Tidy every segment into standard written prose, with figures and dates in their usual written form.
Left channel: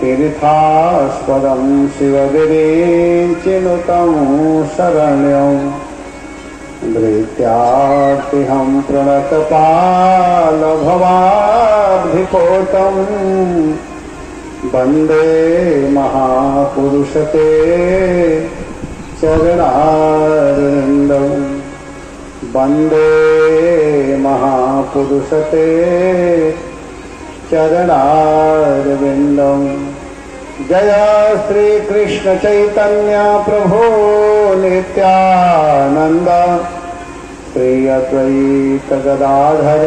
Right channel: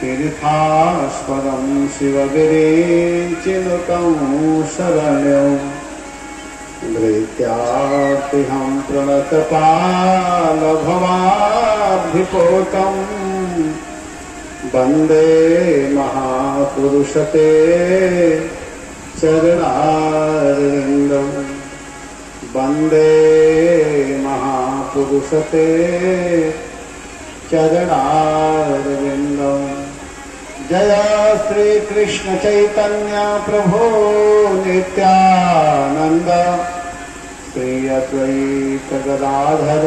तीर्थास्पदं शिवगिरिचिनुतं शरण्यं धृत्यार्तिहं प्रणतपालभवाब्धिपोतं वन्दे महापुरुषते चरणारविन्दं वन्दे महापुरुषते चरणारविन्दं। जय श्री कृष्ण चैतन्य प्रभु नित्यानंद श्री अद्वैत गदाधर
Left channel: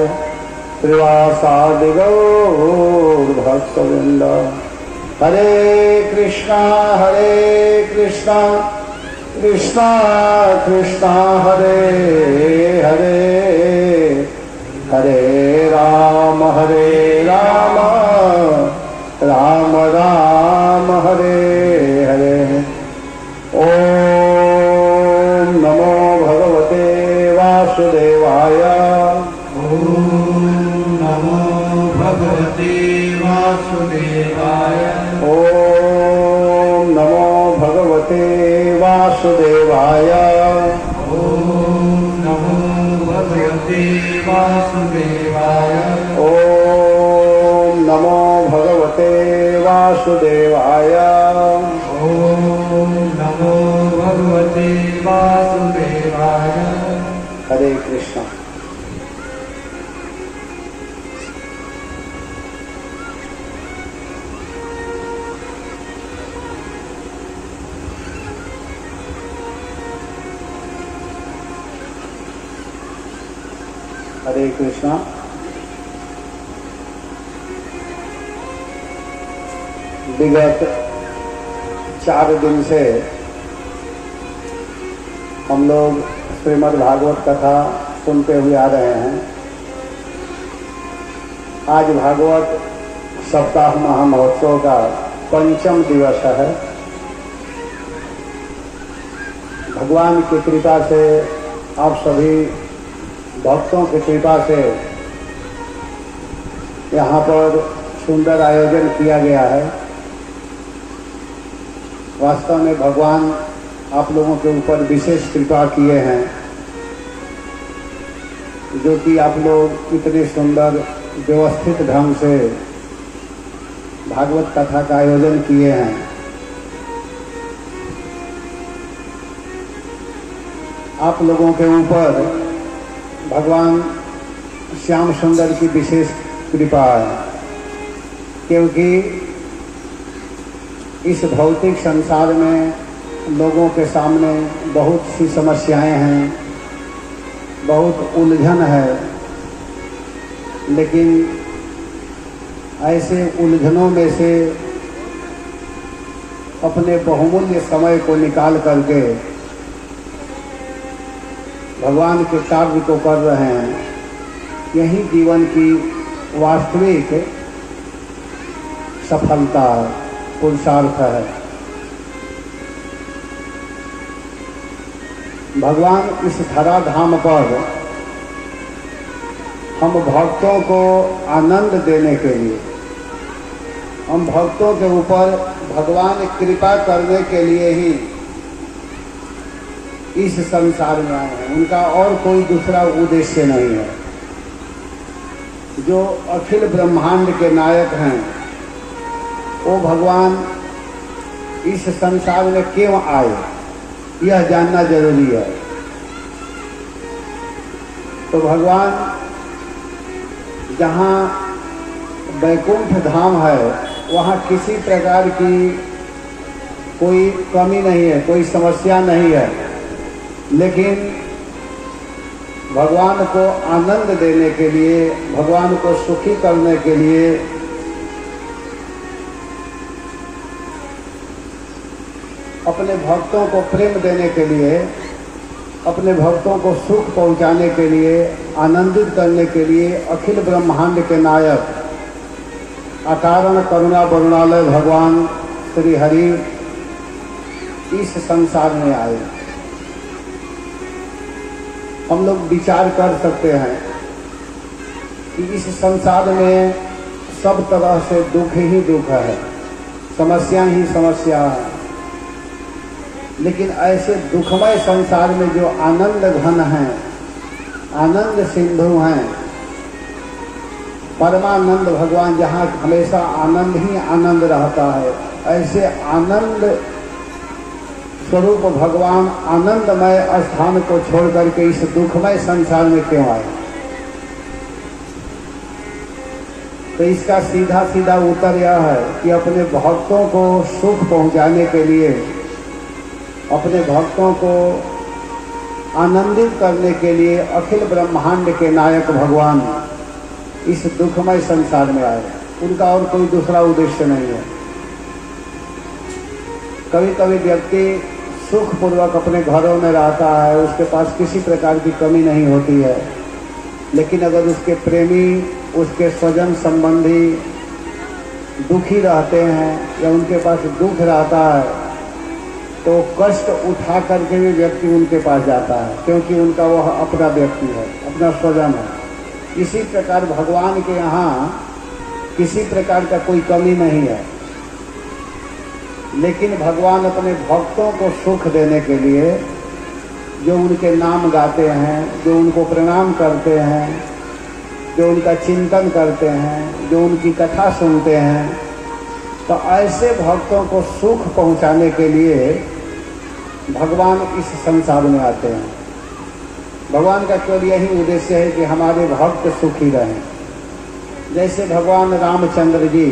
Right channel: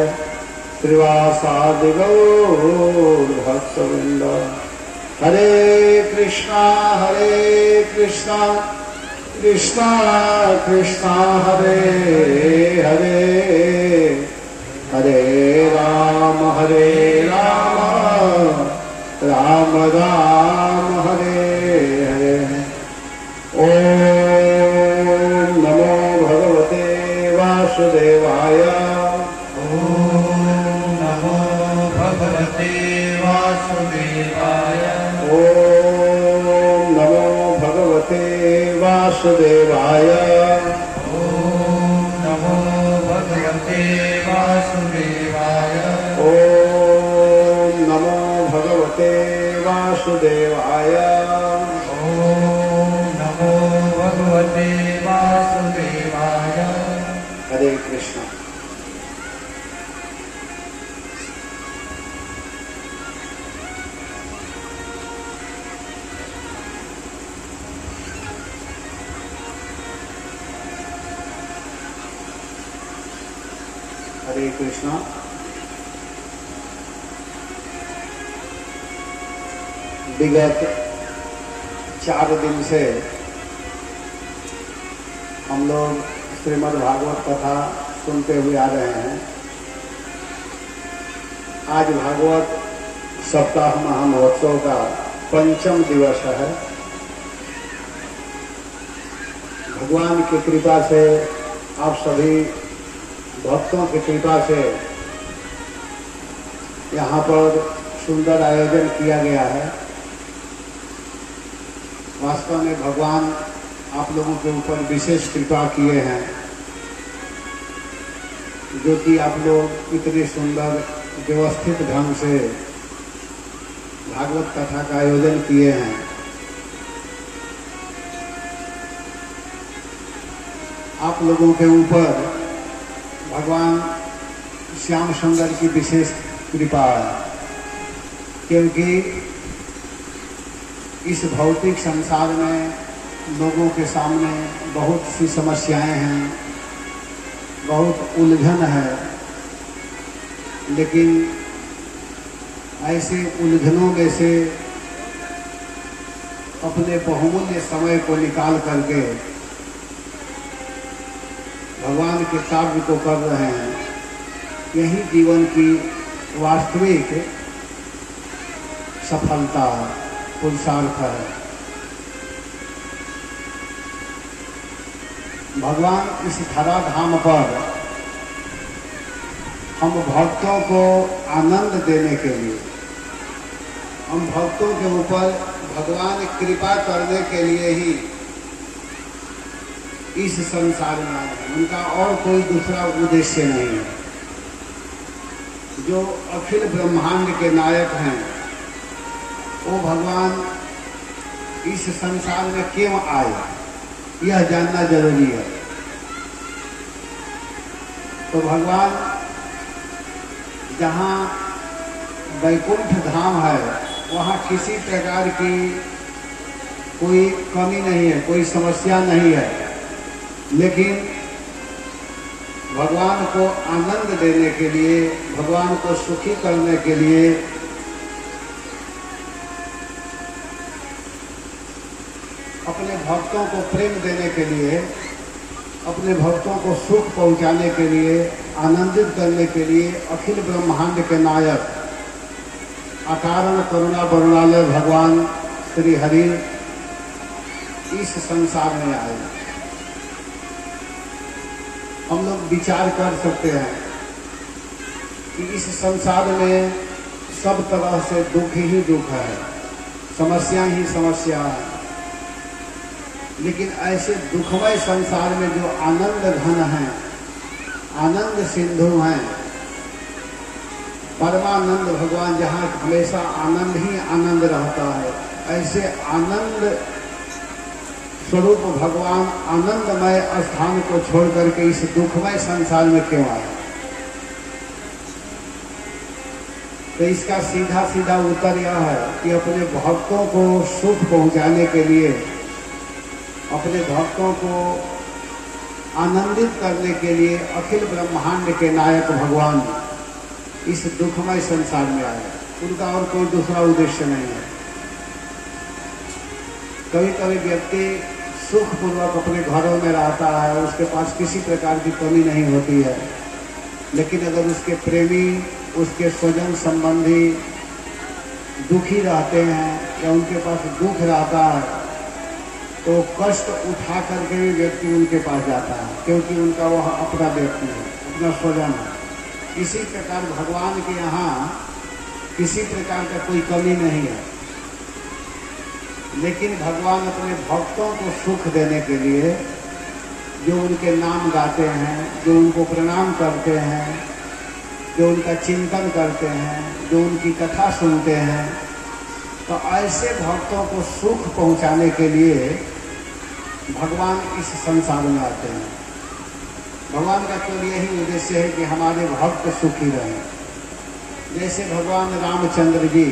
श्रीवासादि गौर भक्तवृंद। हरे कृष्णा कृष्णा कृष्णा हरे हरे, हरे राम राम राम हरे हरे। ओम नमो भगवते वासुदेवाय। ओम नमो भगवते वासुदेवाय। ओम नमो भगवते वासुदेवाय। ओम नमो भगवते वासुदेवाय। ओम नमो भगवते वासुदेवाय। ओम नमो भगवते वासुदेवाय। हरे कृष्ण। हरे कृष्णा। विगत 4 दिन से हम लोग श्रीमद् भागवत कथा सुनते हुए आ रहे हैं। आज भागवत सप्ताह महामहोत्सव का 5वां दिवस है। भगवान की कृपा से, आप सभी भक्तों की कृपा से यहाँ पर सुंदर आयोजन किया गया है। वास्तव में भगवान आप लोगों के ऊपर विशेष कृपा किए हैं, जो कि आप लोग इतने सुंदर व्यवस्थित ढंग से भागवत कथा का आयोजन किए हैं। आप लोगों के ऊपर भगवान श्याम सुंदर की विशेष कृपा है, क्योंकि इस भौतिक संसार में लोगों के सामने बहुत सी समस्याएं हैं, बहुत उलझन है। लेकिन ऐसे उलझनों में से अपने बहुमूल्य समय को निकाल करके भगवान के कार्य को कर रहे हैं। यही जीवन की वास्तविक सफलता, पुरुषार्थ है। भगवान इस धराधाम पर हम भक्तों को आनंद देने के लिए, हम भक्तों के ऊपर भगवान कृपा करने के लिए ही इस संसार में आए हैं। उनका और कोई दूसरा उद्देश्य नहीं है। जो अखिल ब्रह्मांड के नायक हैं, वो भगवान इस संसार में क्यों आए, यह जानना जरूरी है। तो भगवान जहाँ वैकुंठ धाम है, वहाँ किसी प्रकार की कोई कमी नहीं है, कोई समस्या नहीं है। लेकिन भगवान को आनंद देने के लिए, भगवान को सुखी करने के लिए अपने भक्तों को प्रेम देने के लिए, अपने भक्तों को सुख पहुंचाने के लिए, आनंदित करने के लिए अखिल ब्रह्मांड के नायक अकारण करुणा वरुणालय भगवान श्री हरि इस संसार में आए। हम लोग विचार कर सकते हैं कि इस संसार में सब तरह से दुख ही दुख है, समस्या ही समस्या है। लेकिन ऐसे दुखमय संसार में जो आनंद घन है, आनंद सिंधु हैं, परमानंद भगवान, जहाँ हमेशा आनंद ही आनंद रहता है, ऐसे आनंद स्वरूप भगवान आनंदमय स्थान को छोड़ करके इस दुखमय संसार में क्यों आए? तो इसका सीधा सीधा उत्तर यह है कि अपने भक्तों को सुख पहुंचाने के लिए, अपने भक्तों को आनंदित करने के लिए अखिल ब्रह्मांड के नायक भगवान इस दुखमय संसार में आए। उनका और कोई दूसरा उद्देश्य नहीं है। कभी कभी व्यक्ति सुखपूर्वक अपने घरों में रहता है, उसके पास किसी प्रकार की कमी नहीं होती है, लेकिन अगर उसके प्रेमी, उसके स्वजन संबंधी दुखी रहते हैं या उनके पास दुख रहता है, तो कष्ट उठा करके भी व्यक्ति उनके पास जाता है, क्योंकि उनका वह अपना व्यक्ति है, अपना स्वजन है। इसी प्रकार भगवान के यहाँ किसी प्रकार का कोई कमी नहीं है, लेकिन भगवान अपने भक्तों को सुख देने के लिए, जो उनके नाम गाते हैं, जो उनको प्रणाम करते हैं, जो उनका चिंतन करते हैं, जो उनकी कथा सुनते हैं, तो ऐसे भक्तों को सुख पहुंचाने के लिए भगवान इस संसार में आते हैं। भगवान का केवल यही उद्देश्य है कि हमारे भक्त सुखी रहें। जैसे भगवान रामचंद्र जी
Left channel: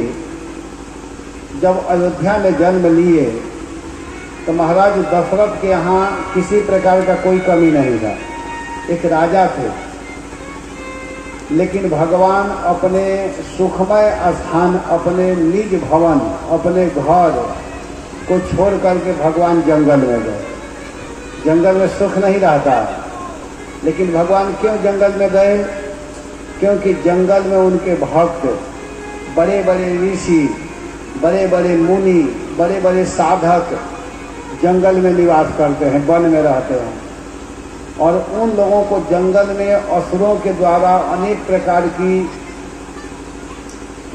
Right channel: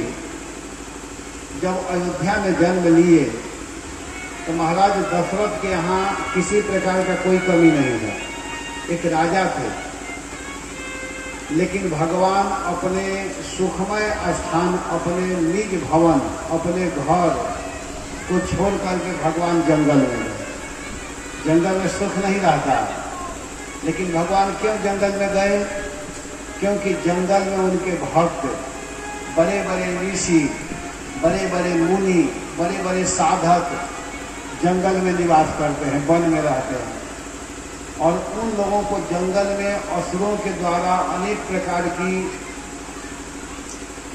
जब अयोध्या में जन्म लिए तो महाराज दशरथ के यहाँ किसी प्रकार का कोई कमी नहीं था, एक राजा थे, लेकिन भगवान अपने सुखमय स्थान, अपने निज भवन, अपने घर को छोड़ करके भगवान जंगल में गए। जंगल में सुख नहीं रहता, लेकिन भगवान क्यों जंगल में गए? क्योंकि जंगल में उनके भक्त, बड़े बड़े ऋषि, बड़े बड़े मुनि, बड़े बड़े साधक जंगल में निवास करते हैं, वन में रहते हैं, और उन लोगों को जंगल में असुरों के द्वारा अनेक प्रकार की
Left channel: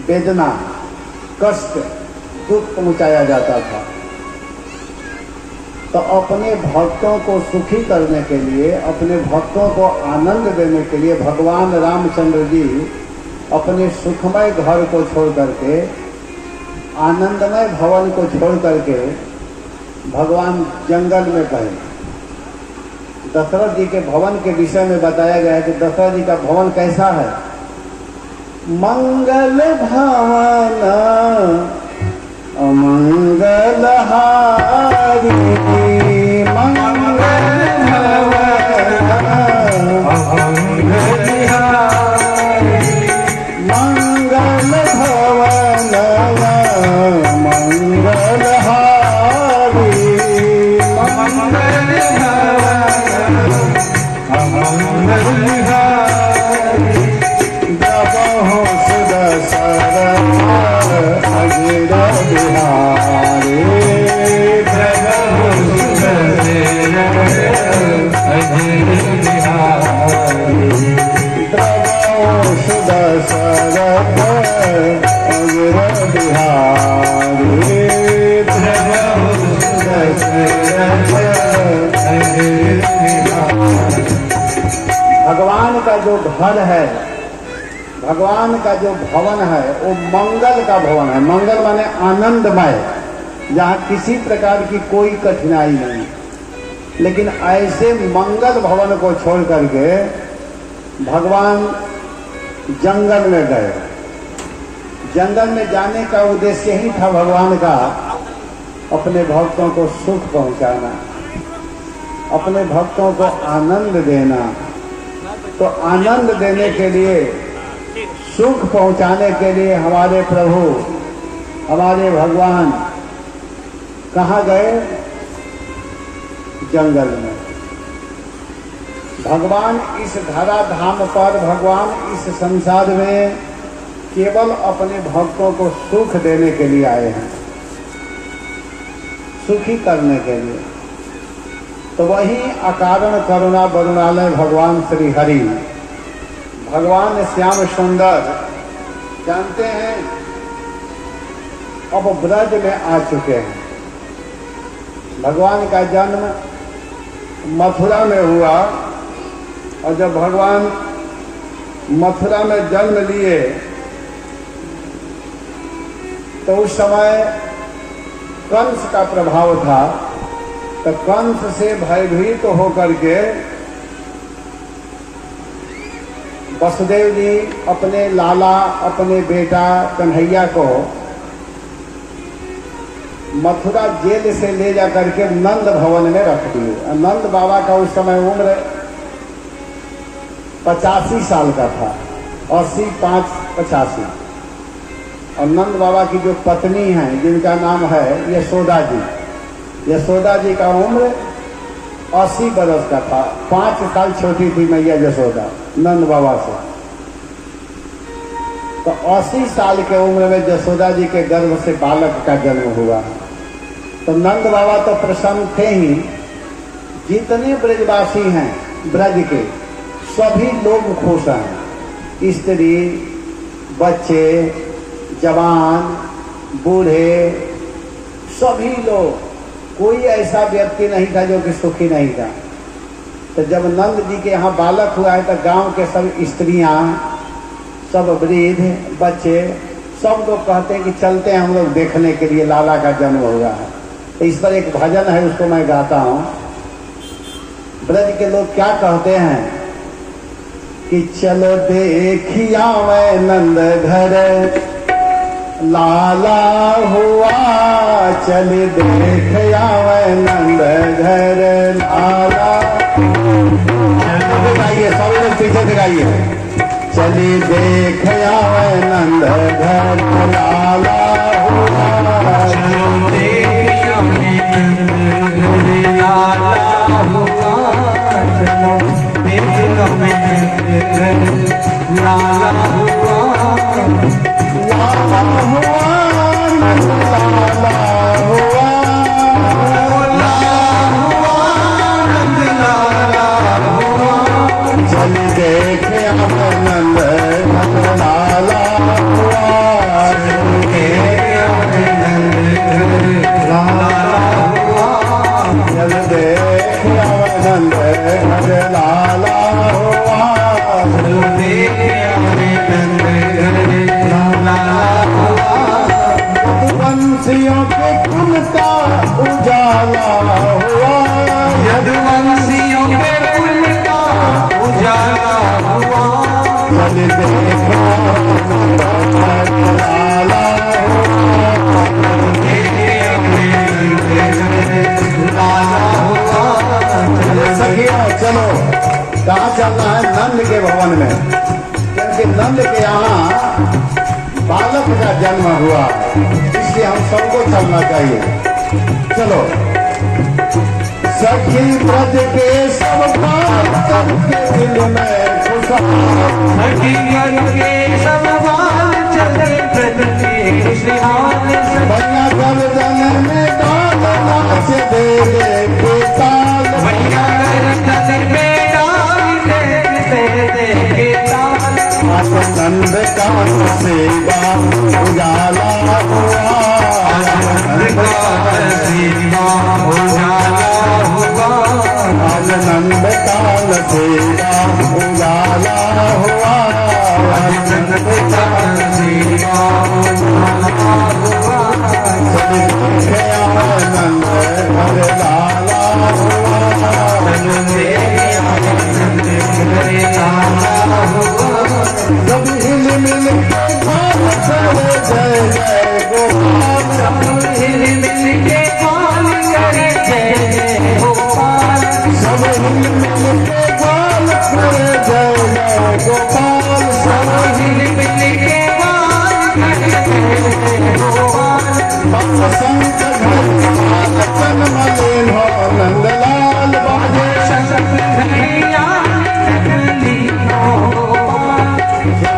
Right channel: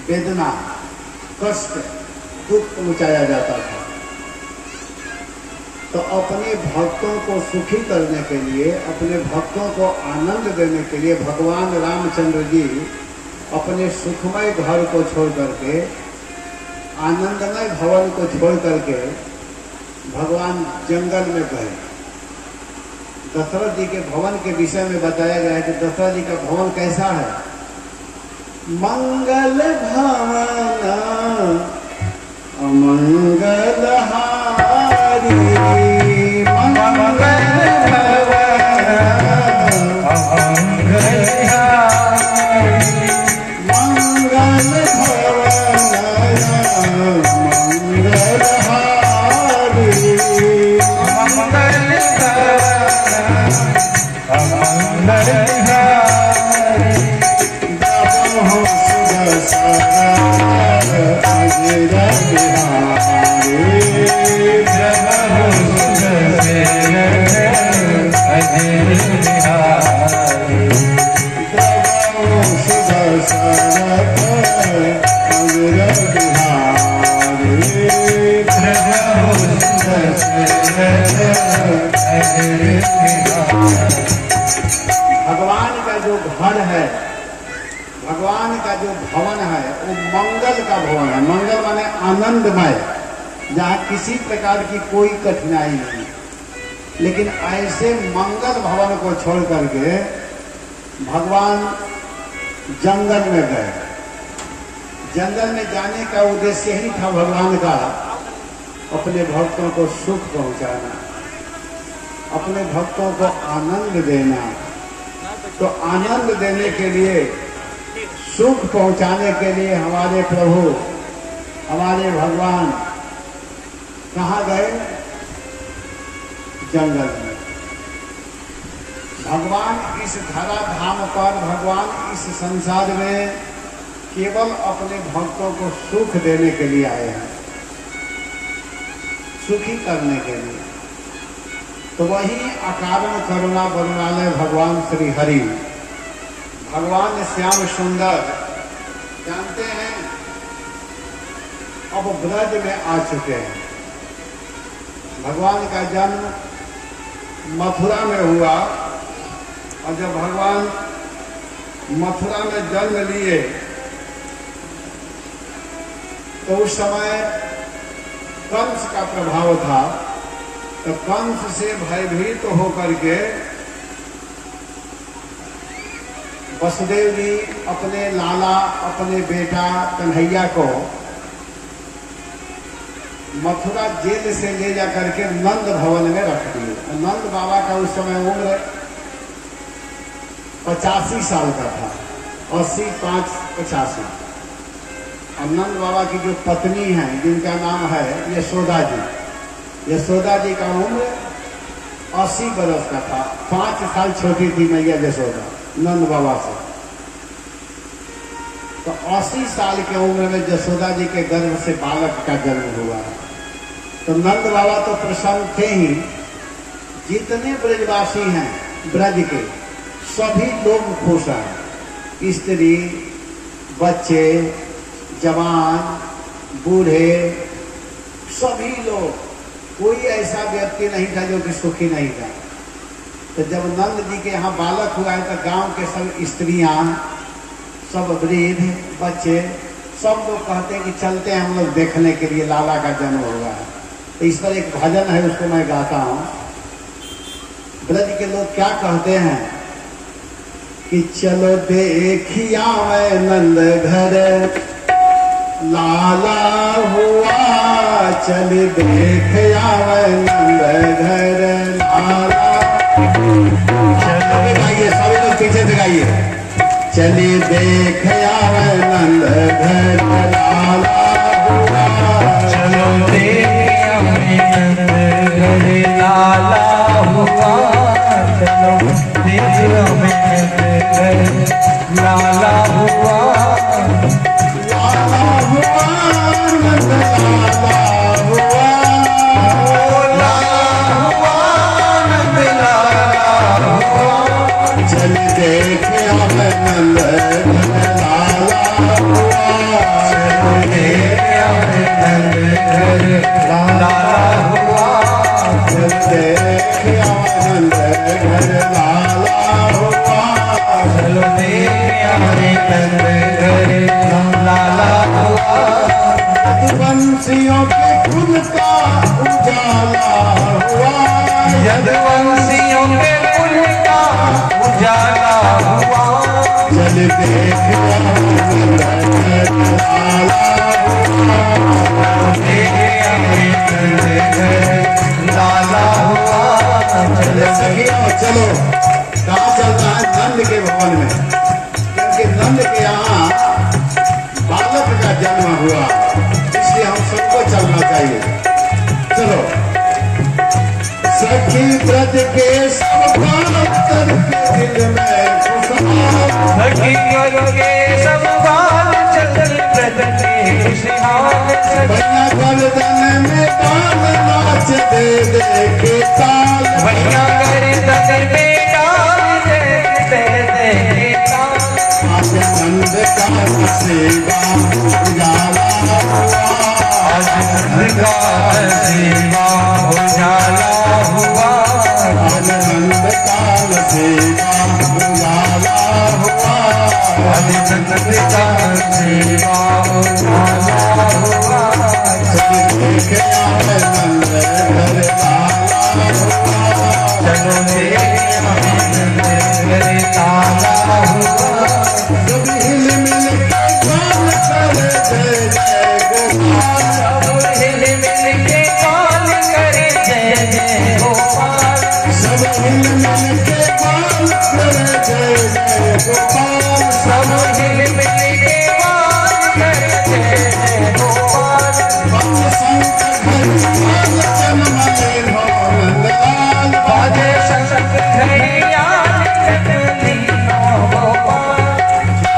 वेदना, कष्ट, दुख पहुंचाया जाता था। तो अपने भक्तों को सुखी करने के लिए, अपने भक्तों को आनंद देने के लिए भगवान रामचंद्र जी अपने सुखमय घर को छोड़ करके, आनंदमय भवन को छोड़ करके भगवान जंगल में गए। दशरथ जी के भवन के विषय में बताया गया है कि दशरथ जी का भवन कैसा है? मंगल भवन अमंगल हारी, मंगल भगवान का जो घर है, भगवान का जो भवन है, वो मंगल का भवन है। मंगल माने आनंदमय, जहाँ किसी प्रकार की कोई कठिनाई नहीं। लेकिन ऐसे मंगल भवन को छोड़ करके भगवान जंगल में गए। जंगल में जाने का उद्देश्य ही था भगवान का अपने भक्तों को सुख पहुंचाना, अपने भक्तों को आनंद देना। तो आनंद देने के लिए, सुख पहुंचाने के लिए हमारे प्रभु, हमारे भगवान कहाँ गए? जंगल में। भगवान इस धरा धाम पर, भगवान इस संसार में केवल अपने भक्तों को सुख देने के लिए आए हैं, सुखी करने के लिए। तो वही अकारण करुणा वरुणालय भगवान श्री हरि, भगवान श्याम सुंदर, जानते हैं अब ब्रज में आ चुके हैं। भगवान का जन्म मथुरा में हुआ और जब भगवान मथुरा में जन्म लिए तो उस समय कंस का प्रभाव था। तो कंस से भयभीत तो होकर के वसुदेव जी अपने लाला अपने बेटा कन्हैया को मथुरा जेल से ले जा करके नंद भवन में रख दिए। नंद बाबा का उस समय उम्र 85 साल का था, 80, 5, 85। और नंद बाबा की जो पत्नी है जिनका नाम है यशोदा जी का उम्र 80 बरस का था। 5 साल छोटी थी मैया यशोदा नंद बाबा से। तो 80 साल के उम्र में यशोदा जी के गर्भ से बालक का जन्म हुआ। तो नंद बाबा तो प्रसन्न थे ही, जितने ब्रजवासी हैं ब्रज के सभी लोग खुश हैं। स्त्री, बच्चे, जवान, बूढ़े, सभी लोग, कोई ऐसा व्यक्ति नहीं था जो कि सुखी नहीं था। तो जब नंद जी के यहाँ बालक हुआ है तो गांव के सब स्त्रियां, सब वृद्ध, बच्चे, सब लोग कहते हैं कि चलते हैं हम लोग देखने के लिए लाला का जन्म हुआ है। तो इस पर एक भजन है, उसको मैं गाता हूं। ब्रज के लोग क्या कहते हैं कि चलो देखिया मैं नंद घर लाला हुआ, चल देखिया मैं नंद घर लाला। गाइए सभी लोग पीछे से गाइए। चली देखिया मैं नंद घर लाला हुआ, चलो देखिया मैं नंद घर लाला हुआ, चलो देखिया मैं नंद घर लाला हुआ, लाला हुआ नंद लाला हुआ, लाला हुआ नंद लाला हुआ, चल देखिया मैं नंद घर लाला हुआ, देखिया मैं नंद घर लाला हुआ, चल देखिया मैं नंद घर लाला हुआ, चलो देखिया मैं नंद घर लाला हुआ, यदुवंशियों के कुल का उजाला हुआ, यदुवंशियों के कुल का उजाला हुआ, चल देखिया नंद घर लाला हुआ, देखिया मैं नंद घर लाला हुआ, चले सखियों चलो। कहाँ चलना है? नंद के भवन में, क्योंकि नंद के यहाँ बालक का जन्म हुआ, इसलिए हम सबको चलना चाहिए। चलो सखी ब्रज के सब बात करके दिल में खुशहाल, हकीकत के सब बाल चले बदले खुशहाल, भैया गर्दन में डाल नाच दे दे के ताल, भैया गर्दन में डाल दे के ताल, नंद का सेवा उजाला हुआ, नंद का सेवा उजाला हुआ, नंद का सेवा उजाला हुआ, नंद का सेवा उजाला हुआ, नंद घर लाला हुआ, चलो देखिया नंद घर लाला हुआ, सब हिल मिल के गान करे जय जय गोपाल, हिल मिल के गान करे जय जय गोपाल, सब हिल मिल के गान करे जय जय गोपाल, सब हिल मिल के गान करे जय जय गोपाल, शंकर भगवान जन्म ले नंद लाल, बाजे शंकरिया चली गोपाल,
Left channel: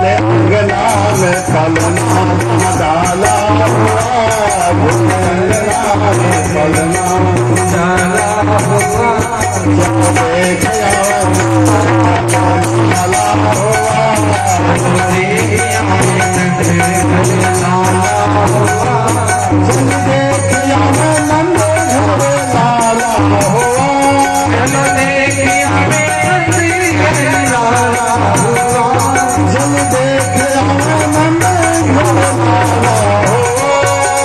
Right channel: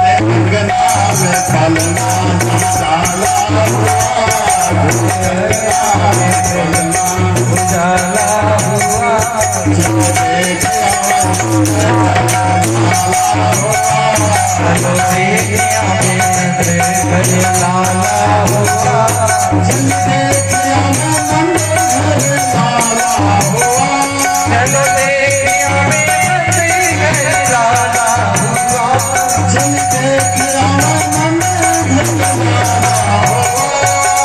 अंगना में कलना डाला हुआ, अंगना में कलना उजाला हुआ, चलो देखिया लाला हुआ, चलो देखिया नंद घर लाला हुआ, जन देख आवे नंद घर लाला हुआ, चलो देख आवे नंद घर लाला हुआ, जन देख आवे नंद घर लाला हुआ,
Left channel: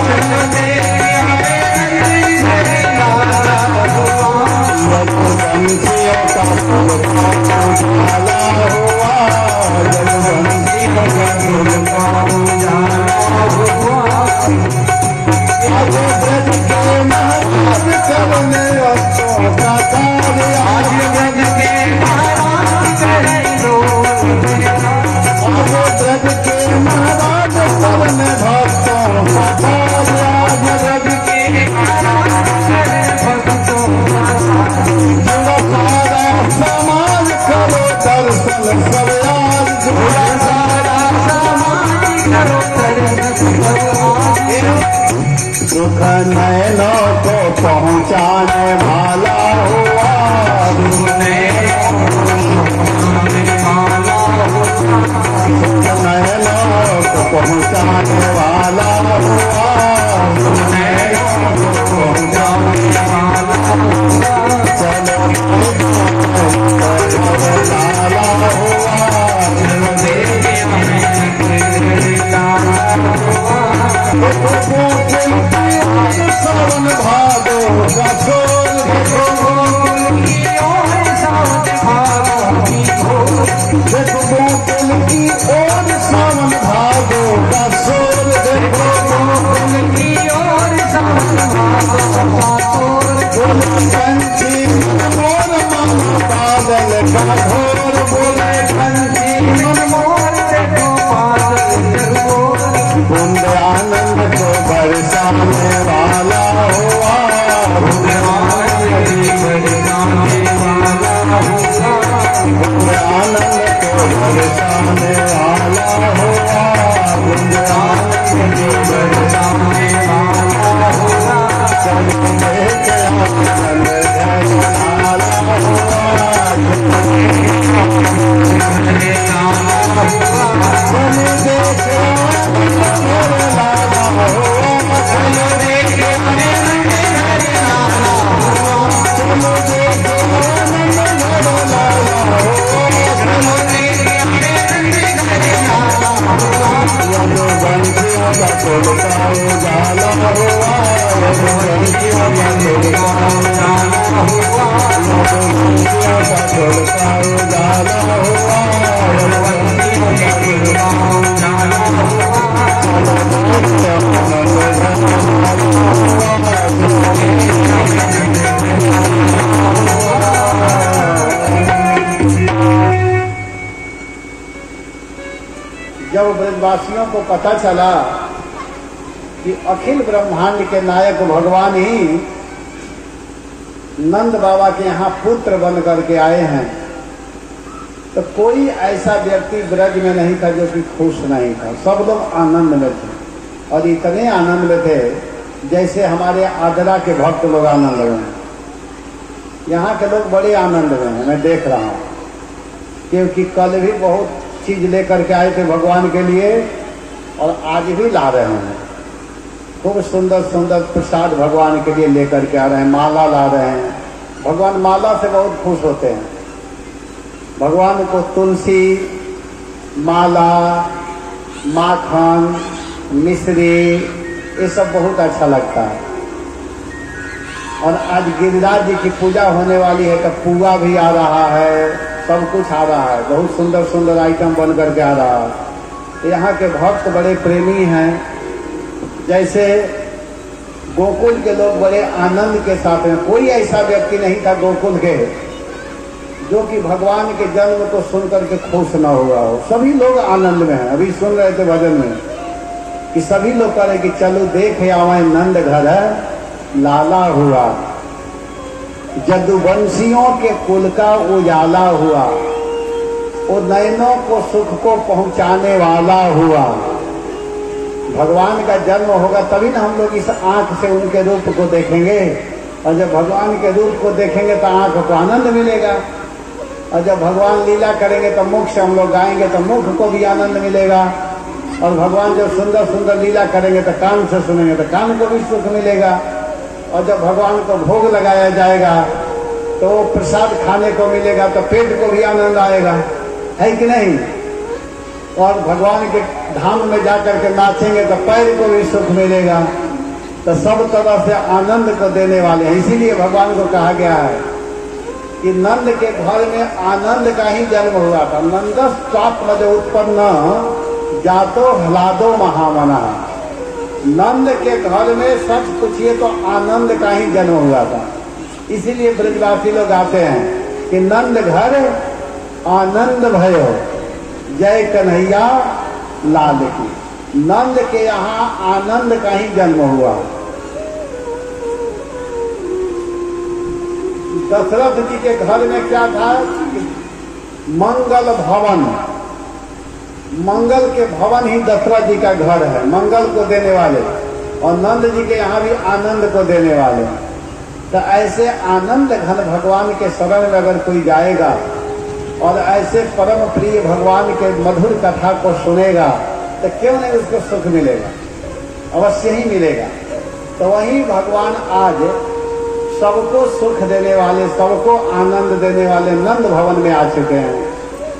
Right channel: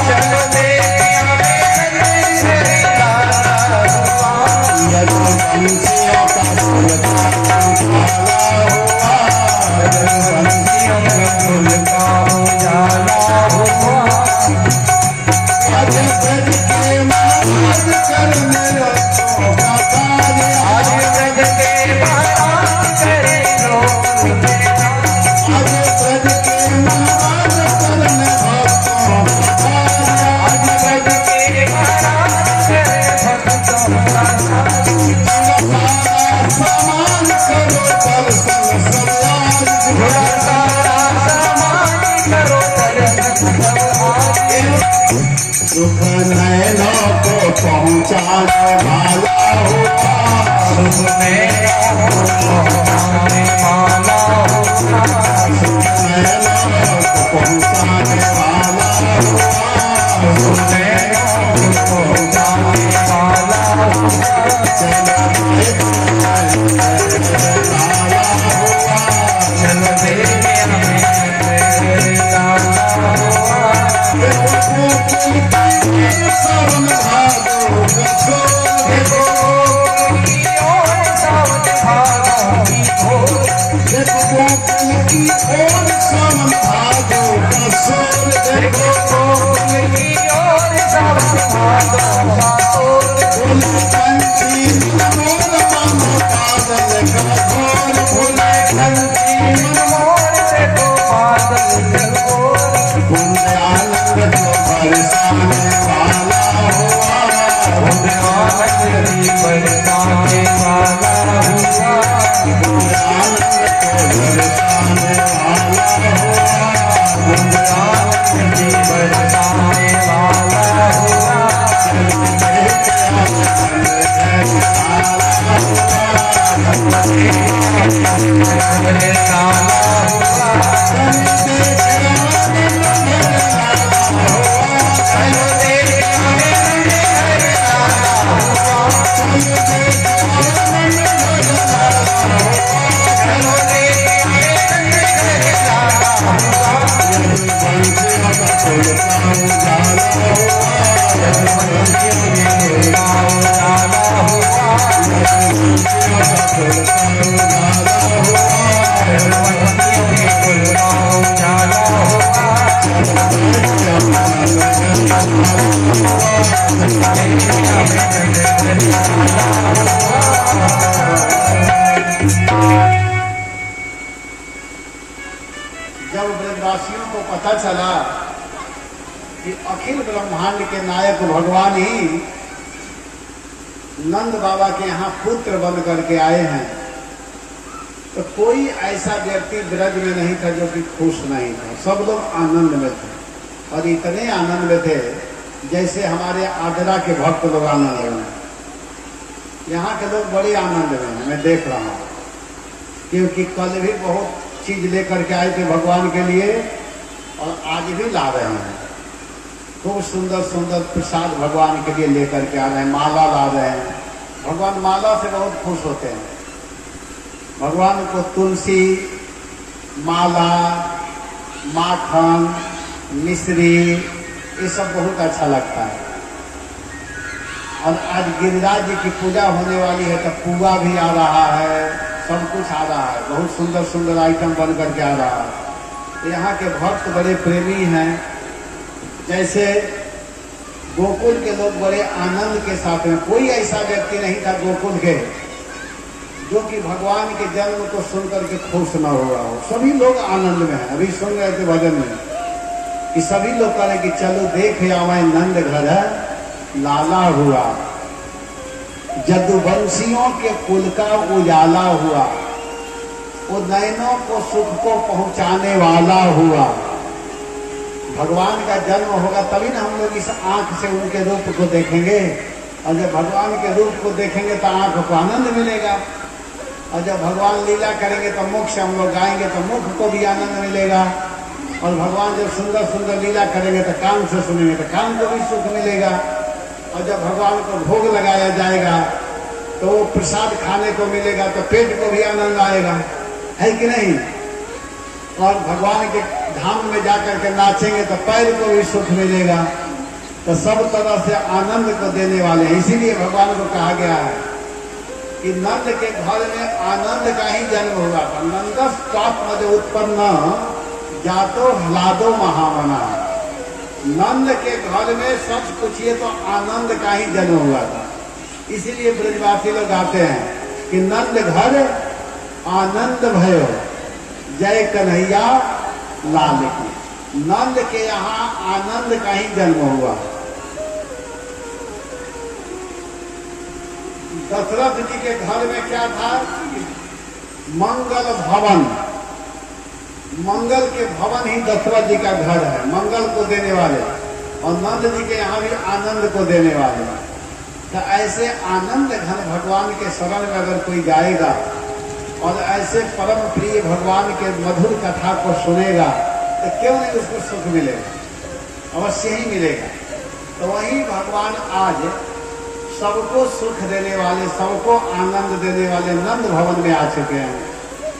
चलो देख आवे नंद घर लाला हुआ, रघुवंशियों का उजाला हुआ, रघुवंशियों का उजाला हुआ, आज ब्रज के महाराज करने रखो का कार्य, आज ब्रज के महाराज करे आज ब्रज के महाराज करने भक्तों का कार्य, आज ब्रज के महाराज करे भक्तों का सारा समान करो दर्शन सरयाज, सारा सामान करो सुख नैनों को पहुँचाने वाला हुआ, सुख नैनों को पहुँचाने वाला हुआ, सुख नैनों को पहुँचाने वाला हुआ, सुख नैनों को पहुँचाने वाला हुआ, चलो लाला हुआ, चलो देखे हमें सावन भादो का छोर देखो, देखो गोकुल की ओर सावन भादो का शोर देखो, बोले पंछी मोर मानो बादल का घोर, बोले पंछी बूंद आनंद को बरसाने वाला हुआ, बूंद आनंद को बरसाने वाला हुआ, बूंद आनंद को बरसाने वाला हुआ, बूंद आनंद को बरसाने वाला हुआ, चल देख चल लाला हुआ, चल देख जब ब्रजवासियों को पता चला कि अखिल ब्रह्मांड के नायक भगवान ही नंद बाबा के यहाँ पुत्र बन करके आए हैं, तो कोई ऐसा व्यक्ति ब्रज में नहीं था जो कि खुश नहीं था। सब लोग आनंद में थे और इतने आनंद में थे जैसे हमारे आगरा के भक्त लोग आनंद में हैं। यहाँ के लोग बड़े आनंद में हैं, मैं देख रहा हूँ, क्योंकि कल भी बहुत चीज लेकर के आए थे भगवान के लिए और आज भी ला रहे हैं। खूब सुंदर सुंदर प्रसाद भगवान के लिए लेकर के आ रहे हैं, माला ला रहे हैं। भगवान माला से बहुत खुश होते हैं। भगवान को तुलसी, माला, माखन, मिश्री ये सब बहुत अच्छा लगता है। और आज गिरिराज जी की पूजा होने वाली है तो पुआ भी आ रहा है, सब कुछ आ रहा है, बहुत सुंदर सुंदर आइटम बन करके आ रहा है। यहाँ के भक्त बड़े प्रेमी हैं। जैसे गोकुल के लोग बड़े आनंद के साथ में, कोई ऐसा व्यक्ति नहीं था गोकुल के जो कि भगवान के जन्म को सुनकर के खुश न हुआ हो। सभी लोग आनंद में हैं। अभी सुन रहे थे भजन में कि सभी लोग कह रहे कि चलो देख आवे नंद घर लाला हुआ, जदुवंशियों के कुल का उजाला हुआ, वो नैनों को सुख को पहुंचाने वाला हुआ। भगवान का जन्म होगा तभी ना हम लोग इस आंख से उनके रूप को देखेंगे, और जब भगवान के रूप को देखेंगे तो आंख को आनंद मिलेगा, और जब भगवान लीला करेंगे तो मुख से हम लोग गाएंगे तो मुख को भी आनंद मिलेगा। और भगवान जब सुंदर सुंदर लीला करेंगे तो कान से सुनेंगे तो कान को भी सुख मिलेगा। और जब भगवान को भोग लगाया जाएगा तो प्रसाद खाने को मिलेगा तो पेट को भी आनंद आएगा, है कि नहीं। और भगवान के धाम में जाकर के नाचेंगे तो पैर को भी सुख मिलेगा। तो सब तरह से आनंद को देने वाले हैं। इसीलिए भगवान को कहा गया है कि नंद के घर में आनंद का ही जन्म हुआ था। नंदस प्राप्त उत्पन्न जातो ह्लादो महामना। नंद के घर में सच पूछिए तो आनंद का ही जन्म हुआ था। इसीलिए ब्रजवासी लोग आते हैं कि नंद घर आनंद भयो जय कन्हैया लाल की। नंद के यहाँ आनंद का ही जन्म हुआ। दशरथ जी के घर में क्या था? मंगल भवन। मंगल के भवन ही दशरथ जी का घर है, मंगल को देने वाले। और नंद जी के यहाँ भी आनंद को देने वाले। तो ऐसे आनंद घन भगवान के शरण में अगर कोई जाएगा और ऐसे परम प्रिय भगवान के मधुर कथा को सुनेगा तो क्यों नहीं उसको सुख मिलेगा, अवश्य ही मिलेगा। तो वही भगवान आज सबको सुख देने वाले, सबको आनंद देने वाले नंद भवन में आ चुके हैं।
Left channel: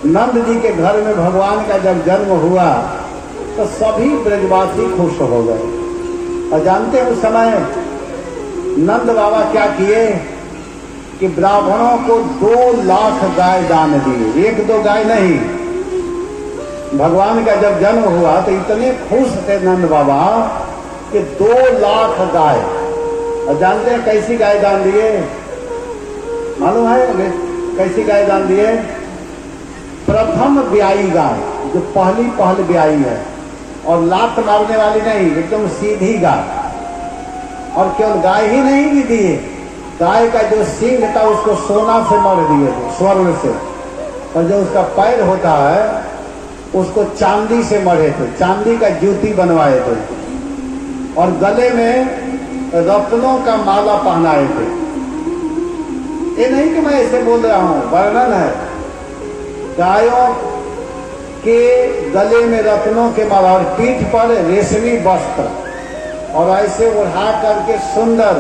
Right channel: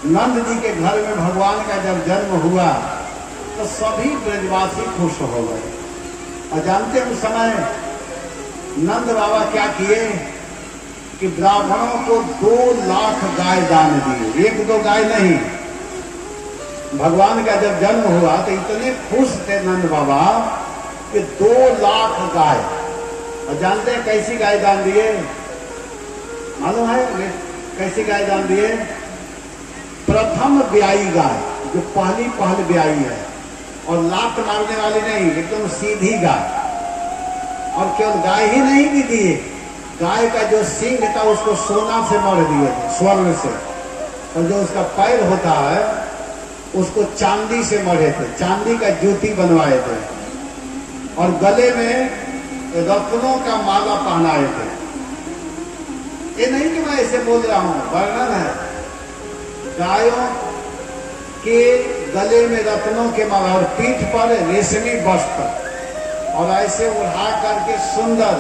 नंद जी के घर में भगवान का जब जन्म हुआ तो सभी ब्रजवासी खुश हो गए। और जानते हैं उस समय नंद बाबा क्या किए कि ब्राह्मणों को 2 लाख गाय दान दिए। 1-2 गाय नहीं। भगवान का जब जन्म हुआ तो इतने खुश थे नंद बाबा कि 2 लाख गाय। और जानते हैं कैसी गाय दान दिए? मालूम है कैसी गाय दान दिए? प्रथम ब्याई गाय, जो पहल ब्याई है और लात मारने वाली नहीं, एकदम सीधी गाय। और केवल गाय ही नहीं भी दिए, गाय का जो सींग था उसको सोना से मढ़ दिए थे, स्वर्ण से। और जो उसका पैर होता है उसको चांदी से मढ़े थे, चांदी का जूती बनवाए थे। और गले में रत्नों का माला पहनाए थे। ये नहीं कि मैं ऐसे बोल रहा हूं, वर्णन है। गायों के गले में रत्नों के माला और पीठ पर रेशमी वस्त्र, और ऐसे उड़ा करके सुंदर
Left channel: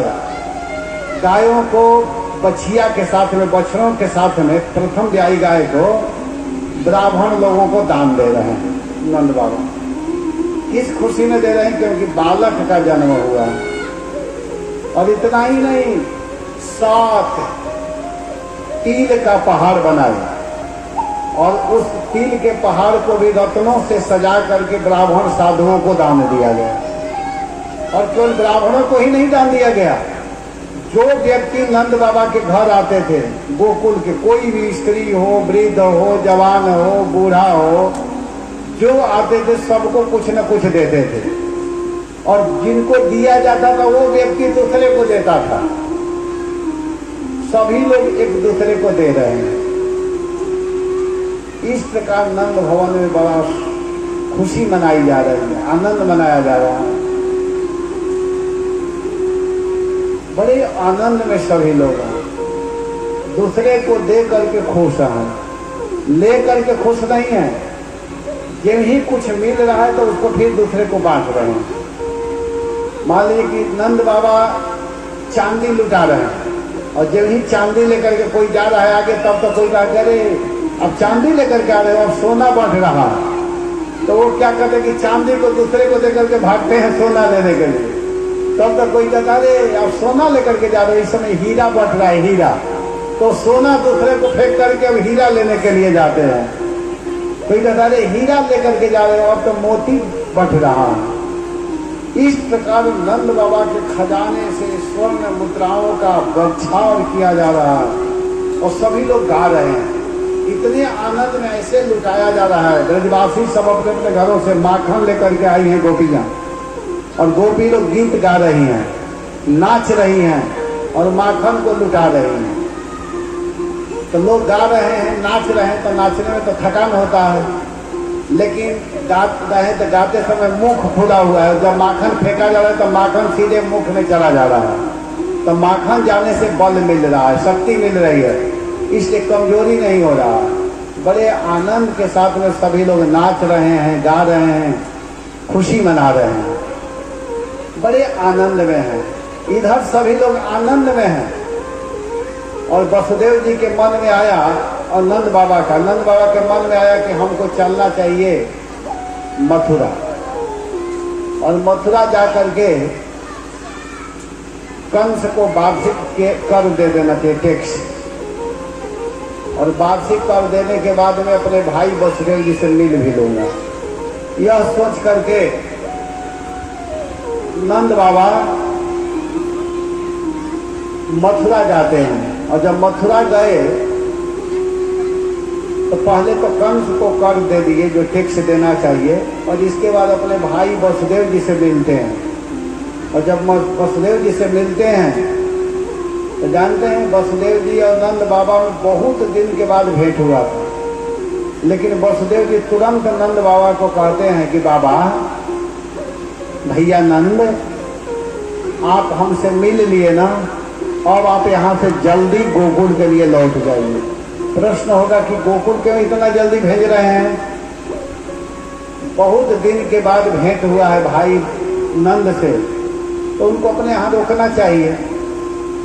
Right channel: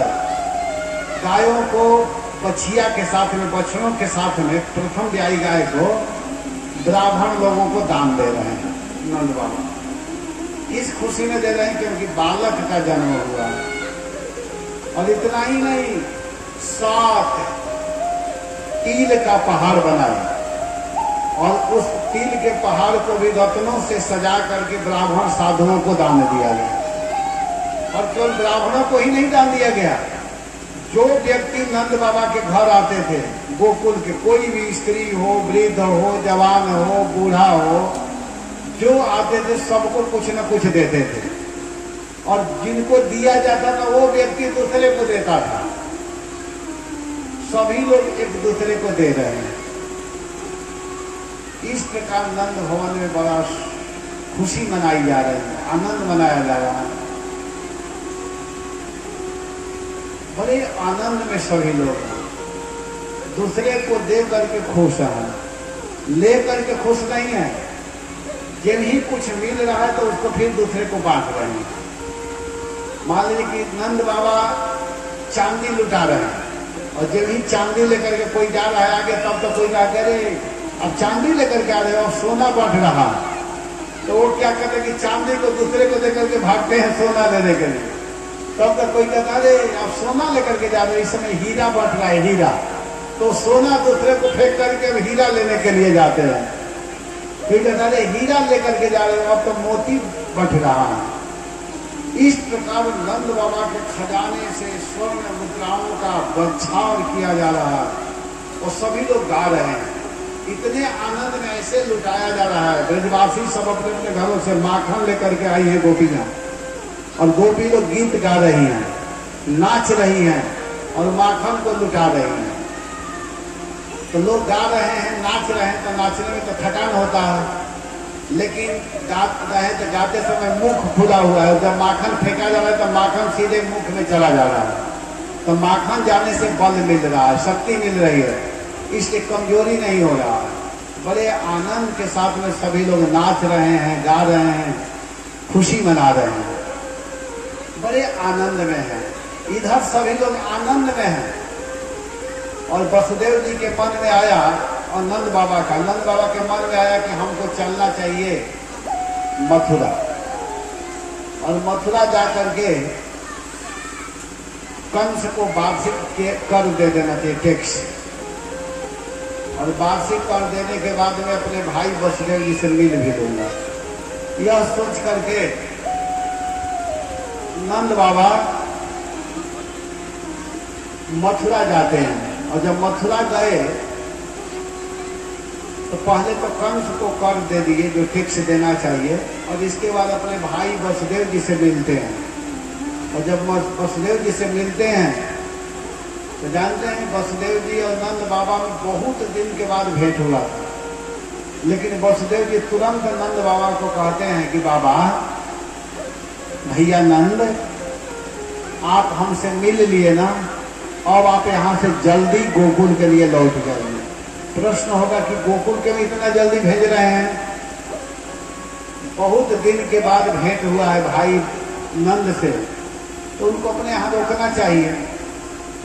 गायों को बछिया के साथ में, बछड़ों के साथ में प्रथम ब्याई गाय को ब्राह्मण लोगों को दान दे रहे हैं नंद बाबा। इस खुशी में दे रहे हैं क्योंकि बालक का जन्म हुआ। और इतना ही नहीं, 7 तिल का पहाड़ बनाया और उस तिल के पहाड़ को भी रत्नों से सजा करके ब्राह्मण साधुओं को दान दिया गया। और केवल ब्राह्मणों को ही नहीं दान दिया गया, जो व्यक्ति नंद बाबा के घर आते थे गोकुल के, कोई भी स्त्री हो, वृद्ध हो, जवान हो, बूढ़ा हो, जो आते थे सबको कुछ न कुछ देते थे। और जिनको दिया जाता था वो व्यक्ति दूसरे को देता था। सभी लोग एक दूसरे को दे रहे हैं। इस प्रकार नंद भवन में बड़ा खुशी मनाई जा रही है, आनंद मनाया जा रहा है। बड़े आनंद में सभी लोग हैं। दूसरे को दे करके खुश हैं, ले करके खुश नहीं है। जब ही कुछ मिल रहा है तो उसको फिर दूसरे को बांट रहे हैं। मान लीजिए कि नंद बाबा चांदी लुटा रहे हैं और जब ही चांदी लेकर के कोई जा रहा है आगे, तब तो कोई कहा अरे अब चांदी लेकर के आ रहे हैं, अब सोना बांट रहा है। तो वो क्या कहते हैं कि चांदी को दूसरे को देकर के भागते हैं सोना लेने के लिए। तब तक कोई कहता अरे अब सोना लेकर के जा रहे हैं, इस समय हीरा बांट रहा है, हीरा। तो सोना दूसरे को फेंक करके अब हीरा लेने के लिए जाते हैं। कोई कहता अरे हीरा लेकर के जा रहे हैं, अब तो मोती बट रहा है। इस प्रकार नंद बाबा के खजाने से स्वर्ण मुद्राओं का बछाव किया जा रहा है और सभी लोग गा रहे हैं। इतने आनंद में ऐसे लुटाया जा रहा है। ब्रजवासी सब अपने अपने घरों से माखन लेकर के आई हैं गोपियां, और गोपी लोग गीत गा रही हैं, नाच रही हैं और माखन को लुटा रही हैं। तो लोग गा रहे हैं, नाच रहे हैं, तो नाचने में तो थकान होता है, लेकिन गात रहे तो गाते समय मुख खुला हुआ है। जब माखन फेंका जा रहा है तो माखन सीधे मुख में चला जा रहा है। तो माखन जाने से बल मिल रहा है, शक्ति मिल रही है, इसलिए कमजोरी नहीं हो रहा है। बड़े आनंद के साथ में सभी लोग नाच रहे हैं, गा रहे हैं खुशी मना रहे हैं, बड़े आनंद में हैं। इधर सभी लोग आनंद में हैं और वसुदेव जी के मन में आया और नंद बाबा के मन में आया कि हमको चलना चाहिए मथुरा, और मथुरा जाकर के कंस को वार्षिक के कर दे देना चाहिए, टैक्स, और वार्षिक कर देने के बाद में अपने भाई वसुदेव जी से मिल भी लूंगा। यह सोच करके नंद बाबा मथुरा जाते हैं, और जब मथुरा गए तो पहले तो कंस को कर दे दिए जो टैक्स देना चाहिए, और इसके बाद अपने भाई वसुदेव जी से मिलते हैं। और जब वसुदेव जी से मिलते हैं तो जानते हैं वसुदेव जी और नंद बाबा में बहुत दिन के बाद भेंट हुआ था, लेकिन वसुदेव जी तुरंत नंद बाबा को कहते हैं कि बाबा, भैया नंद, आप हमसे मिल लिए ना, अब आप यहाँ से जल्दी गोकुल के लिए लौट जाइए। प्रश्न होगा कि गोकुल क्यों इतना जल्दी भेज रहे हैं? बहुत दिन के बाद भेंट हुआ है भाई नंद से, तो उनको अपने यहाँ रोकना चाहिए।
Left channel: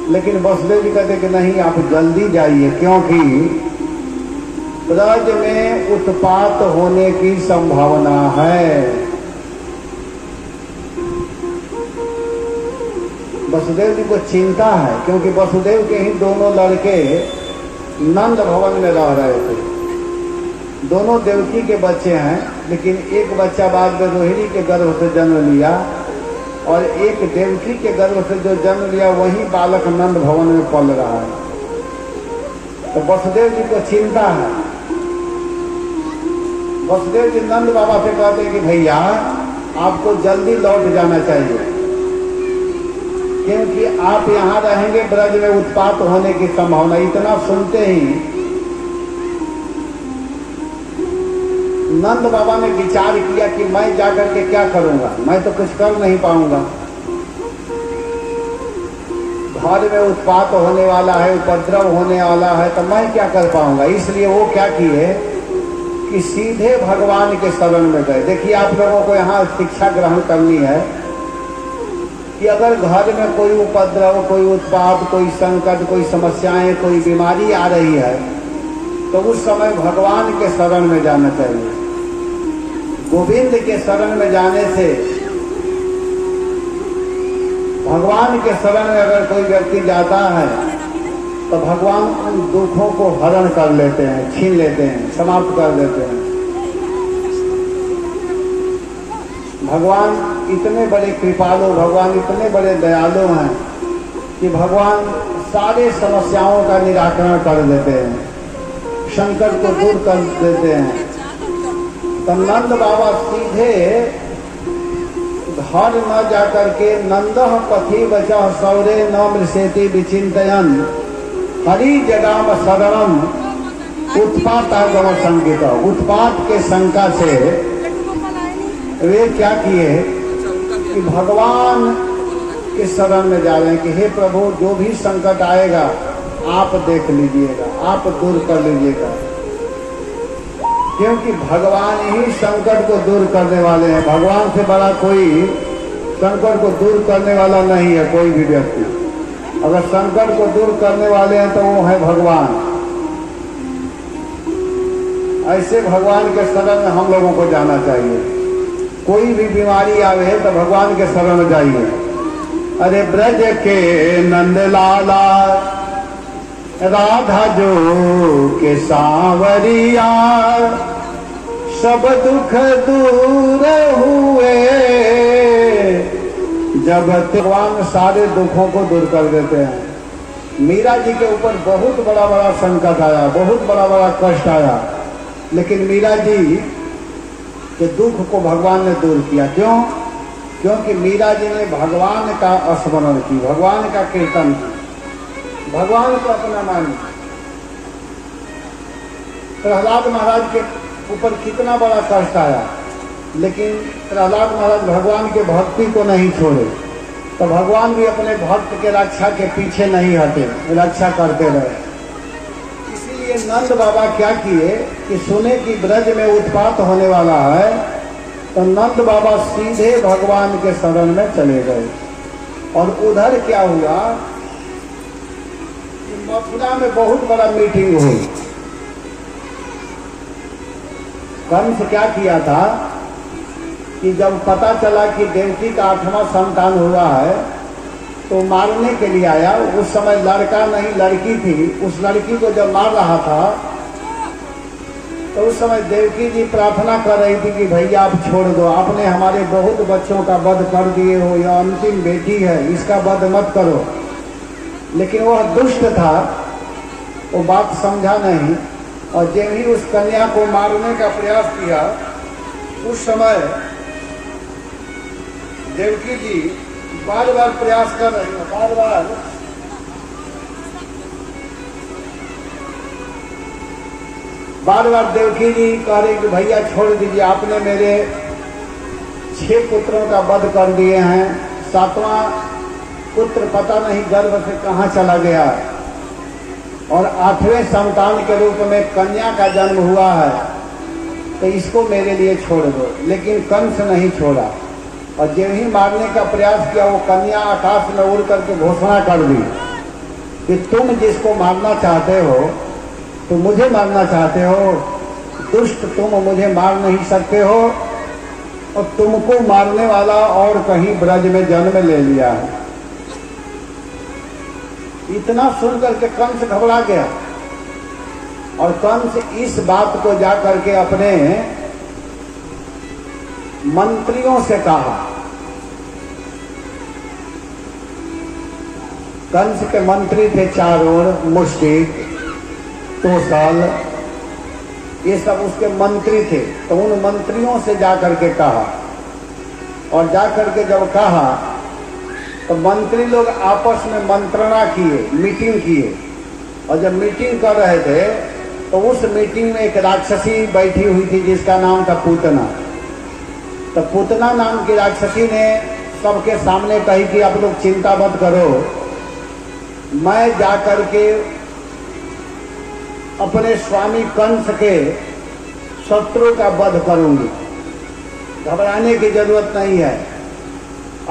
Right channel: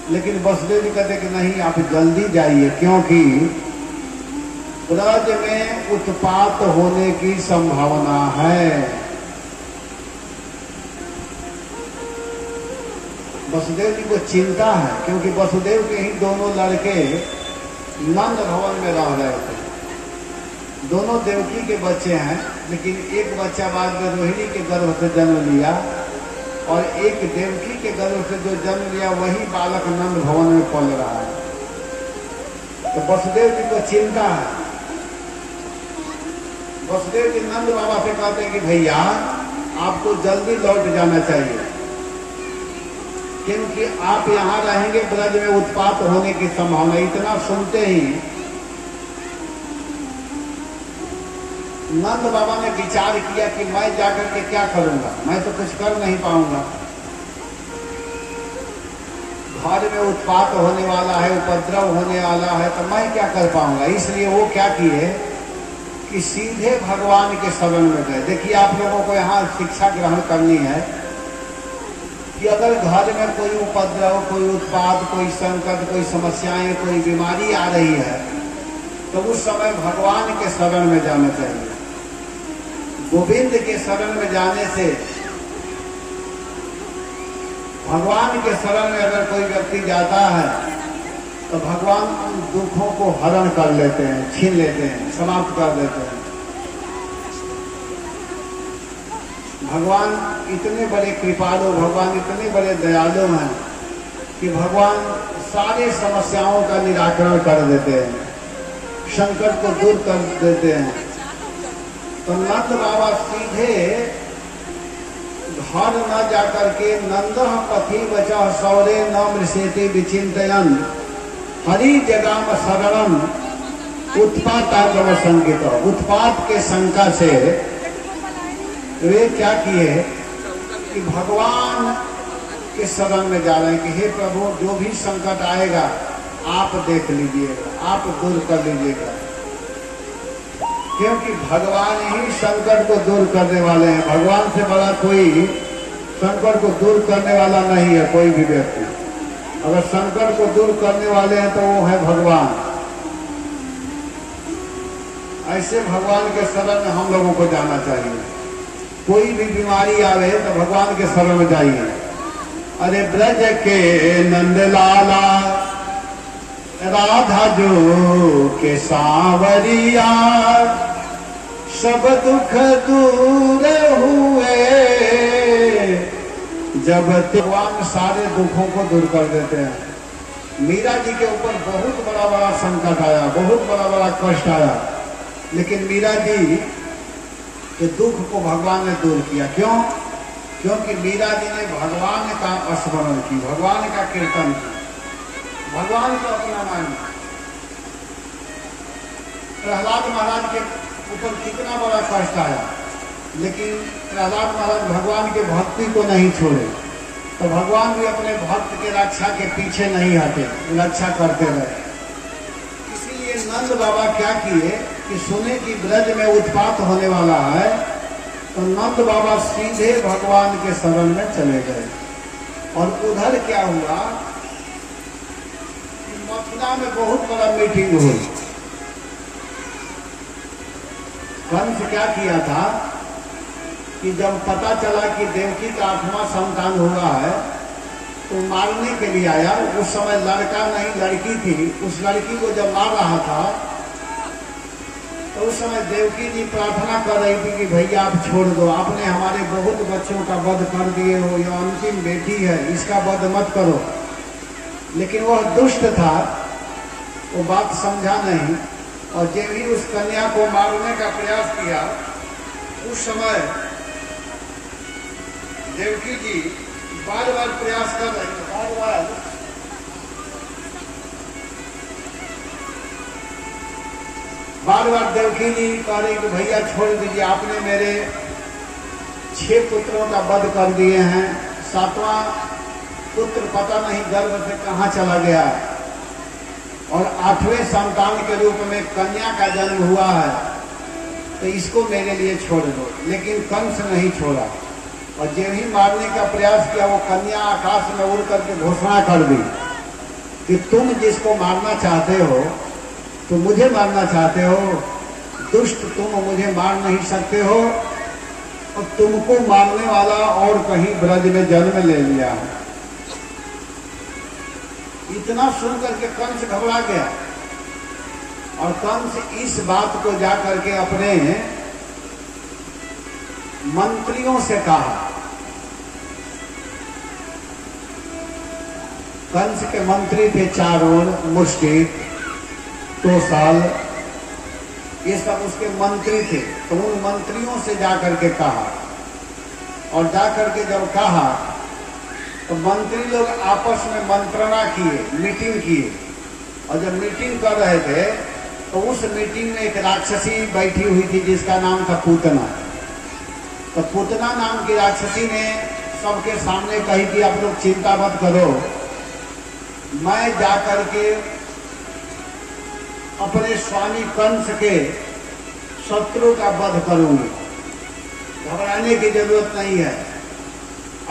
लेकिन वसुदेव जी कहते कि नहीं, आप जल्दी जाइए, क्योंकि ब्रज में उत्पात होने की संभावना है। वसुदेव जी को चिंता है, क्योंकि वसुदेव के ही दोनों लड़के नंद भवन में रह रहे थे। दोनों देवकी के बच्चे हैं, लेकिन एक बच्चा बाद में रोहिणी के गर्भ से जन्म लिया, और एक देवकी के गर्भ से जो जन्म लिया वही बालक नंद भवन में पल रहा है। तो वसुदेव जी को चिंता है। वसुदेव जी नंद बाबा से कहते हैं कि भैया, आपको जल्दी लौट जाना चाहिए, क्योंकि आप यहाँ रहेंगे ब्रज में उत्पात होने की संभावना। इतना सुनते ही नंद बाबा ने विचार किया कि मैं जाकर के क्या करूंगा, मैं तो कुछ कर नहीं पाऊंगा। घर में उत्पात होने वाला है, उपद्रव होने वाला है, तो मैं क्या कर पाऊंगा। इसलिए वो क्या किए कि सीधे भगवान के शरण में गए। देखिए, आप लोगों को यहाँ शिक्षा ग्रहण करनी है कि अगर घर में कोई उपद्रव, कोई उत्पात, कोई संकट, कोई समस्याएं, कोई बीमारी आ रही है, तो उस समय भगवान के शरण में जाना चाहिए। गोविंद के शरण में जाने से, भगवान के शरण में अगर कोई व्यक्ति जाता है तो भगवान उन दुखों को हरण कर लेते हैं, छीन लेते हैं, समाप्त कर देते हैं। भगवान इतने बड़े कृपालु, भगवान इतने बड़े दयालु हैं कि भगवान सारे समस्याओं का निराकरण कर देते हैं, संकट को दूर कर देते हैं। तो नंद बाबा सीधे घर न जाकर के नंद पथि बचा सौरे न मृषेति विचिंतयन हरि जगाम शरणम उत्पातागम संकित। उत्पात के शंका से वे क्या किए कि भगवान के शरण में जा रहे हैं कि हे प्रभु, जो भी संकट आएगा आप देख लीजिएगा, आप दूर कर लीजिएगा, क्योंकि भगवान ही संकट को दूर करने वाले हैं। भगवान से बड़ा कोई संकट को दूर करने वाला नहीं है कोई भी व्यक्ति। अगर संकट को दूर करने वाले हैं तो वो है भगवान। ऐसे भगवान के शरण में हम लोगों को जाना चाहिए। कोई भी बीमारी आवे तो भगवान के शरण में जाइए। अरे ब्रज के नंदलाला राधा जो के सांवरिया सब दुख दूर हुए जब भगवान सारे दुखों को दूर कर देते हैं। मीरा जी के ऊपर बहुत बड़ा बड़ा संकट आया, बहुत बड़ा बड़ा कष्ट आया, लेकिन मीरा जी के दुख को भगवान ने दूर किया। क्यों? क्योंकि मीरा जी ने भगवान का स्मरण की, भगवान का कीर्तन की, भगवान को अपना मानी। प्रहलाद महाराज के ऊपर कितना बड़ा कष्ट आया, लेकिन प्रहलाद महाराज भगवान के भक्ति को नहीं छोड़े, तो भगवान भी अपने भक्त के रक्षा के पीछे नहीं हटे, रक्षा करते रहे। इसीलिए नंद बाबा क्या किए कि सुने कि ब्रज में उत्पात होने वाला है, तो नंद बाबा सीधे भगवान के शरण में चले गए। और उधर क्या हुआ कि मथुरा में बहुत बड़ा मीटिंग हुई। कंस क्या किया था कि जब पता चला कि देवकी का 8वां संतान हुआ है तो मारने के लिए आया। उस समय लड़का नहीं लड़की थी। उस लड़की को जब मार रहा था तो उस समय देवकी जी प्रार्थना कर रही थी कि भैया आप छोड़ दो, आपने हमारे बहुत बच्चों का वध कर दिए हो, यह अंतिम बेटी है, इसका वध मत करो। लेकिन वह दुष्ट था, वो बात समझा नहीं और जब ही उस कन्या को मारने का प्रयास किया उस समय देवकी जी बार बार प्रयास कर रही है, बार बार देवकी जी कह रही कि भैया छोड़ दीजिए, आपने मेरे 6 पुत्रों का वध कर दिए हैं, 7वां पुत्र पता नहीं गर्भ से कहाँ चला गया और 8वें संतान के रूप में कन्या का जन्म हुआ है, तो इसको मेरे लिए छोड़ दो। लेकिन कंस नहीं छोड़ा और जब ही मारने का प्रयास किया वो कन्या आकाश में उड़ करके घोषणा कर दी कि तुम जिसको मारना चाहते हो तो मुझे मारना चाहते हो, दुष्ट तुम मुझे मार नहीं सकते हो और तुमको मारने वाला और कहीं ब्रज में जन्म ले लिया है। इतना सुनकर के कंस घबरा गया और कंस इस बात को जाकर के अपने मंत्रियों से कहा। कंस के मंत्री थे चारों, मुष्टिक, तोसाल, ये सब उसके मंत्री थे। तो उन मंत्रियों से जाकर के कहा और जाकर के जब कहा तो मंत्री लोग आपस में मंत्रणा किए, मीटिंग किए और जब मीटिंग कर रहे थे तो उस मीटिंग में एक राक्षसी बैठी हुई थी जिसका नाम था पूतना। तो पूतना नाम की राक्षसी ने सबके सामने कही कि आप लोग चिंता मत करो, मैं जाकर के अपने स्वामी कंस के शत्रु का वध करूंगी, घबराने की जरूरत नहीं है।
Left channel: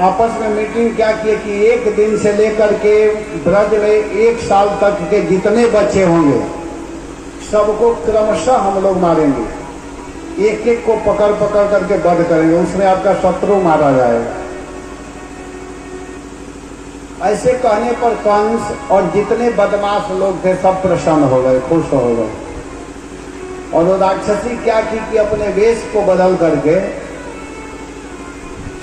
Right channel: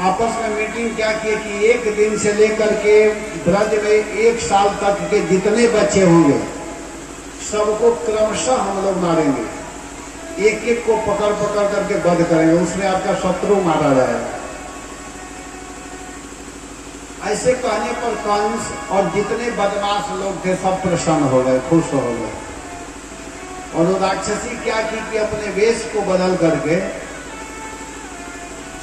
आपस में मीटिंग क्या की कि एक दिन से लेकर के ब्रज में 1 साल तक के जितने बच्चे होंगे सबको क्रमशः हम लोग मारेंगे, एक एक को पकड़ पकड़ करके वध करेंगे, उसमें आपका शत्रु मारा जाएगा। ऐसे कहने पर कंस और जितने बदमाश लोग थे सब प्रसन्न हो गए, खुश हो गए। और वो राक्षसी क्या की कि अपने वेश को बदल करके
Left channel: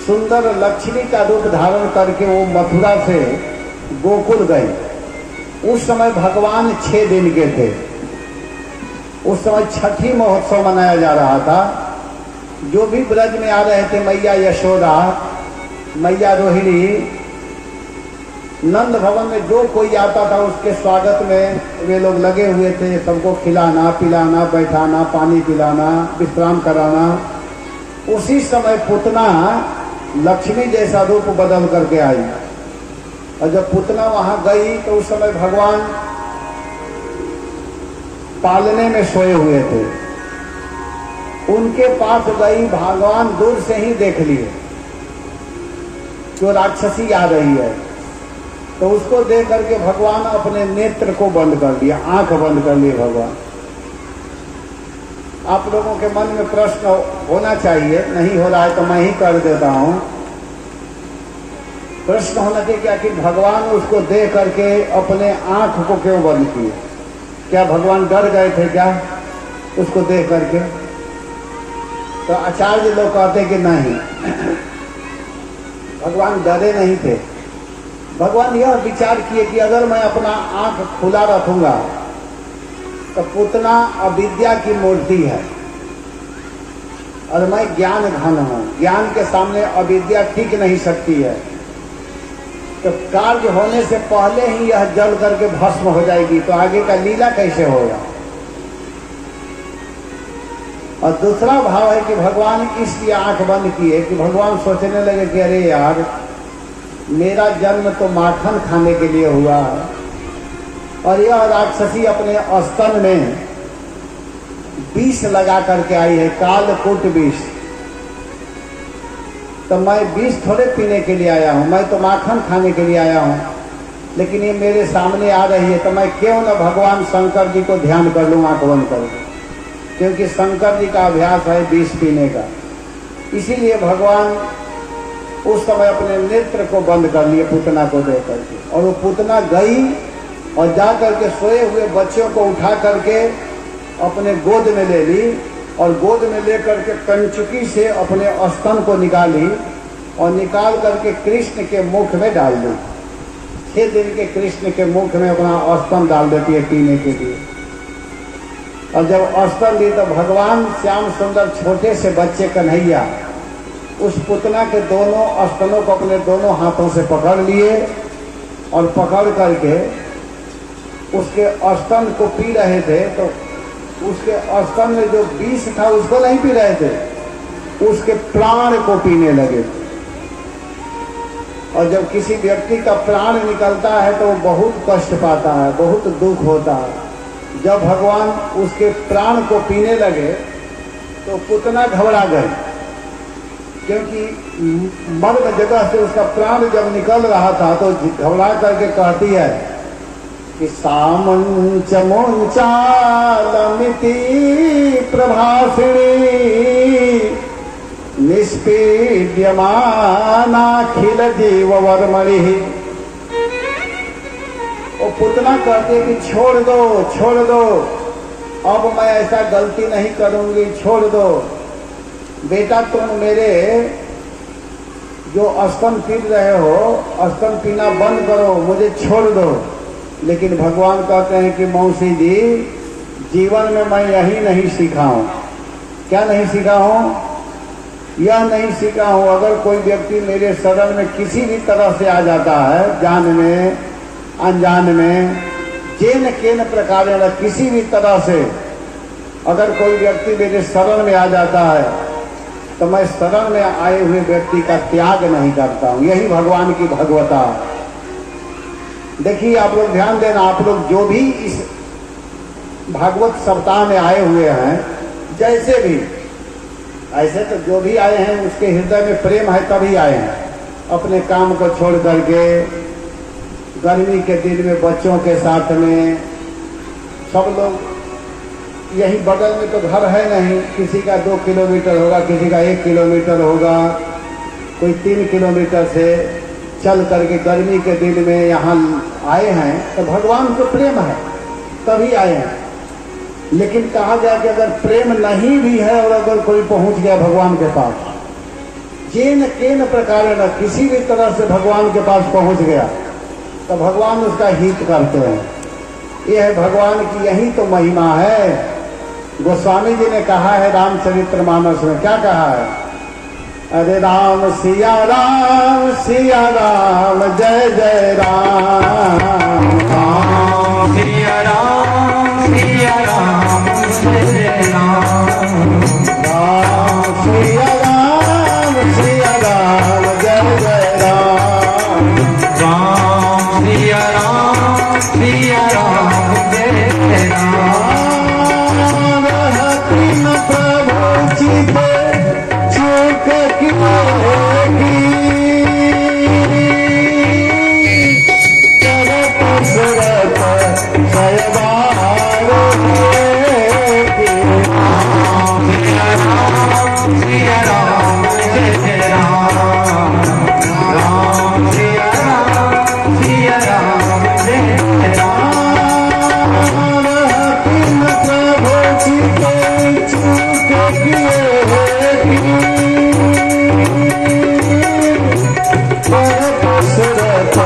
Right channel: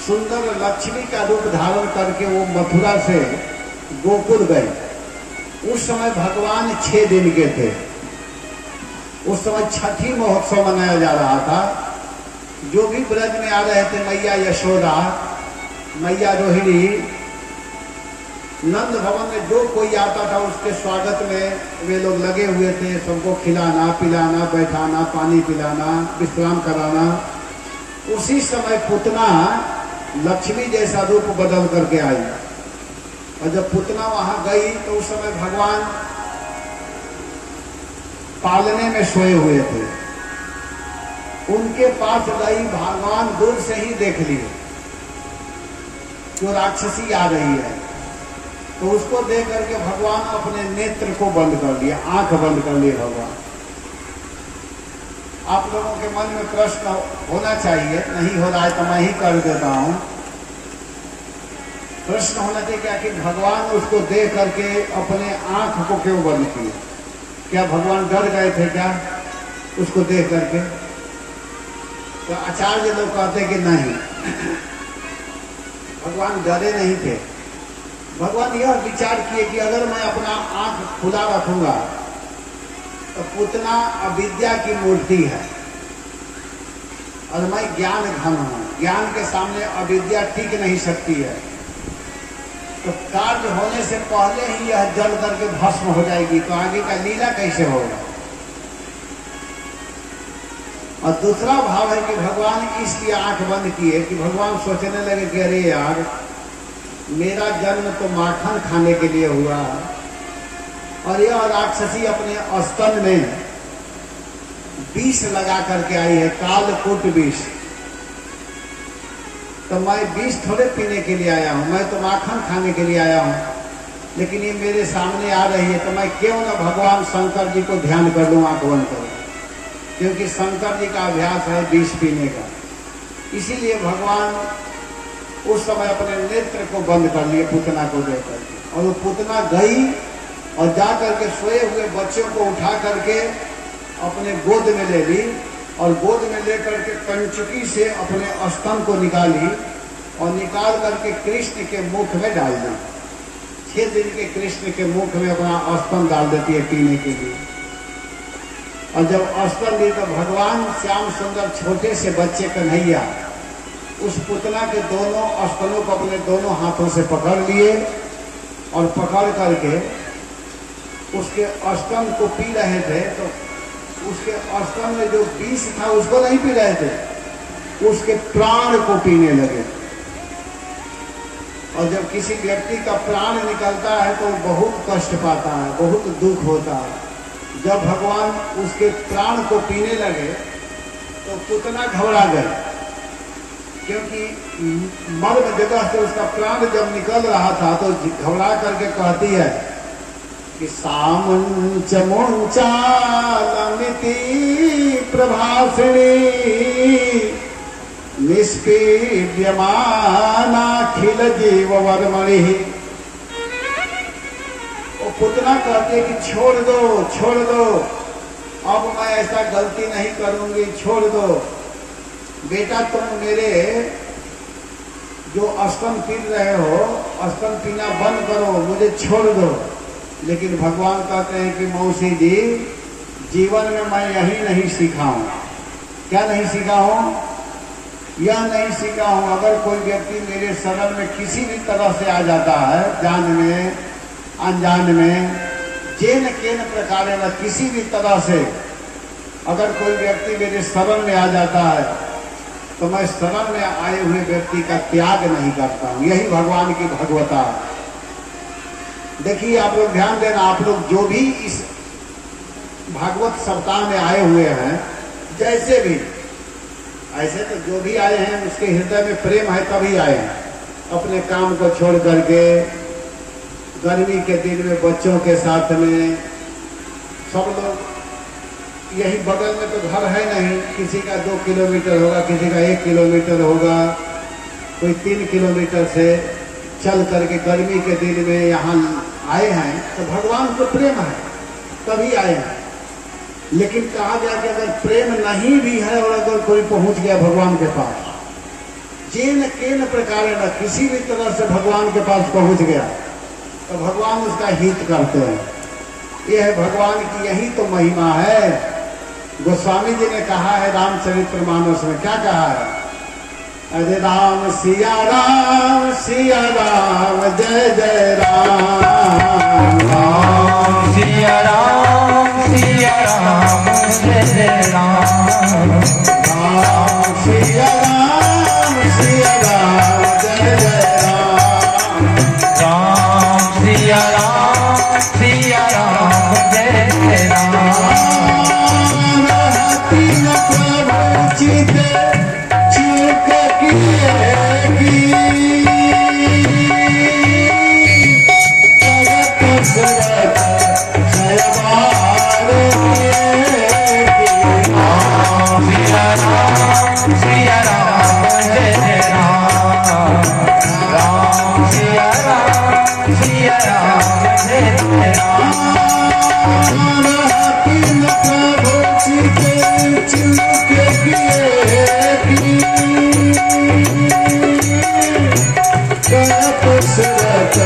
सुंदर लक्ष्मी का रूप धारण करके वो मथुरा से गोकुल गई। उस समय भगवान 6 दिन के थे। उस समय छठी महोत्सव मनाया जा रहा था। जो भी ब्रज में आ रहे थे, मैया यशोदा, मैया रोहिणी, नंद भवन में जो कोई आता था उसके स्वागत में वे लोग लगे हुए थे। सबको खिलाना पिलाना, बैठाना, पानी पिलाना, विश्राम कराना। उसी समय पुतना लक्ष्मी जैसा रूप बदल करके आई और जब पुतना वहां गई तो उस समय भगवान पालने में सोए हुए थे। उनके पास गई, भगवान दूर से ही देख लिए तो राक्षसी आ रही है। तो उसको देख करके भगवान अपने नेत्र को बंद कर दिया, आंख बंद कर लिए भगवान। आप लोगों के मन में प्रश्न होना चाहिए, नहीं हो रहा है तो मैं ही कर देता हूं। प्रश्न होना चाहिए क्या कि भगवान उसको देख करके अपने आंख को क्यों बंद किए? क्या भगवान डर गए थे क्या उसको देख करके? तो आचार्य लोग कहते कि नहीं, भगवान डरे नहीं थे। भगवान यह विचार किए कि अगर मैं अपना आंख खुला रखूंगा तो पुतना अविद्या की मूर्ति है और मैं ज्ञान घन हूं, ज्ञान के सामने अविद्या टिक नहीं सकती है। तो कार्य होने से पहले ही यह जल करके भस्म हो जाएगी, तो आगे का लीला कैसे होगा? और दूसरा भाव है कि भगवान इसलिए आंख बंद किए कि भगवान सोचने लगे कि अरे यार, मेरा जन्म तो माखन खाने के लिए हुआ है और यह राक्षसी अपने स्तन में विष लगा करके आई है, कालकूट विष। तो मैं विष थोड़े पीने के लिए आया हूँ, मैं तो माखन खाने के लिए आया हूँ, लेकिन ये मेरे सामने आ रही है तो मैं क्यों न भगवान शंकर जी को ध्यान कर लूँ, आंख बंद करूँ, क्योंकि शंकर जी का अभ्यास है विष पीने का। इसीलिए भगवान उस समय अपने नेत्र को बंद कर लिए पूतना को दे करके, और वो पूतना गई और जा करके सोए हुए बच्चों को उठा करके अपने गोद में ले ली, और गोद में लेकर के कंचुकी से अपने स्तन को निकाली और निकाल करके कृष्ण के मुख में डाल दी। 6 दिन के कृष्ण के मुख में अपना स्तन डाल देती है पीने के लिए। और जब स्तन दी तो भगवान श्याम सुंदर छोटे से बच्चे कन्हैया उस पुतना के दोनों स्तनों को अपने दोनों हाथों से पकड़ लिए और पकड़ करके उसके स्तन को पी रहे थे। तो उसके स्तन में जो विष था उसको नहीं पी रहे थे, उसके प्राण को पीने लगे। और जब किसी व्यक्ति का प्राण निकलता है तो वो बहुत कष्ट पाता है, बहुत दुख होता है। जब भगवान उसके प्राण को पीने लगे तो पुतना घबरा गए, क्योंकि मर्म जगह से उसका प्राण जब निकल रहा था तो घबरा करके कहती है कि सामंच मुंचालमिति प्रभासिणी निष्पीड्यमानाखिल जीव वर्मणि। वो पुतना कहते हैं कि छोड़ दो, छोड़ दो, अब मैं ऐसा गलती नहीं करूंगी, छोड़ दो बेटा, तुम मेरे जो स्तन पी रहे हो स्तन पीना बंद करो, मुझे छोड़ दो। लेकिन भगवान कहते हैं कि मौसी जी, जीवन में मैं यही नहीं सीखा हूं। क्या नहीं सीखा हूं? यह नहीं सीखा हूं अगर कोई व्यक्ति मेरे शरण में किसी भी तरह से आ जाता है, जान में अनजान में, जेन केन प्रकार किसी भी तरह से अगर कोई व्यक्ति मेरे शरण में आ जाता है तो मैं शरण में आए हुए व्यक्ति का त्याग नहीं करता हूं। यही भगवान की भगवता है। देखिए आप लोग ध्यान देना, आप लोग जो भी इस भागवत सप्ताह में आए हुए हैं, जैसे भी, ऐसे तो जो भी आए हैं उसके हृदय में प्रेम है तभी आए हैं। अपने काम को छोड़ करके गर्मी के दिन में बच्चों के साथ में सब लोग, यही बगल में तो घर है नहीं, किसी का 2 किलोमीटर होगा, किसी का 1 किलोमीटर होगा, कोई 3 किलोमीटर से चल करके गर्मी के दिन में यहाँ आए हैं तो भगवान को प्रेम है तभी आए हैं। लेकिन कहा गया कि अगर प्रेम नहीं भी है और अगर कोई पहुंच गया भगवान के पास, जेन केन प्रकार न किसी भी तरह से भगवान के पास पहुंच गया तो भगवान उसका हित करते हैं। यह भगवान की यही तो महिमा है। गोस्वामी जी ने कहा है रामचरितमानस में, क्या कहा है? अरे राम सिया राम जय जय राम, राम सिया राम जय जय राम, राम सिया राम जय जय राम, राम सिया राम जय जय राम। तीन प्रभु चिते चूक किएगी, तरत सुरत सहबार होएगी। सिया राम जय जय राम, राम सिया राम जय जय राम। तीन प्रभु चिते चूक किएगी, तरत सुरत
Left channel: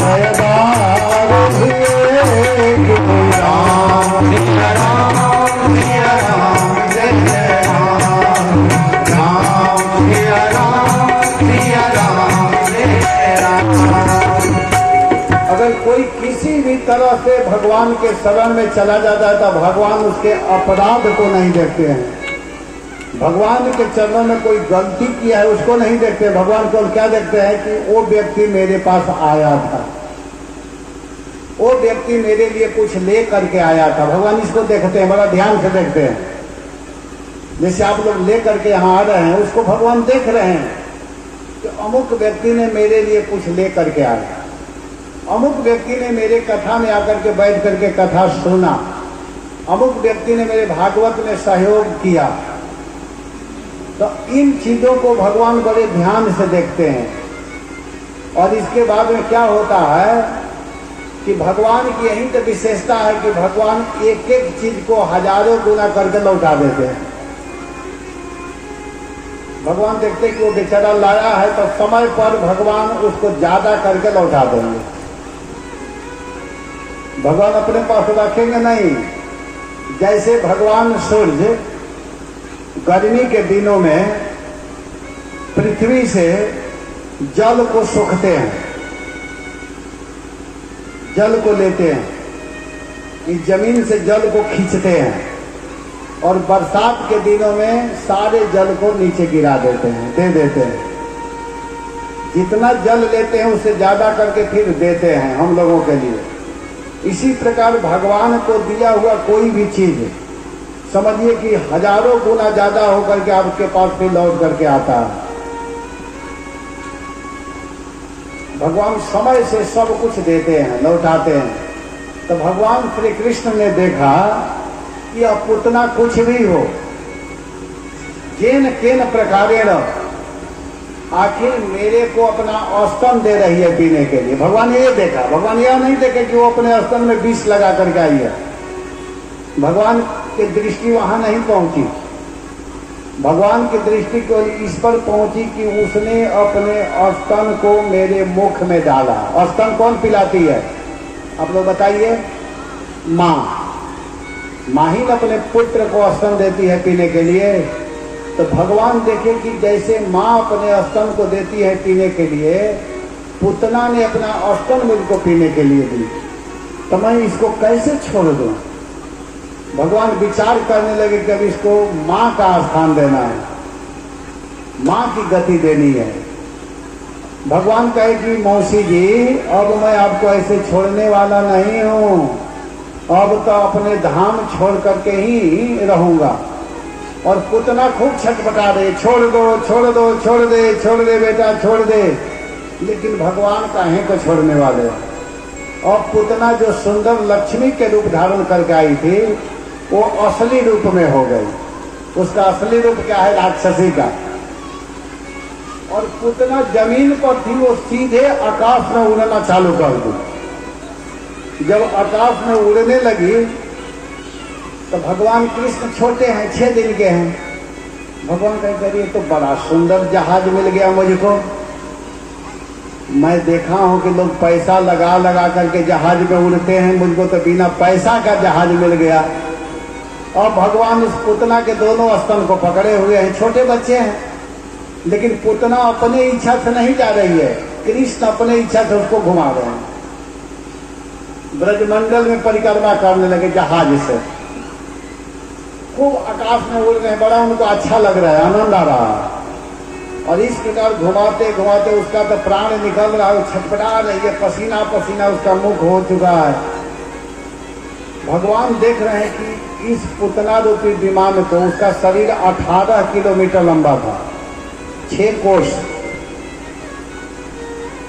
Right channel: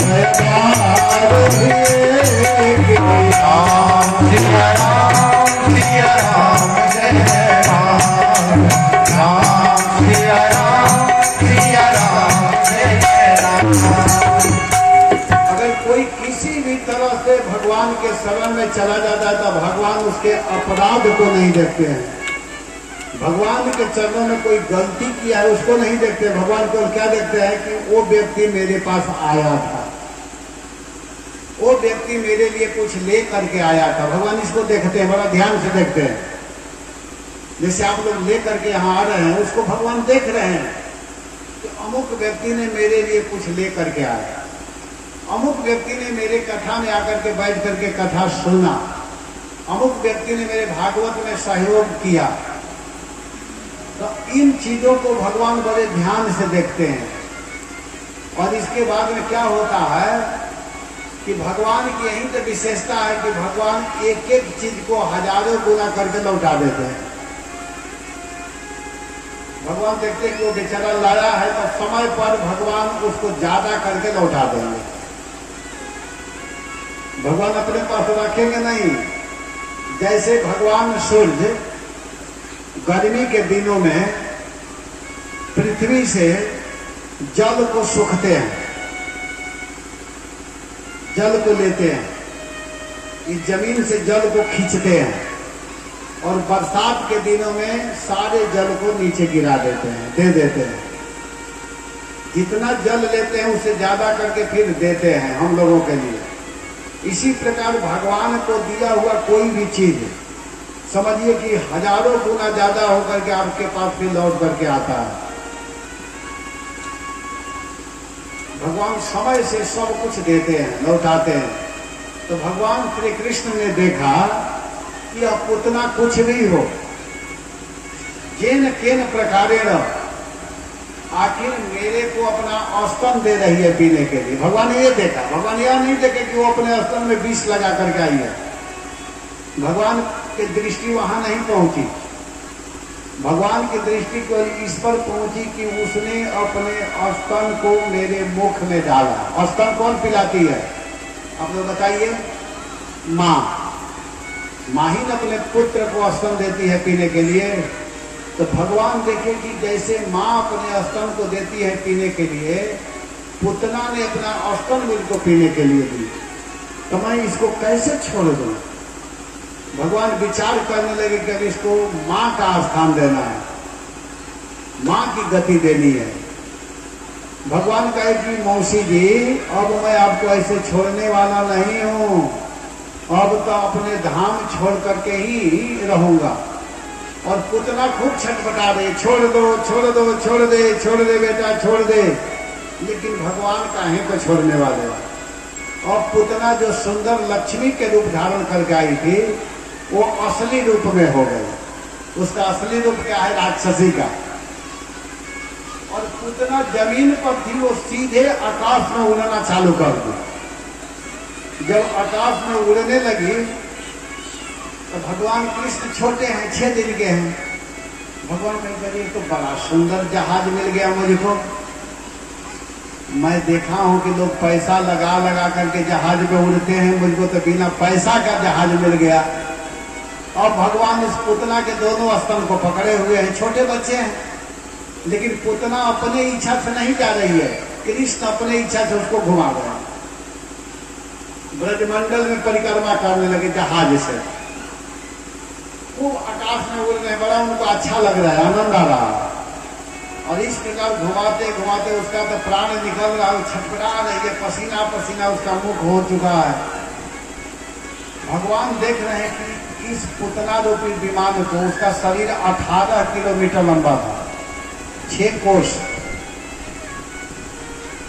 सहबार होएगी। राम सिया राम जय जय राम, राम सिया राम जय जय राम। अगर कोई किसी भी तरह से भगवान के शरण में चला जाता है तो भगवान उसके अपराध को नहीं देखते हैं। भगवान के चरणों में कोई गलती किया है उसको नहीं देखते। भगवान को क्या देखते हैं कि वो व्यक्ति मेरे पास आया था, वो व्यक्ति मेरे लिए कुछ ले करके आया था। भगवान इसको देखते हैं, बड़ा ध्यान से देखते हैं। जैसे आप लोग ले करके यहाँ आ रहे हैं, उसको भगवान देख रहे हैं अमुक व्यक्ति ने मेरे लिए कुछ ले करके आया, अमुक व्यक्ति ने मेरे कथा में आकर के बैठ करके कथा सुना, अमुक व्यक्ति ने मेरे भागवत में सहयोग किया। तो इन चीजों को भगवान बड़े ध्यान से देखते हैं। और इसके बाद में क्या होता है कि भगवान की यही तो विशेषता है कि भगवान एक एक चीज को हजारों गुना करके लौटा देते हैं। भगवान देखते कि वो बेचारा लाया है तो समय पर भगवान उसको ज्यादा करके लौटा देंगे। भगवान अपने पास रखेंगे नहीं। जैसे भगवान सूर्य गर्मी के दिनों में पृथ्वी से जल को सोखते हैं, जल को लेते हैं, इस जमीन से जल को खींचते हैं और बरसात के दिनों में सारे जल को नीचे गिरा देते हैं, दे देते हैं। जितना जल लेते हैं उससे ज्यादा करके फिर देते हैं हम लोगों के लिए। इसी प्रकार भगवान को दिया हुआ कोई भी चीज समझिए कि हजारों गुना ज्यादा होकर के आपके पास फिर लौट करके आता है। भगवान समय से सब कुछ देते हैं, लौटाते हैं। तो भगवान श्री कृष्ण ने देखा कि अब उतना कुछ भी हो, जेन केन प्रकारेण, आखिर मेरे को अपना स्तन दे रही है पीने के लिए। भगवान ने ये देखा। भगवान यह नहीं देखे कि वो अपने स्तन में विष लगा करके आई है। भगवान की दृष्टि वहां नहीं पहुंची। भगवान की दृष्टि को इस पर पहुंची कि उसने अपने स्तन को मेरे मुख में डाला। स्तन कौन पिलाती है आप लोग बताइए? माँ। माँ ही अपने पुत्र को स्तन देती है पीने के लिए। तो भगवान देखे कि जैसे माँ अपने स्तन को देती है पीने के लिए, पुतना ने अपना स्तन मुझको पीने के लिए दी, तो मैं इसको कैसे छोड़ दूं? भगवान विचार करने लगे कि अब इसको माँ का स्थान देना है, माँ की गति देनी है। भगवान कहे कि मौसी जी, अब मैं आपको ऐसे छोड़ने वाला नहीं हूं, अब तो अपने धाम छोड़ करके ही रहूंगा। और पुतना खूब छटपटा रहे, छोड़ दो छोड़ दो छोड़ दे, छोड़ दे बेटा छोड़ दे। लेकिन भगवान काहे को छोड़ने वाले। और पुतना जो सुंदर लक्ष्मी के रूप धारण करके आई थी, वो असली रूप में हो गई। उसका असली रूप क्या है? राक्षसी का। और पुतना जमीन पर थी, वो सीधे आकाश में उड़ना चालू कर दी। जब आकाश में उड़ने लगी तो भगवान कृष्ण छोटे हैं, 6 दिन के हैं। भगवान कह करिए तो बड़ा सुंदर जहाज मिल गया मुझको। मैं देखा हूं कि लोग पैसा लगा लगा करके जहाज में उड़ते हैं, मुझको तो बिना पैसा का जहाज मिल गया। और भगवान इस पुतना के दोनों स्तन को पकड़े हुए हैं। छोटे बच्चे हैं, लेकिन पुतना अपने इच्छा से नहीं जा रही है, कृष्ण अपने इच्छा से उसको घुमा रहे हैं। ब्रजमंडल में परिक्रमा करने लगे जहाज से, खूब आकाश में उड़ रहे, बड़ा उनको अच्छा लग रहा है, आनंद आ रहा है। और इस प्रकार घुमाते घुमाते उसका तो प्राण निकल रहा है, छटपटा रही है, पसीना पसीना उसका मुख हो चुका है। भगवान देख रहे हैं कि इस पुतना रूपी विमान को, उसका शरीर 18 किलोमीटर लंबा था, 6 कोस।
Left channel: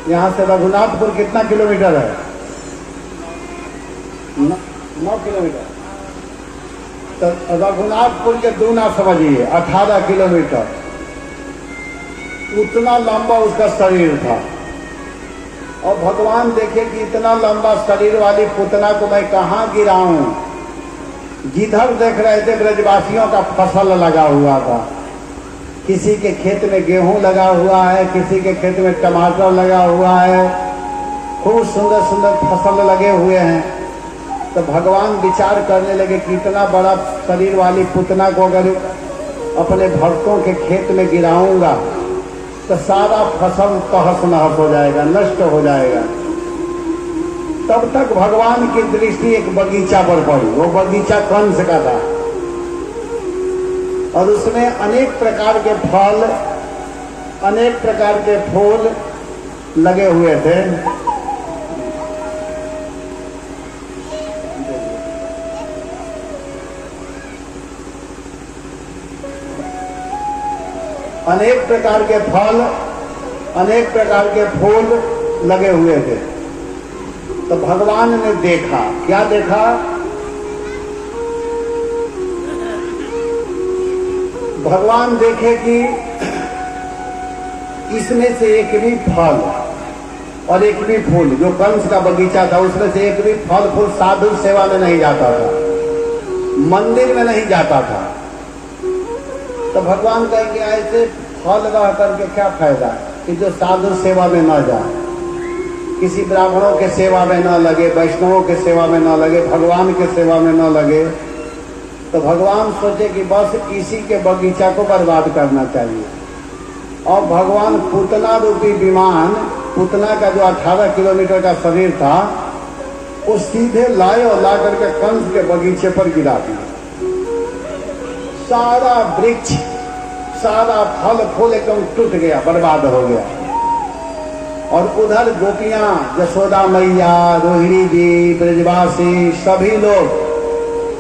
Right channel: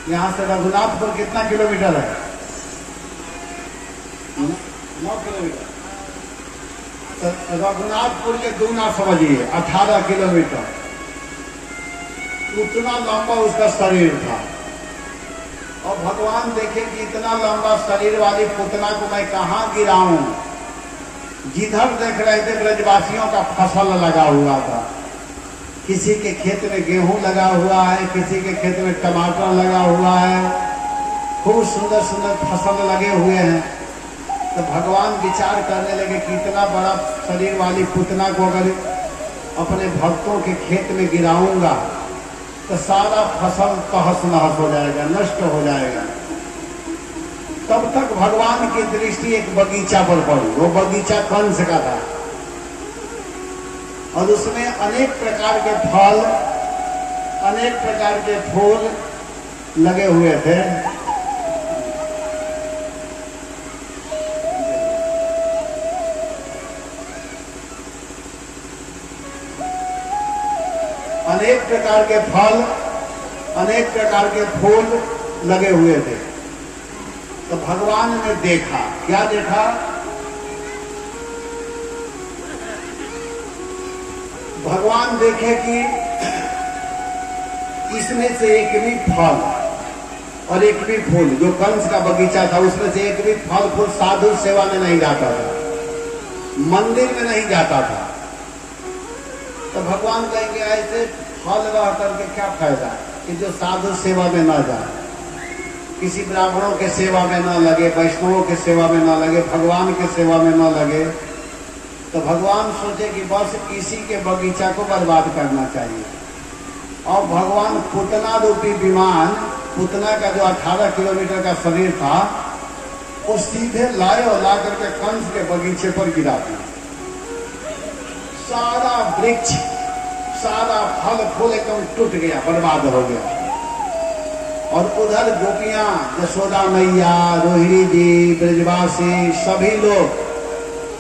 यहां से रघुनाथपुर कितना किलोमीटर है? 9 किलोमीटर। तो रघुनाथपुर के दूना समझिए, 18 किलोमीटर। उतना लंबा उसका शरीर था। और भगवान देखे कि इतना लंबा शरीर वाली पुतना को मैं कहाँ गिराऊं। जिधर देख रहे थे ब्रजवासियों का फसल लगा हुआ था। किसी के खेत में गेहूं लगा हुआ है, किसी के खेत में टमाटर लगा हुआ है, खूब सुंदर सुंदर फसल लगे हुए हैं। तो भगवान विचार करने लगे कि इतना बड़ा शरीर वाली पुतना को अगर अपने भक्तों के खेत में गिराऊंगा तो सारा फसल तहस नहस हो जाएगा, नष्ट हो जाएगा। तब तक भगवान की दृष्टि एक बगीचा पर पड़ी। वो बगीचा कंस का था और उसमें अनेक प्रकार के फल, अनेक प्रकार के फूल लगे हुए थे। अनेक प्रकार के फल, अनेक प्रकार के फूल लगे हुए थे। तो भगवान ने देखा, क्या देखा? भगवान देखे कि इसमें से एक भी फल और एक भी फूल, जो कंस का बगीचा था उसमें से एक भी फल फूल साधु सेवा में नहीं जाता था, मंदिर में नहीं जाता था। तो भगवान कहेंगे ऐसे फल रह करके क्या फायदा कि जो साधु सेवा में न जाए, किसी ब्राह्मणों के सेवा में न लगे, वैष्णवों के सेवा में न लगे, भगवान के सेवा में न लगे। तो भगवान सोचे कि बस इसी के बगीचा को बर्बाद करना चाहिए। और भगवान पूतना रूपी विमान, पूतना का जो 18 किलोमीटर का शरीर था, वो सीधे लाए और ला करके कंस के बगीचे पर गिरा दिया। सारा वृक्ष, सारा फल फूल एकदम टूट गया, बर्बाद हो गया। और उधर गोपियां, यशोदा मैया, रोहिणी जी, ब्रजवासी सभी लोग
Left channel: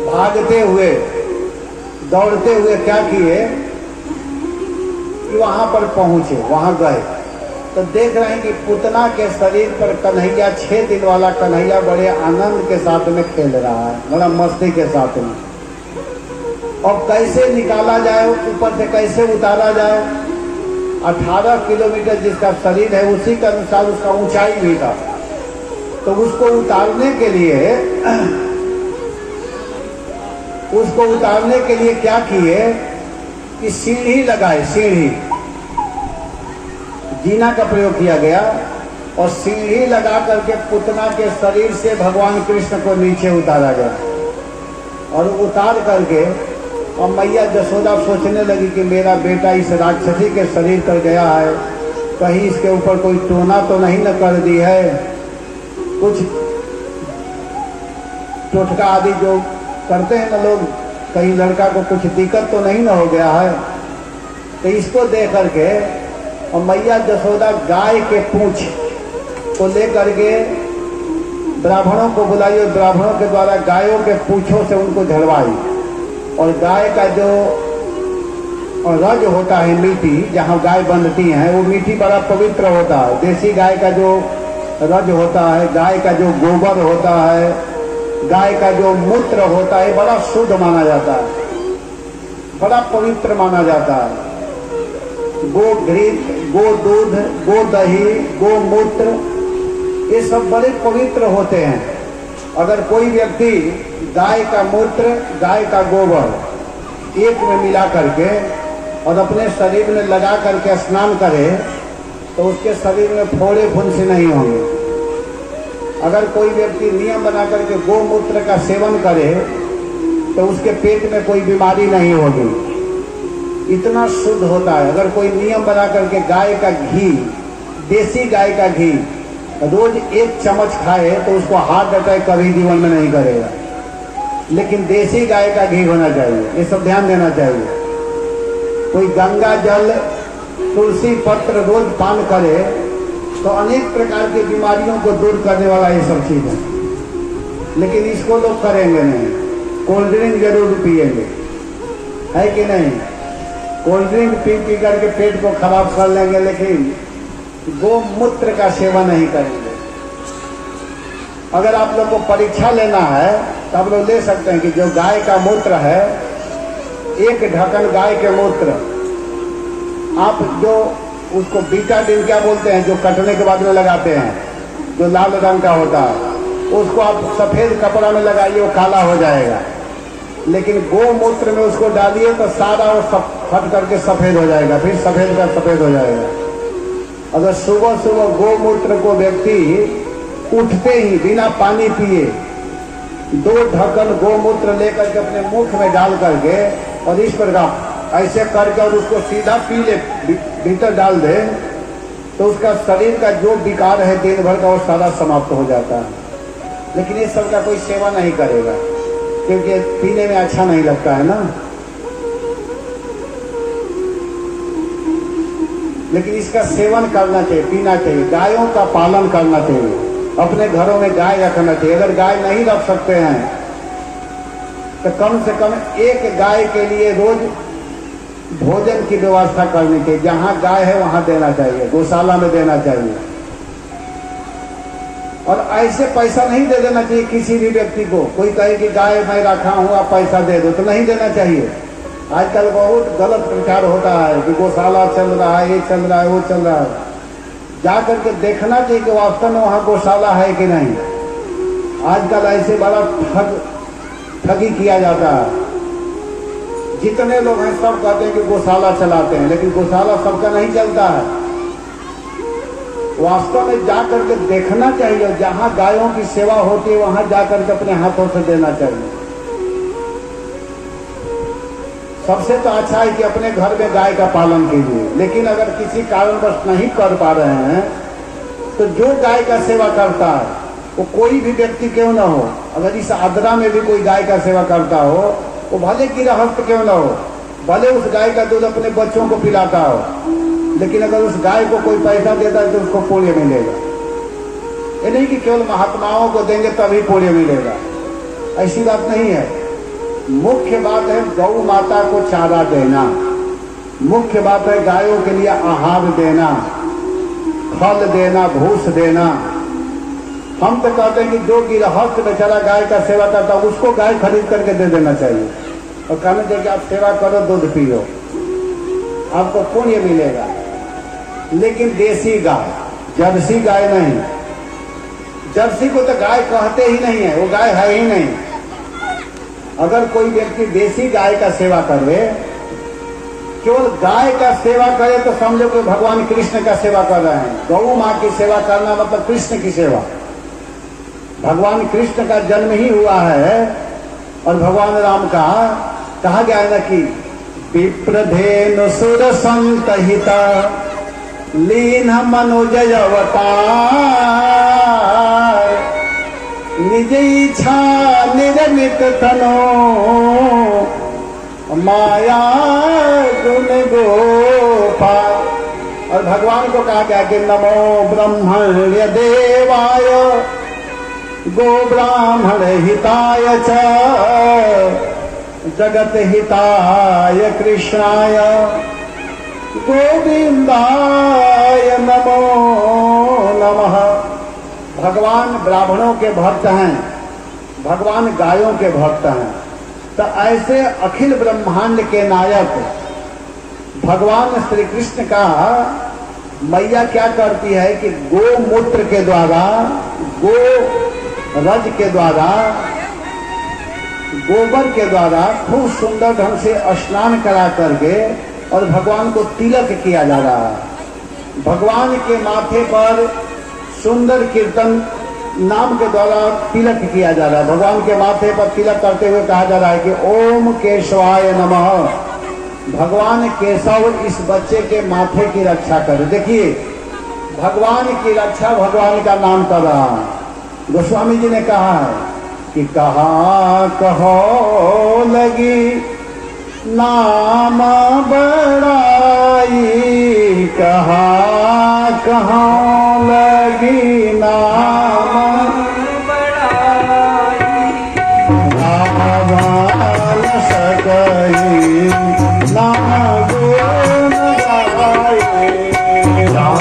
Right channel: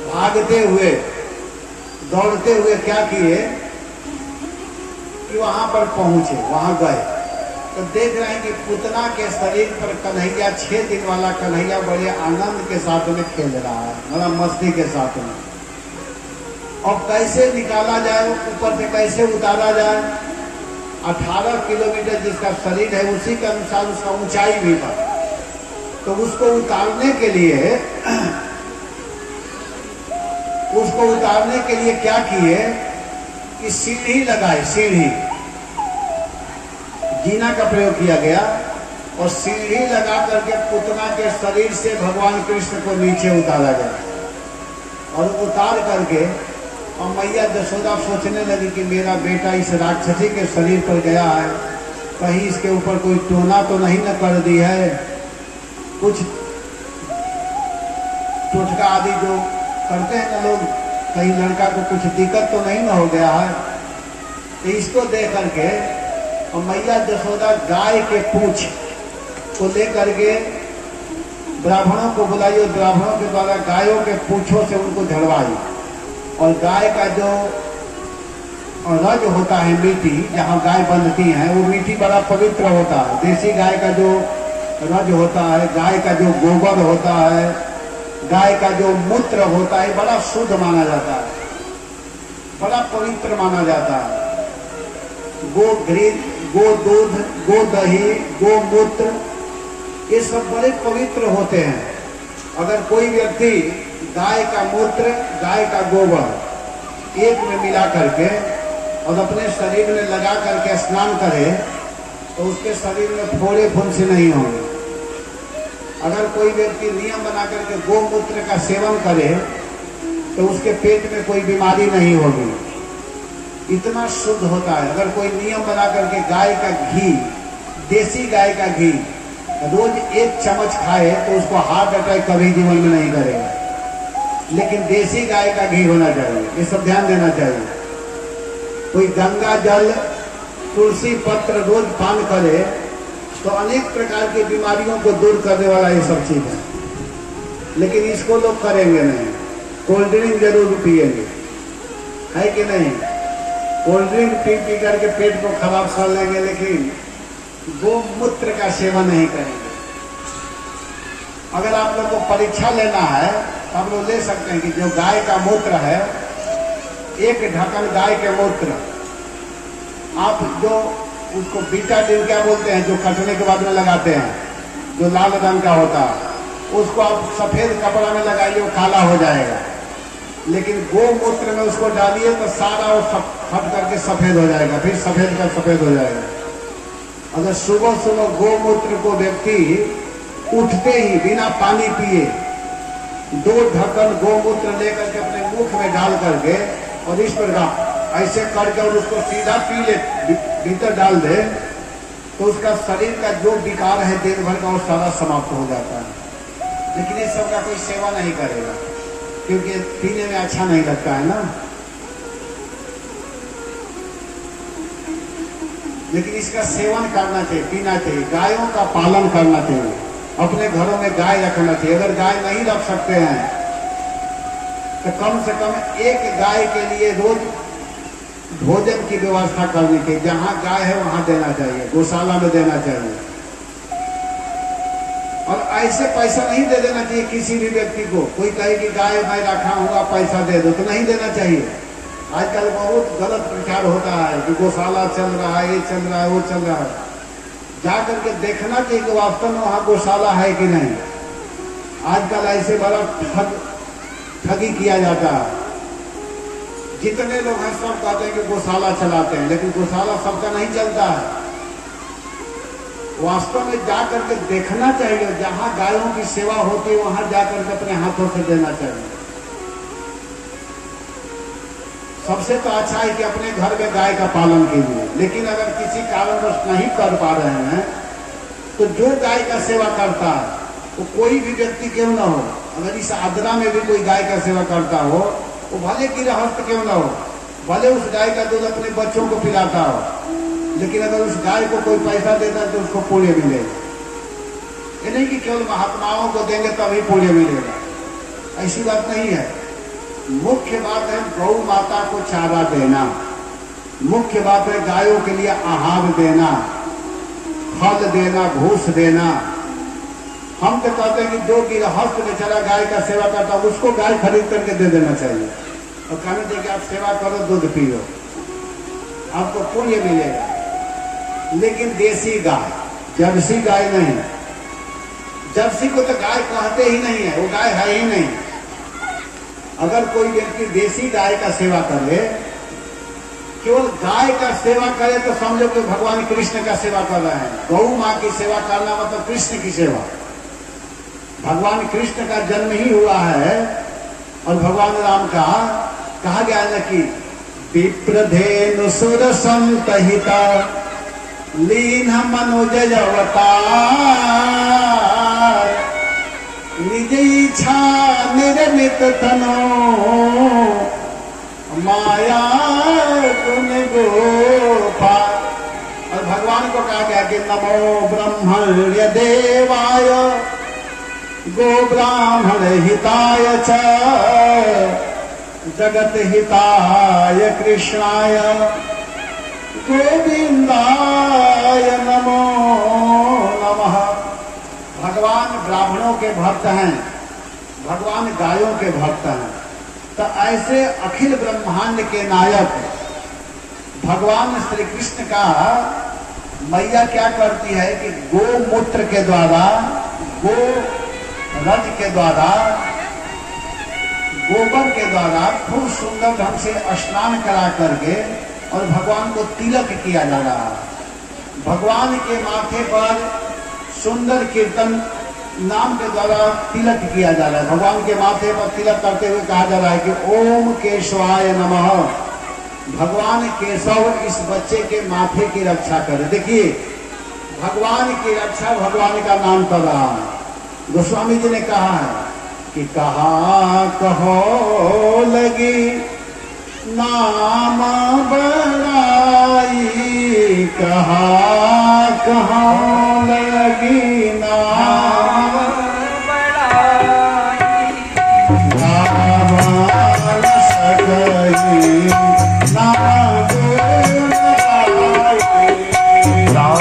भागते हुए, दौड़ते हुए क्या किए कि वहां पर पहुंचे, वहां गए तो देख रहे हैं कि पूतना के शरीर पर कन्हैया, 6 दिन वाला कन्हैया बड़े आनंद के साथ में खेल रहा है, बड़ा मस्ती के साथ में। और कैसे निकाला जाए, ऊपर से कैसे उतारा जाए? 18 किलोमीटर जिसका शरीर है उसी के अनुसार उसका ऊंचाई भी था। तो उसको उतारने के लिए क्या किए कि सीढ़ी लगाए, सीढ़ी, जीना का प्रयोग किया गया और सीढ़ी लगा करके पूतना के शरीर से भगवान कृष्ण को नीचे उतारा गया। और उतार करके और मैया यशोदा सोचने लगी कि मेरा बेटा इस राक्षसी के शरीर पर गया है, कहीं इसके ऊपर कोई टोना तो नहीं न कर दी है, कुछ टोटका आदि जो करते हैं ना लोग, कहीं लड़का को कुछ दिक्कत तो नहीं न हो गया है। तो इसको देख करके और मैया यशोदा गाय के पूंछ को लेकर के ब्राह्मणों को बुलाई और ब्राह्मणों के द्वारा गायों के पूंछों से उनको झड़वाई। और गाय का जो रज होता है, मीठी, जहाँ गाय बंधती है, वो मीठी बड़ा पवित्र होता है। देसी गाय का जो रज होता है, गाय का जो गोबर होता है, गाय का जो मूत्र होता है, बड़ा शुद्ध माना जाता है, बड़ा पवित्र माना जाता है। गो घृत, गो दूध, गो दही, गो मूत्र, ये सब बड़े पवित्र होते हैं। अगर कोई व्यक्ति गाय का मूत्र, गाय का गोबर एक में मिला करके और अपने शरीर में लगा करके स्नान करे तो उसके शरीर में फोड़े फुंसी नहीं होंगे। अगर कोई व्यक्ति नियम बना करके गोमूत्र का सेवन करे तो उसके पेट में कोई बीमारी नहीं होगी, इतना शुद्ध होता है। अगर कोई नियम बना करके गाय का घी, देसी गाय का घी रोज 1 चम्मच खाए तो उसको हार्ट अटैक कभी जीवन में नहीं करेगा। लेकिन देसी गाय का घी होना चाहिए, ये सब ध्यान देना चाहिए। कोई गंगा जल, तुलसी पत्र रोज पान करे तो अनेक प्रकार की बीमारियों को दूर करने वाला ये सब चीज है। लेकिन इसको लोग करेंगे नहीं, कोल्ड ड्रिंक जरूर पिएंगे, है कि नहीं? कोल्ड ड्रिंक पी करके पेट को खराब कर लेंगे, लेकिन गोमूत्र का सेवन नहीं करेंगे। अगर आप लोग को परीक्षा लेना है तो आप लोग ले सकते हैं कि जो गाय का मूत्र है, 1 ढक्कन गाय के मूत्र, आप जो उसको बीटाडीन क्या बोलते हैं, जो कटने के बाद में लगाते हैं, जो लाल रंग का होता है, उसको आप सफेद कपड़ा में लगाइए, वो काला हो जाएगा। लेकिन गोमूत्र में उसको डालिए तो सारा वो फट करके सफेद हो जाएगा, फिर सफेद का सफेद हो जाएगा। अगर सुबह सुबह गोमूत्र को व्यक्ति उठते ही बिना पानी पिए 2 ढक्कन गोमूत्र लेकर के अपने मुख में डाल करके और इस प्रकार ऐसे करके और उसको सीधा पी ले, भीतर डाल दे, तो उसका शरीर का जो विकार है दिन भर का वो सारा समाप्त हो जाता है। लेकिन इस सब का कोई सेवा नहीं करेगा क्योंकि पीने में अच्छा नहीं लगता है ना। लेकिन इसका सेवन करना चाहिए, पीना चाहिए, गायों का पालन करना चाहिए, अपने घरों में गाय रखना चाहिए। अगर गाय नहीं रख सकते हैं तो कम से कम 1 गाय के लिए रोज भोजन की व्यवस्था करनी चाहिए। जहां गाय है वहां देना चाहिए, गौशाला में देना चाहिए। और ऐसे पैसा नहीं दे देना चाहिए किसी भी व्यक्ति को। कोई कहे कि गाय मैं रखा हूं आप पैसा दे दो, तो नहीं देना चाहिए। आजकल बहुत गलत प्रचार होता है कि गौशाला चल रहा है, ये चल रहा है, वो चल रहा है। जा करके देखना चाहिए कि वास्तव में वहां गौशाला है कि नहीं। आजकल ऐसे बड़ा ठगी किया जाता है। जितने लोग हैं सब कहते हैं कि गौशाला चलाते हैं, लेकिन गौशाला सबका नहीं चलता है। वास्तव में जाकर के देखना चाहिए, जहां गायों की सेवा होती है वहां जाकर के अपने हाथों से देना चाहिए। सबसे तो अच्छा है कि अपने घर में गाय का पालन कीजिए, लेकिन अगर किसी कारणवश नहीं कर पा रहे हैं तो जो गाय का सेवा करता है वो कोई भी व्यक्ति क्यों न हो, अगर इस आद्रा में भी कोई गाय का सेवा करता हो, वो भले गृहस्थ क्यों न हो, भले उस गाय का दूध अपने बच्चों को पिलाता हो, लेकिन अगर उस गाय को कोई पैसा देता है तो उसको पुण्य मिलेगा। ये नहीं कि केवल महात्माओं को देंगे तभी पुण्य मिलेगा, ऐसी बात नहीं है। मुख्य बात है गौ माता को चारा देना, मुख्य बात है गायों के लिए आहार देना, फल देना, भूस देना। हम तो कहते हैं कि जो गृहस्थ बेचारा गाय का सेवा करता है उसको गाय खरीद करके दे देना चाहिए और कहना चाहिए कि आप सेवा करो, दूध पियो, आपको पुण्य मिलेगा। लेकिन देसी गाय, जर्सी गाय नहीं, जर्सी को तो गाय कहते ही नहीं है, वो गाय है ही नहीं। अगर कोई व्यक्ति देसी गाय का सेवा करे, केवल गाय का सेवा करे, तो समझो कि भगवान कृष्ण का सेवा कर रहे हैं। गौ माँ की सेवा करना मतलब कृष्ण की सेवा। भगवान कृष्ण का जन्म ही हुआ है और भगवान राम का कहा गया है कि विप्रधेनु सुर संतहिता लीन मनुजय अवतार निज इच्छा निर्मित तनो माया गुण गोपाल। और भगवान को कहा गया कि नमो ब्रह्मण्य देवाय गो ब्राह्मण हिताय च जगत हिताय कृष्णाय गोविंदाय नमो नमः। भगवान ब्राह्मणों के भक्त हैं, भगवान गायों के भक्त हैं। तो ऐसे अखिल ब्रह्मांड के नायक भगवान श्री कृष्ण का मैया क्या करती है कि गोमूत्र के द्वारा, गो रज के द्वारा, गोबर के द्वारा खूब सुंदर ढंग से स्नान करा करके और भगवान को तिलक किया जा रहा है। भगवान के माथे पर सुंदर कीर्तन नाम के द्वारा तिलक किया जा रहा है। भगवान के माथे पर तिलक करते हुए कहा जा रहा है कि ओम केशवाय नमः। भगवान केशव इस बच्चे के माथे की रक्षा करे। देखिए, भगवान की रक्षा भगवान का नाम कर रहा है। गोस्वामी जी ने कहा है कि कहाँ कहो लगी नाम बड़ाई, कहाँ कहाँ लगी नाम बड़ाई, नाम सकई नाम गुण गाए, राम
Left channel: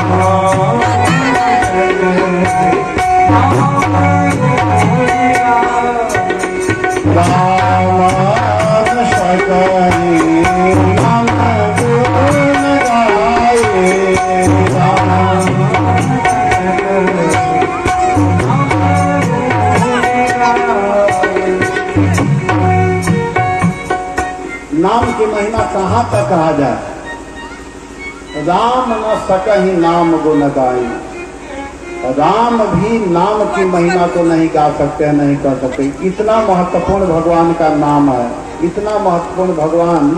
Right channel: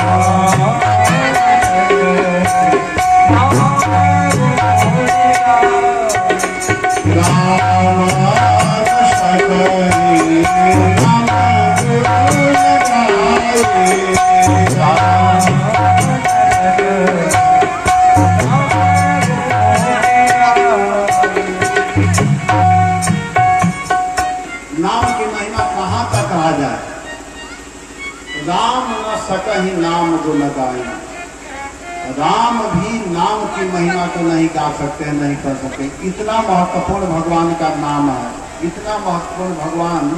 सकई नाम गुण गाए। नाम की महिमा कहाँ तक आ जाए। राम न सकहि नाम गुण गाई। राम भी नाम की महिमा को नहीं गा सकते हैं, नहीं कर सकते। इतना महत्वपूर्ण भगवान का नाम है, इतना महत्वपूर्ण भगवान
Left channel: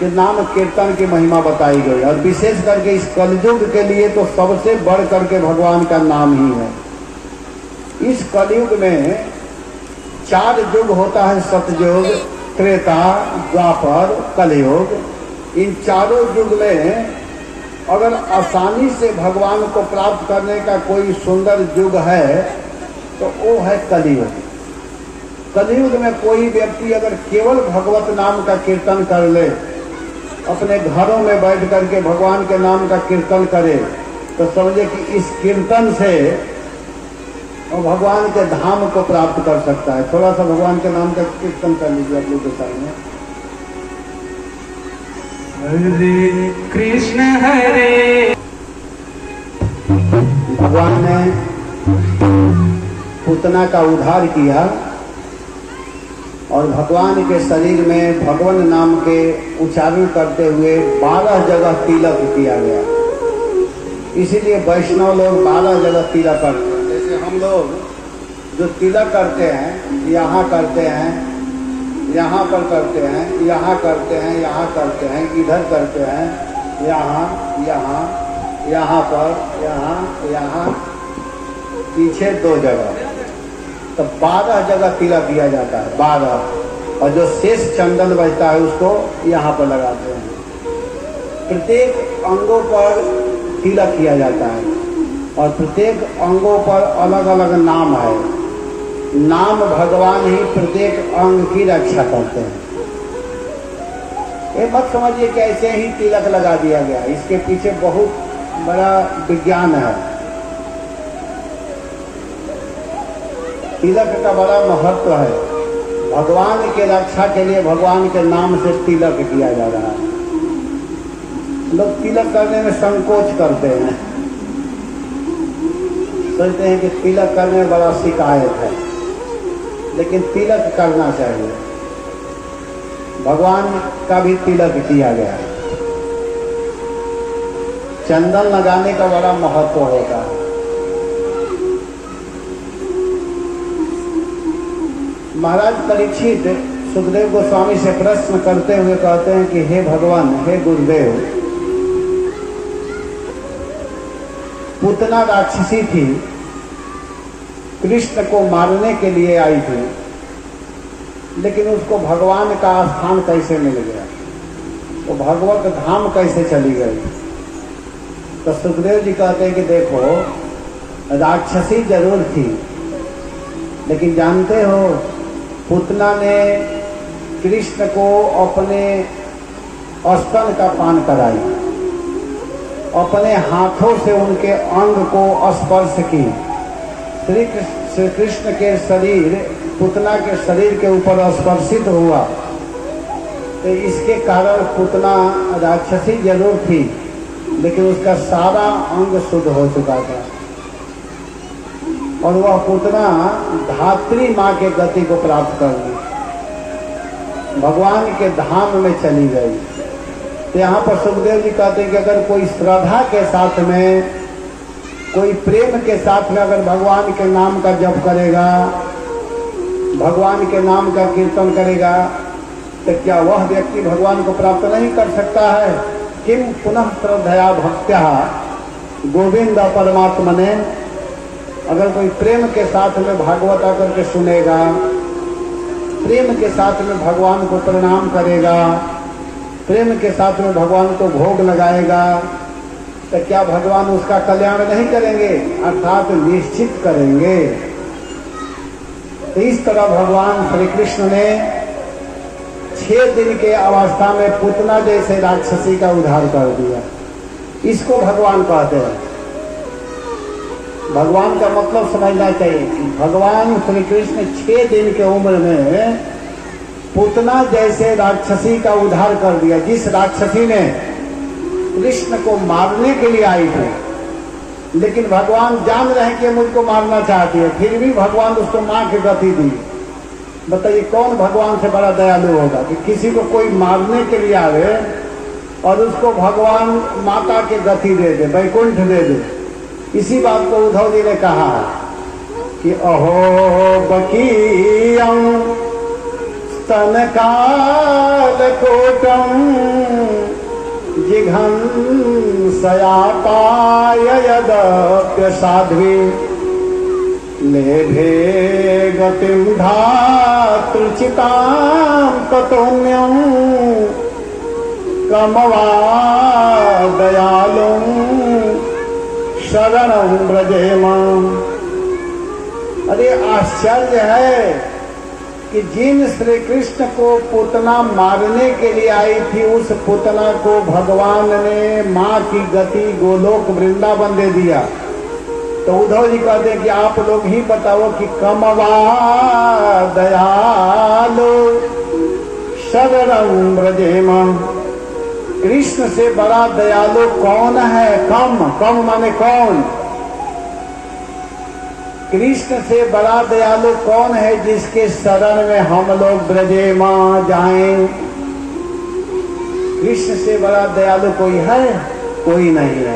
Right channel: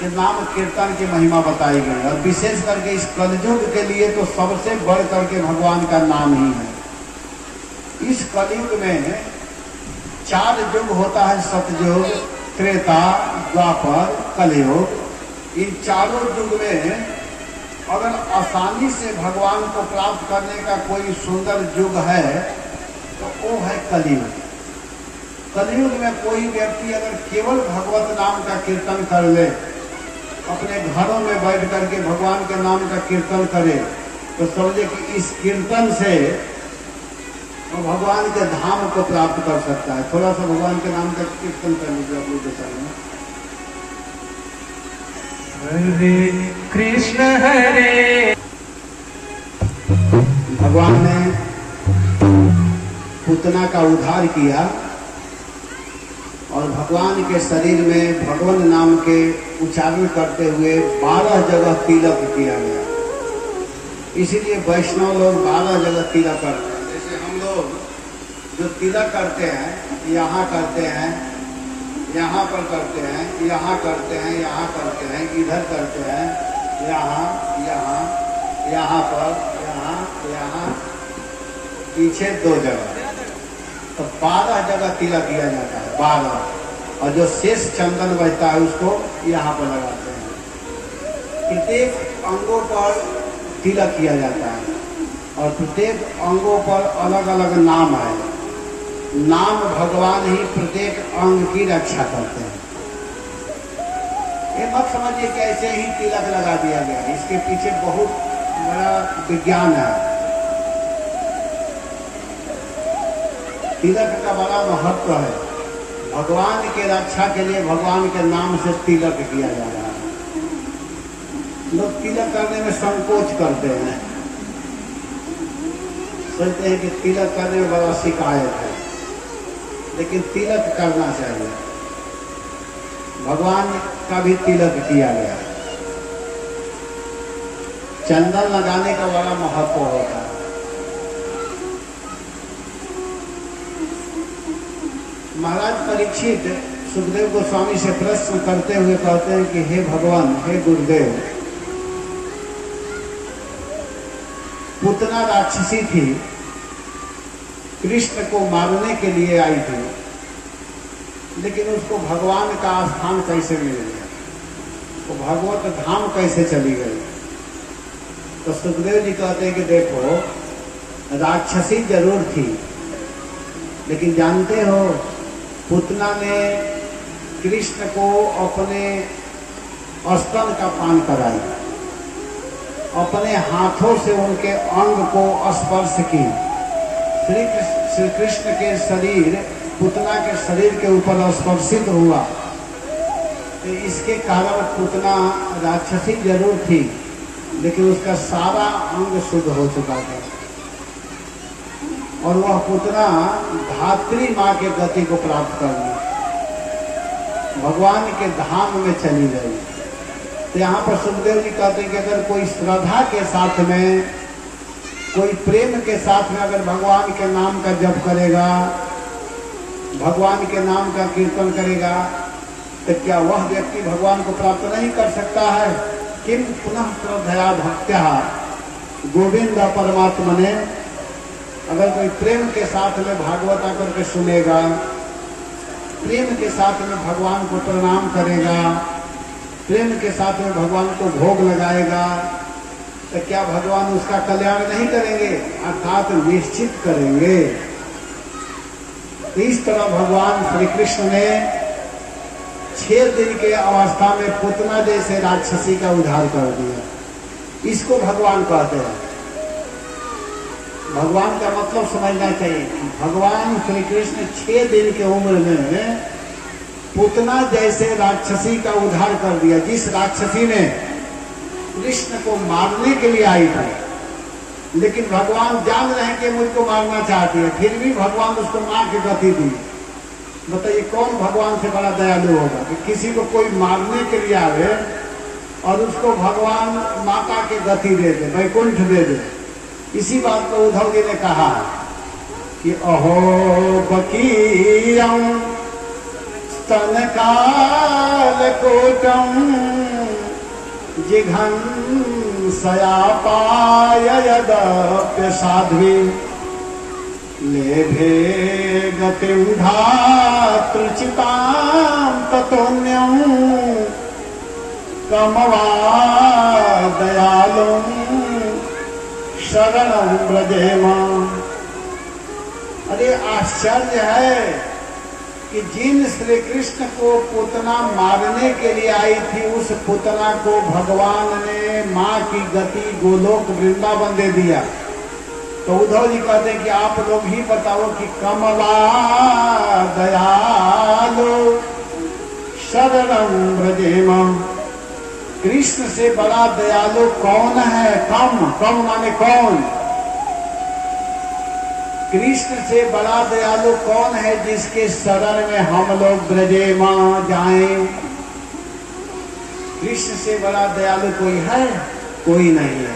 के नाम कीर्तन की महिमा बताई गई। और विशेष करके इस कलयुग के लिए तो सबसे बढ़ करके भगवान का नाम ही है। इस कलयुग में 4 युग होता है, सतयुग, त्रेता, द्वापर, कलयुग। इन चारों युग में अगर आसानी से भगवान को प्राप्त करने का कोई सुंदर युग है तो वो है कलयुग। कलयुग में कोई व्यक्ति अगर केवल भगवत नाम का कीर्तन कर ले अपने घरों में बैठ करके भगवान के नाम का कीर्तन करे तो समझे कि इस कीर्तन से वो भगवान के धाम को प्राप्त कर सकता है। थोड़ा सा भगवान के नाम का कीर्तन कर लीजिए अपने के सामने। हरे कृष्ण हरे। भगवान ने पूतना का उद्धार किया और भगवान के शरीर में भगवान नाम के उच्चारण करते हुए 12 जगह तिलक किया गया। इसीलिए वैष्णव लोग 12 जगह तिलक करते हैं। जैसे हम लोग जो तिलक करते हैं, यहाँ करते हैं, यहाँ पर करते हैं, यहाँ करते हैं, यहाँ करते हैं, इधर करते हैं, यहाँ यहाँ यहाँ पर, यहाँ यहाँ, पीछे 2 जगह, तो 12 जगह तिलक दिया जाता है, 12। और जो शेष चंदन बचता है उसको यहाँ पर लगाते हैं। प्रत्येक अंगों पर तिलक किया जाता है और प्रत्येक अंगों पर अलग अलग नाम है। नाम भगवान ही प्रत्येक अंग की रक्षा करते हैं। ये मत समझिए कि ऐसे ही तिलक लगा दिया गया, इसके पीछे बहुत बड़ा विज्ञान है। तिलक का बड़ा महत्व है। भगवान के रक्षा के लिए भगवान के नाम से तिलक किया जा रहा है। लोग तिलक करने में संकोच करते हैं, सोचते हैं कि तिलक करने में बड़ा शिकायत है, लेकिन तिलक करना चाहिए। भगवान का भी तिलक किया गया। चंदन लगाने का बड़ा महत्व होता है। महाराज परीक्षित सुखदेव गोस्वामी से प्रश्न करते हुए कहते हैं कि हे भगवान, हे गुरुदेव, पूतना राक्षसी थी, कृष्ण को मारने के लिए आई थी, लेकिन उसको भगवान का स्थान कैसे मिल गया, तो भगवत धाम कैसे चली गई। तो सुखदेव जी कहते हैं कि देखो, राक्षसी जरूर थी, लेकिन जानते हो पूतना ने कृष्ण को अपने स्तन का पान कराई, अपने हाथों से उनके अंग को स्पर्श की। श्री कृष्ण के शरीर पूतना के शरीर के ऊपर स्पर्शित हुआ, तो इसके कारण पूतना राक्षसी जरूर थी, लेकिन उसका सारा अंग शुद्ध हो चुका था और वह पूतना धात्री माँ के गति को प्राप्त कर ली, भगवान के धाम में चली गई। तो यहाँ पर सुखदेव जी कहते हैं कि अगर कोई श्रद्धा के साथ में, कोई प्रेम के साथ में अगर भगवान के नाम का जप करेगा, भगवान के नाम का कीर्तन करेगा, तो क्या वह व्यक्ति भगवान को प्राप्त नहीं कर सकता है। किम पुनः श्रद्धया भक्त्या गोविंद परमात्मने। अगर कोई प्रेम के साथ में भागवत आकर के सुनेगा, प्रेम के साथ में भगवान को प्रणाम करेगा, प्रेम के साथ में भगवान को भोग लगाएगा, तो क्या भगवान उसका कल्याण नहीं करेंगे, अर्थात निश्चित करेंगे। तो इस तरह भगवान श्री कृष्ण ने 6 दिन के अवस्था में पूतना जैसे राक्षसी का उद्धार कर दिया। इसको भगवान कहते हैं। भगवान का मतलब समझना चाहिए। भगवान श्री कृष्ण 6 दिन के उम्र में पूतना जैसे राक्षसी का उद्धार कर दिया, जिस राक्षसी ने कृष्ण को मारने के लिए आई थी, लेकिन भगवान जान रहे हैं कि मुझको मारना चाहती है, फिर भी भगवान उसको मां की गति दी। बताइए कौन भगवान से बड़ा दयालु होगा कि किसी को कोई मारने के लिए आवे और उसको भगवान माता के गति दे दे, वैकुंठ दे दे। इसी बात को उद्धव जी ने कहा कि अहो बकीयं स्तनकाल कोटं जिघंसया पाय यदप्य साध्वी लेभे गतिं धातृचितां ततोऽन्यं कमवा दयालुं शरणं व्रजेम। अरे आश्चर्य है कि जिन श्री कृष्ण को पूतना मारने के लिए आई थी, उस पूतना को भगवान ने माँ की गति गोलोक वृंदावन दे दिया। तो उद्धव जी कहते हैं कि आप लोग ही बताओ कि कमला दयालो शरणं व्रजेम, कृष्ण से बड़ा दयालु कौन है? कम माने कौन? कृष्ण से बड़ा दयालु कौन है जिसके शरण में हम लोग ब्रजे मां जाएं? कृष्ण से बड़ा दयालु कोई है? कोई नहीं है।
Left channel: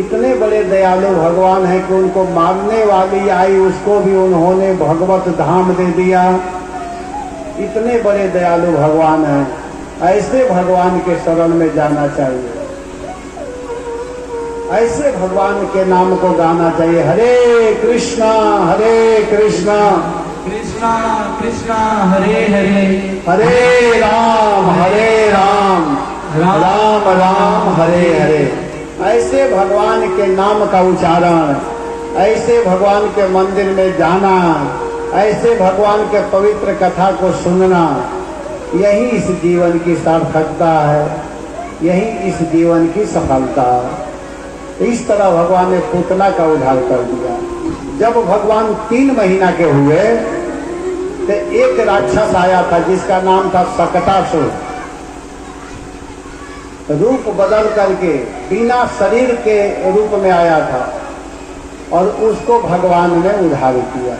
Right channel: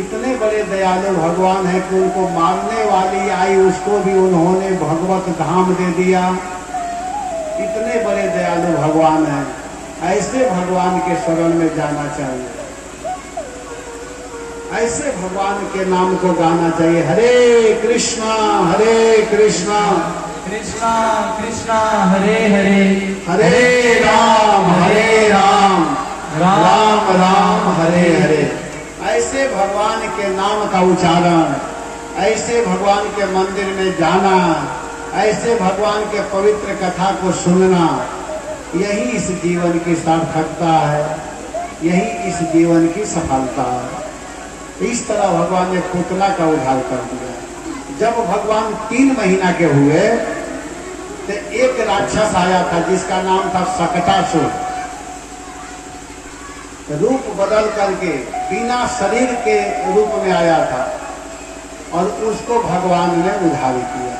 इतने बड़े दयालु भगवान है कि उनको मारने वाली आई उसको भी उन्होंने भगवत धाम दे दिया। इतने बड़े दयालु भगवान है। ऐसे भगवान के शरण में जाना चाहिए, ऐसे भगवान के नाम को गाना चाहिए। हरे कृष्णा कृष्णा कृष्णा हरे हरे, हरे राम राम राम हरे हरे। ऐसे भगवान के नाम का उच्चारण, ऐसे भगवान के मंदिर में जाना, ऐसे भगवान के पवित्र कथा को सुनना, यही इस जीवन की सार्थकता है, यही इस जीवन की सफलता है। इस तरह भगवान ने पूतना का उद्धार कर दिया। जब भगवान 3 महीना के हुए तो एक राक्षस आया था जिसका नाम था सकटासुर। रूप बदल करके बिना शरीर के रूप में आया था और उसको भगवान ने उद्धार किया।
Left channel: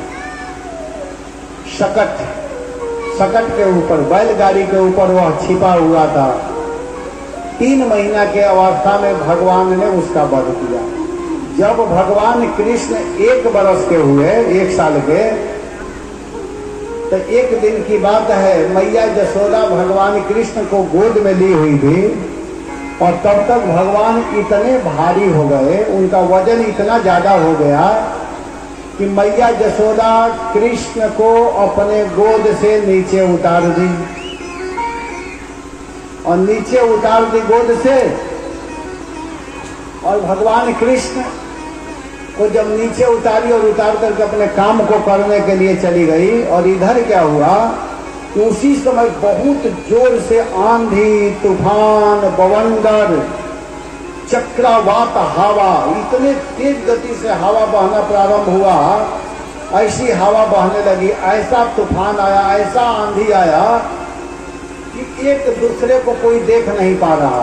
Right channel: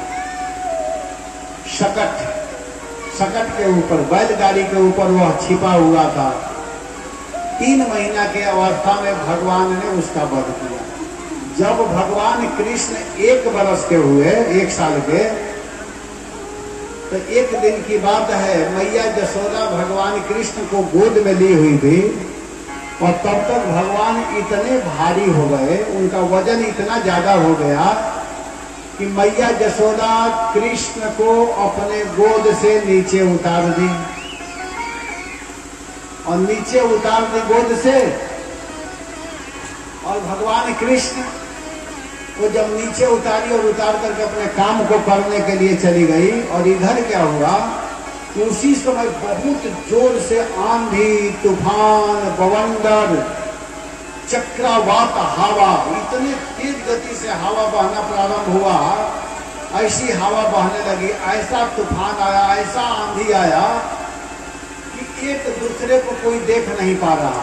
शकट के ऊपर, बैलगाड़ी के ऊपर वह छिपा हुआ था। 3 महीना के अवस्था में भगवान ने उसका वध किया। जब भगवान कृष्ण 1 वर्ष के हुए, 1 साल के, तो एक दिन की बात है, मैया यशोदा भगवान कृष्ण को गोद में ली हुई थी और तब तक भगवान इतने भारी हो गए, उनका वजन इतना ज्यादा हो गया कि मैया यशोदा कृष्ण को अपने गोद से नीचे उतार दी और नीचे उतार दी गोद से। और भगवान कृष्ण को जब नीचे उतारी और उतार करके अपने काम को करने के लिए चली गई, और इधर क्या हुआ कि उसी समय बहुत जोर से आंधी, तूफान, बवंडर, चक्रवात हवा, इतने तेज गति से हवा बहना प्रारंभ हुआ, ऐसी हवा बहने लगी, ऐसा तूफान आया, ऐसा आंधी आया कि एक दूसरे को कोई देख नहीं पा रहा।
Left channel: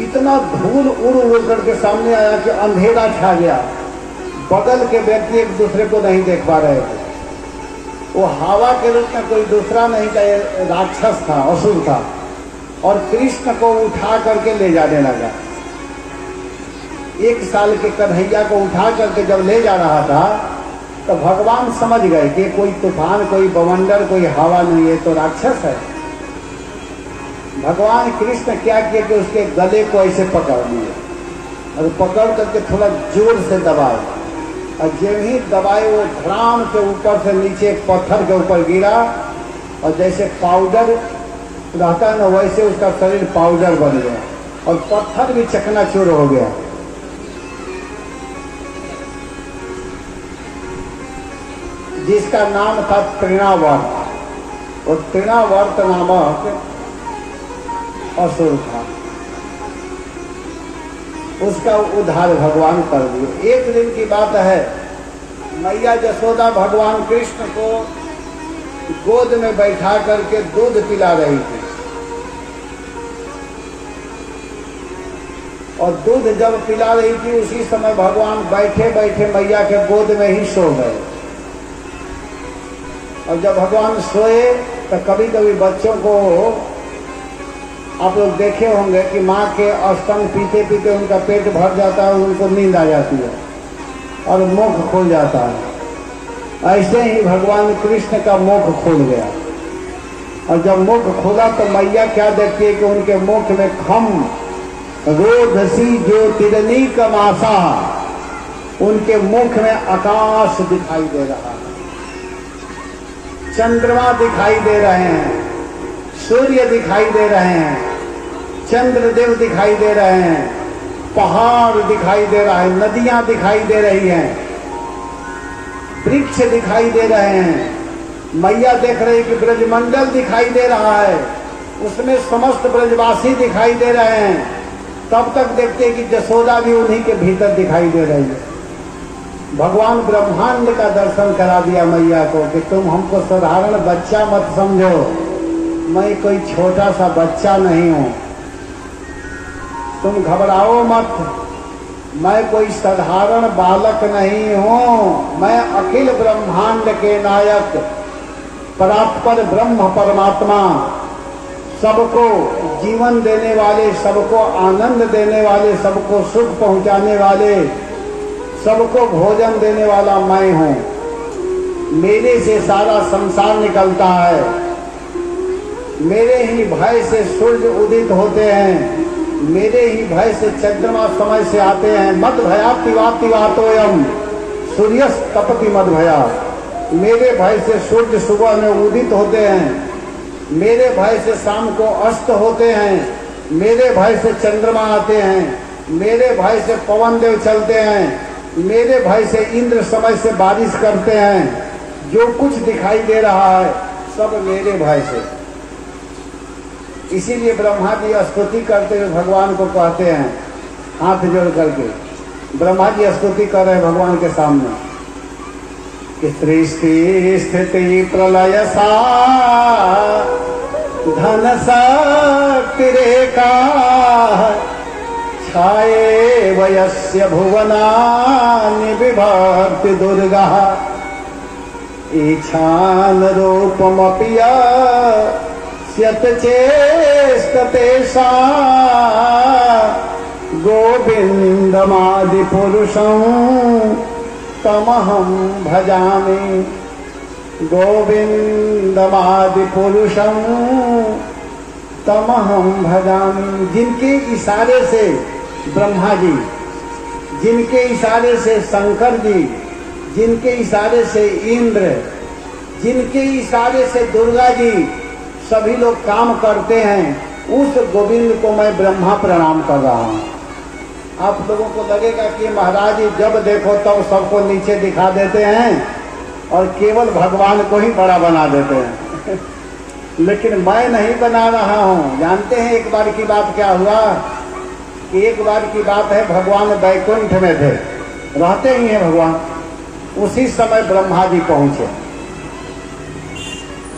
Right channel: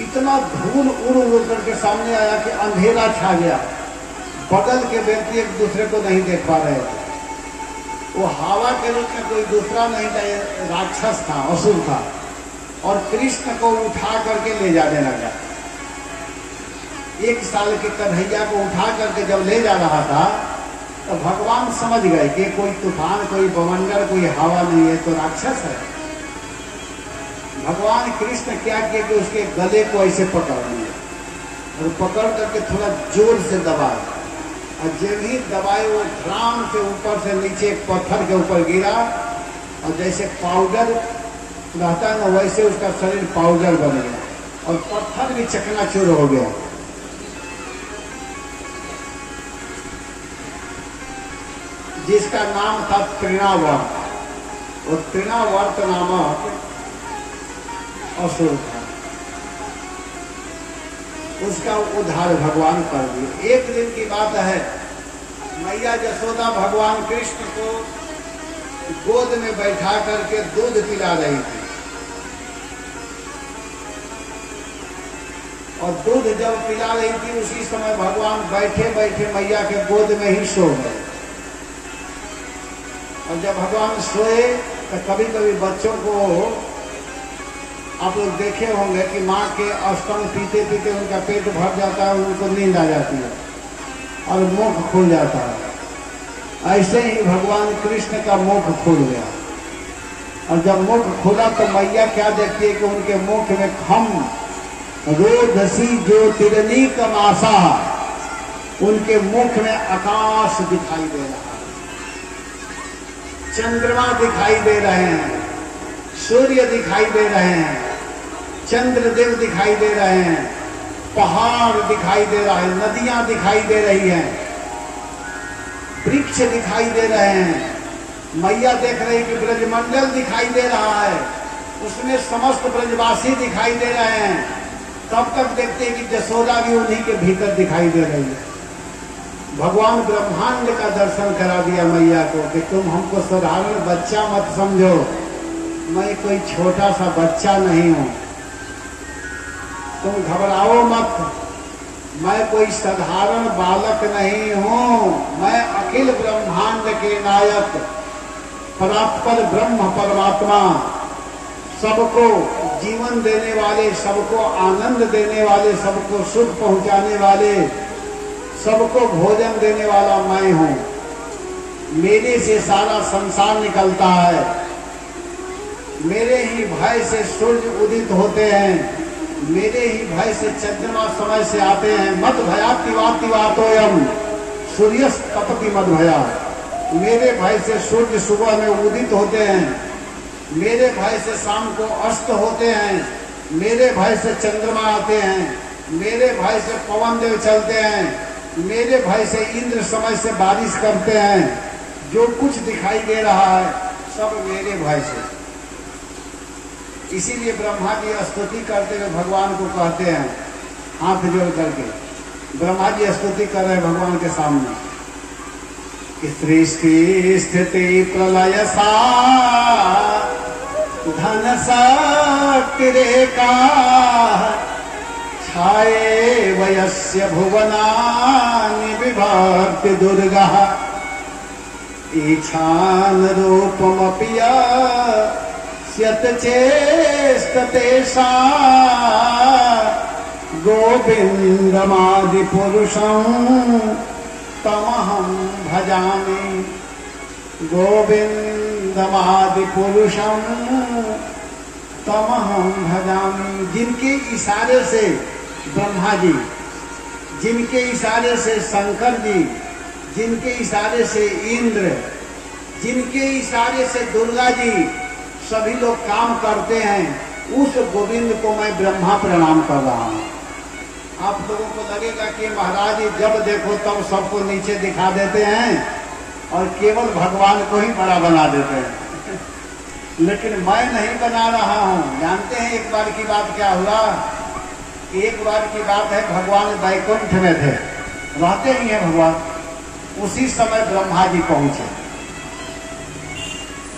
इतना धूल उड़ करके सामने आया कि अंधेरा छा गया। बगल के व्यक्ति एक दूसरे को नहीं देख पा रहे थे। वो हवा के रूप में कोई दूसरा नहीं था, राक्षस था, असुर था, और कृष्ण को उठा करके ले जाने लगा। 1 साल के कन्हैया को उठा करके जब ले जा रहा था तो भगवान समझ गए कि कोई तूफान, कोई बवंडर, कोई हवा नहीं है, तो राक्षस है। भगवान कृष्ण क्या किए कि उसके गले को ऐसे पकड़ लिए और पकड़ करके थोड़ा जोर से दबाए, और जब ही दबाए वो धड़ाम के ऊपर से नीचे एक पत्थर के ऊपर गिरा, और जैसे पाउडर रहता है ना, वैसे उसका शरीर पाउडर बन गया और पत्थर भी चकनाचूर हो गया। जिसका नाम था तृणावर्त, और तृणावर्त नामक असुर था, उसका उद्धार भगवान कर दिए। एक दिन की बात है, मैया यशोदा भगवान कृष्ण को गोद में बैठा करके दूध पिला रही थी, और दूध जब पिला रही थी उसी समय भगवान बैठे बैठे मैया के गोद में ही सो गए। और जब भगवान सोए तो कभी कभी बच्चों को आप लोग देखे होंगे कि माँ के स्तन पीते पीते उनका पेट भर जाता है, उनको नींद आ जाती है और मुख खुल जाता है। ऐसे ही भगवान कृष्ण का मुख खुल गया, और जब मुख खुला तो मैया क्या देखती है कि उनके मुख में खम रोधसी ज्योतिरनी कमासा, उनके मुख में आकाश दिखाई दे रहा है, चंद्रमा दिखाई दे रहे हैं, सूर्य दिखाई दे रहे हैं, चंद्रदेव दिखाई दे रहे हैं, पहाड़ दिखाई दे रहा है, नदियां दिखाई दे रही हैं। वृक्ष दिखाई दे रहे हैं, मैया देख रही कि ब्रजमंडल दिखाई दे रहा है, उसमें समस्त ब्रजवासी दिखाई दे रहे हैं। तब तक देखते हैं कि जसोदा भी उन्हीं के भीतर दिखाई दे रही है। भगवान ब्रह्मांड का दर्शन करा दिया मैया को कि तुम हमको साधारण बच्चा मत समझो, मैं कोई छोटा सा बच्चा नहीं हूं, तुम घबराओ मत, मैं कोई साधारण बालक नहीं हूं, मैं अखिल ब्रह्मांड के नायक परात्पर ब्रह्म परमात्मा, सबको जीवन देने वाले, सबको आनंद देने वाले, सबको सुख पहुंचाने वाले, सबको भोजन देने वाला मैं हूं। मेरे से सारा संसार निकलता है, मेरे ही भय से सूर्य उदित होते हैं, मेरे ही भय से चंद्रमा समय से आते हैं। मद भया तिवातिवातोयम सूर्यस्त तपति मद भया, मेरे भय से सूर्य सुबह में उदित होते हैं, मेरे भय से शाम को अस्त होते हैं, मेरे भय से चंद्रमा आते हैं, मेरे भय से पवन देव चलते हैं, मेरे भय से इंद्र समय से बारिश करते हैं। जो कुछ दिखाई दे रहा है सब मेरे भय से। इसीलिए ब्रह्मा जी स्तुति करते हुए भगवान को कहते हैं, हाथ जोड़ करके ब्रह्मा जी स्तुति कर रहे हैं भगवान के सामने कि सृष्टि स्थिति प्रलय सा धन शक्तिरेका छाये वयस्य भुवनानि बिभर्ति दुर्गा ईशान रूपमपि यत् चेष्टतेषा गोविन्दमादि पुरुषं तमहं भजामि, गोविन्दमादि पुरुषं तमहं भजामि। जिनके इशारे से ब्रह्मा जी, जिनके इशारे से शंकर जी, जिनके इशारे से इंद्र, जिनके इशारे से दुर्गा जी सभी लोग काम करते हैं, उस गोविंद को मैं ब्रह्मा प्रणाम कर रहा हूं। आप लोगों को लगेगा कि महाराज जी जब देखो तब सबको नीचे दिखा देते हैं और केवल भगवान को ही बड़ा बना देते हैं लेकिन मैं नहीं बना रहा हूं। जानते हैं एक बार की बात क्या हुआ? एक बार की बात है, भगवान वैकुंठ में थे, रहते ही हैं भगवान। उसी समय ब्रह्मा जी पहुंचे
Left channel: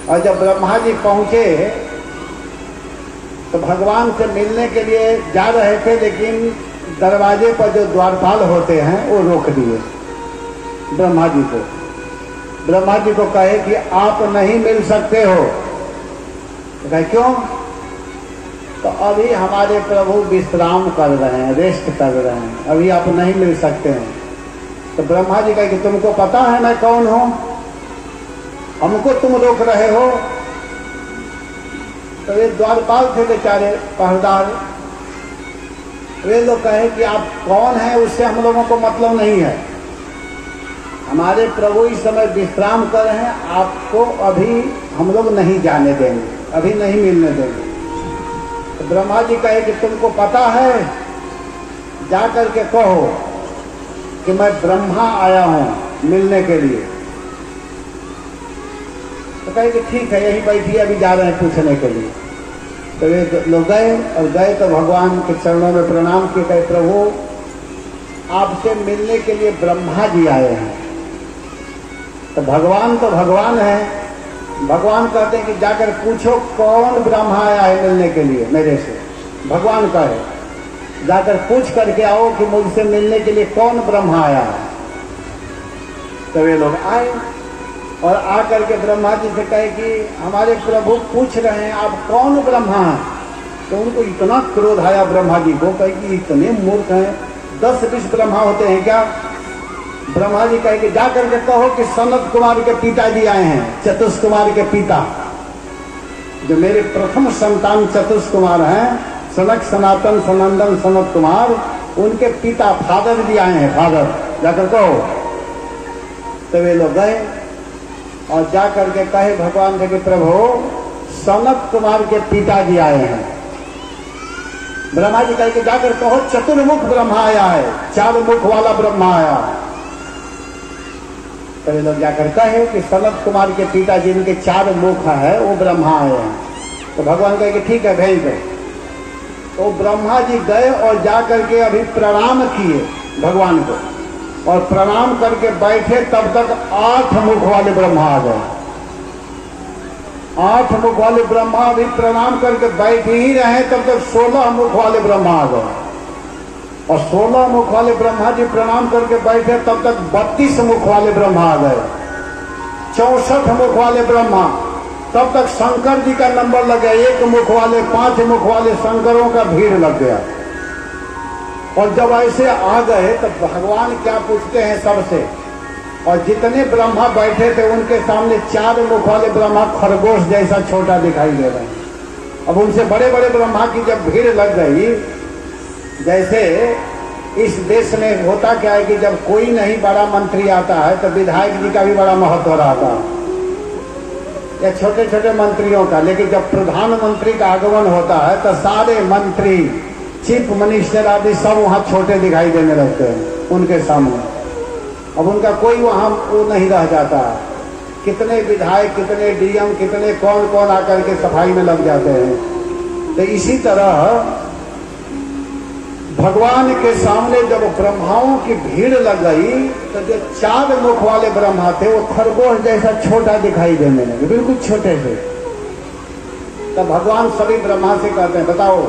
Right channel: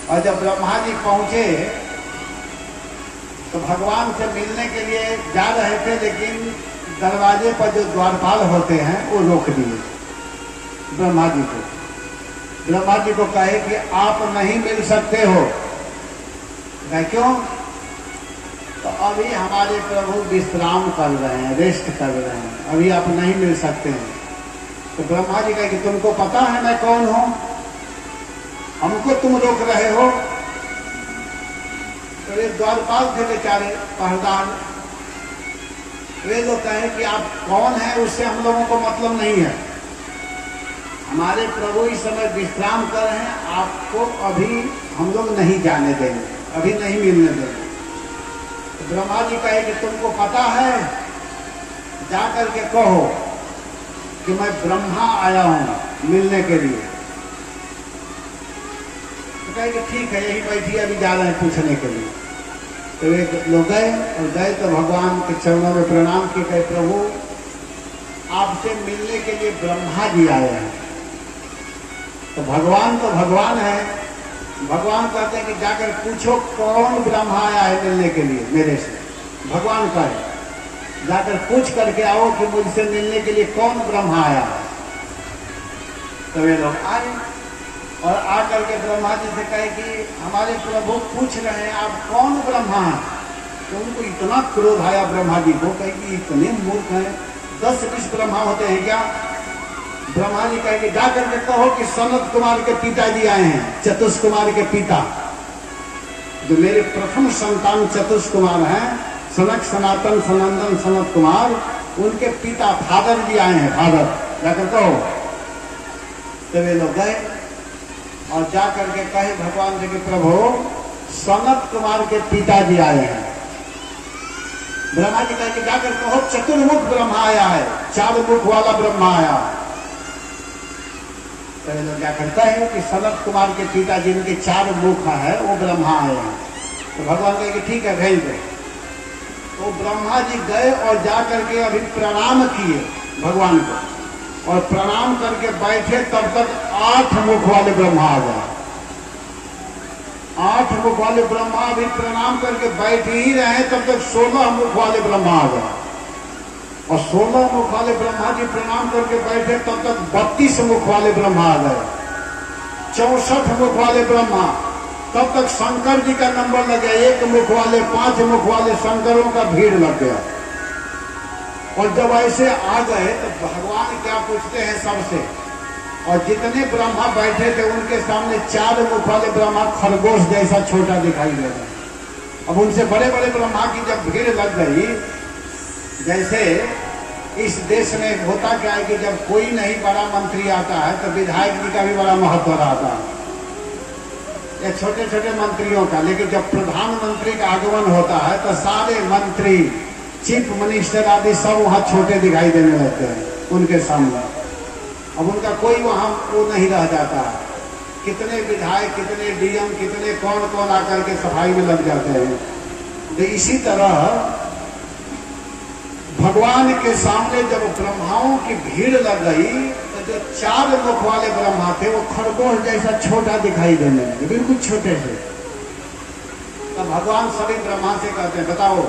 और जब ब्रह्मा जी पहुंचे तो भगवान से मिलने के लिए जा रहे थे, लेकिन दरवाजे पर जो द्वारपाल होते हैं वो रोक दिए ब्रह्मा जी को। ब्रह्मा जी को कहे कि आप नहीं मिल सकते हो। तो कहे क्यों? तो अभी हमारे प्रभु विश्राम कर रहे हैं, रेस्ट कर रहे हैं, अभी आप नहीं मिल सकते हैं। तो ब्रह्मा जी कहे कि तुमको पता है मैं कौन हूं, हमको तुम रोक रहे हो? तो वे द्वारपाल थे बेचारे, पहरेदार, वे लोग कहे कि आप कौन है उससे हम लोगों को मतलब नहीं है, हमारे प्रभु इस समय विश्राम कर रहे हैं, आपको अभी हम लोग नहीं जाने देंगे, अभी नहीं मिलने देंगे। तो ब्रह्मा जी कहे कि तुमको पता है, जा करके कहो कि मैं ब्रह्मा आया हूं मिलने के लिए। तो कहे कि ठीक है, यही बैठिए, अभी जा रहे हैं पूछने के लिए। तो वे लोग गए और गए तो भगवान के चरणों में प्रणाम किए, कहे प्रभु आपसे मिलने के लिए ब्रह्मा जी आए हैं। तो भगवान तो भगवान है, भगवान कहते हैं कि जाकर पूछो कौन ब्रह्मा आया है मिलने के लिए मेरे से। भगवान कहे जाकर पूछ करके आओ कि मुझसे मिलने के लिए कौन ब्रह्मा आया है। तो वे लोग आए और आकर के ब्रह्मा जी से कहे कि हमारे प्रभु पूछ रहे हैं आप कौन ब्रह्मा हैं। तो उनको इतना क्रोध आया ब्रह्मा जी को, कहे कि इतने मूर्ख हैं, 10-20 ब्रह्मा होते हैं क्या? ब्रह्मा जी कहे कि जाकर के कहो कि सनत कुमार के पिताजी आए हैं, चतुष कुमार के पिता, जो मेरे प्रथम संतान चतुष कुमार हैं, सनक सनातन सनंदन सनत कुमार, उनके पिता फादर जी आए हैं, फादर, जाकर कहो। तो वे लोग गए और जा करके कहे भगवान से कि प्रभु सनत कुमार के पिताजी आए हैं। ब्रह्मा जी कहे कि जाकर कहो चतुर्मुख ब्रह्मा आया है, 4 मुख वाला ब्रह्मा आया है। तो ये लोग जाकर कहे कि सनत कुमार के पिता जिनके 4 मुख है वो ब्रह्मा आए हैं। तो भगवान कहे कि ठीक है भेज दो। तो ब्रह्मा जी गए और जा करके अभी प्रणाम किए भगवान को, और प्रणाम करके बैठे तब तक 8 मुख वाले ब्रह्मा आ गए। 8 मुख वाले ब्रह्मा भी प्रणाम करके बैठ ही रहे तब तक 16 मुख वाले ब्रह्मा आ गए, और 16 मुख वाले ब्रह्मा जी प्रणाम करके बैठे तब तक 32 मुख वाले ब्रह्मा आ गए। 64 मुख वाले ब्रह्मा, तब तक शंकर जी का नंबर लग गया। 1 मुख वाले 5 मुख वाले शंकरों का भीड़ लग गया। और जब ऐसे आ गए तो भगवान क्या पूछते हैं सबसे, और जितने ब्रह्मा बैठे थे उनके सामने 4 मुख वाले ब्रह्मा खरगोश जैसा छोटा दिखाई दे रहा है। अब उनसे बड़े बड़े ब्रह्मा की जब भीड़ लग गई, जैसे इस देश में होता क्या है कि जब कोई नहीं बड़ा मंत्री आता है तो विधायक जी का भी बड़ा महत्व रहता है या छोटे छोटे मंत्रियों का, लेकिन जब प्रधानमंत्री का आगमन होता है तो सारे मंत्री, चीफ मिनिस्टर आदि सब वहां छोटे दिखाई देने लगते हैं उनके सामने। अब उनका कोई वहां वो नहीं रह जाता। कितने विधायक, कितने डीएम, कितने कौन कौन आकर के सफाई में लग जाते हैं। तो इसी तरह भगवान के सामने जब ब्रह्माओं की भीड़ लग गई तो जो 4 मुख वाले ब्रह्मा थे वो खरगोश जैसा छोटा दिखाई देने लगे, बिल्कुल छोटे थे। तो भगवान सभी ब्रह्मा से कहते हैं बताओ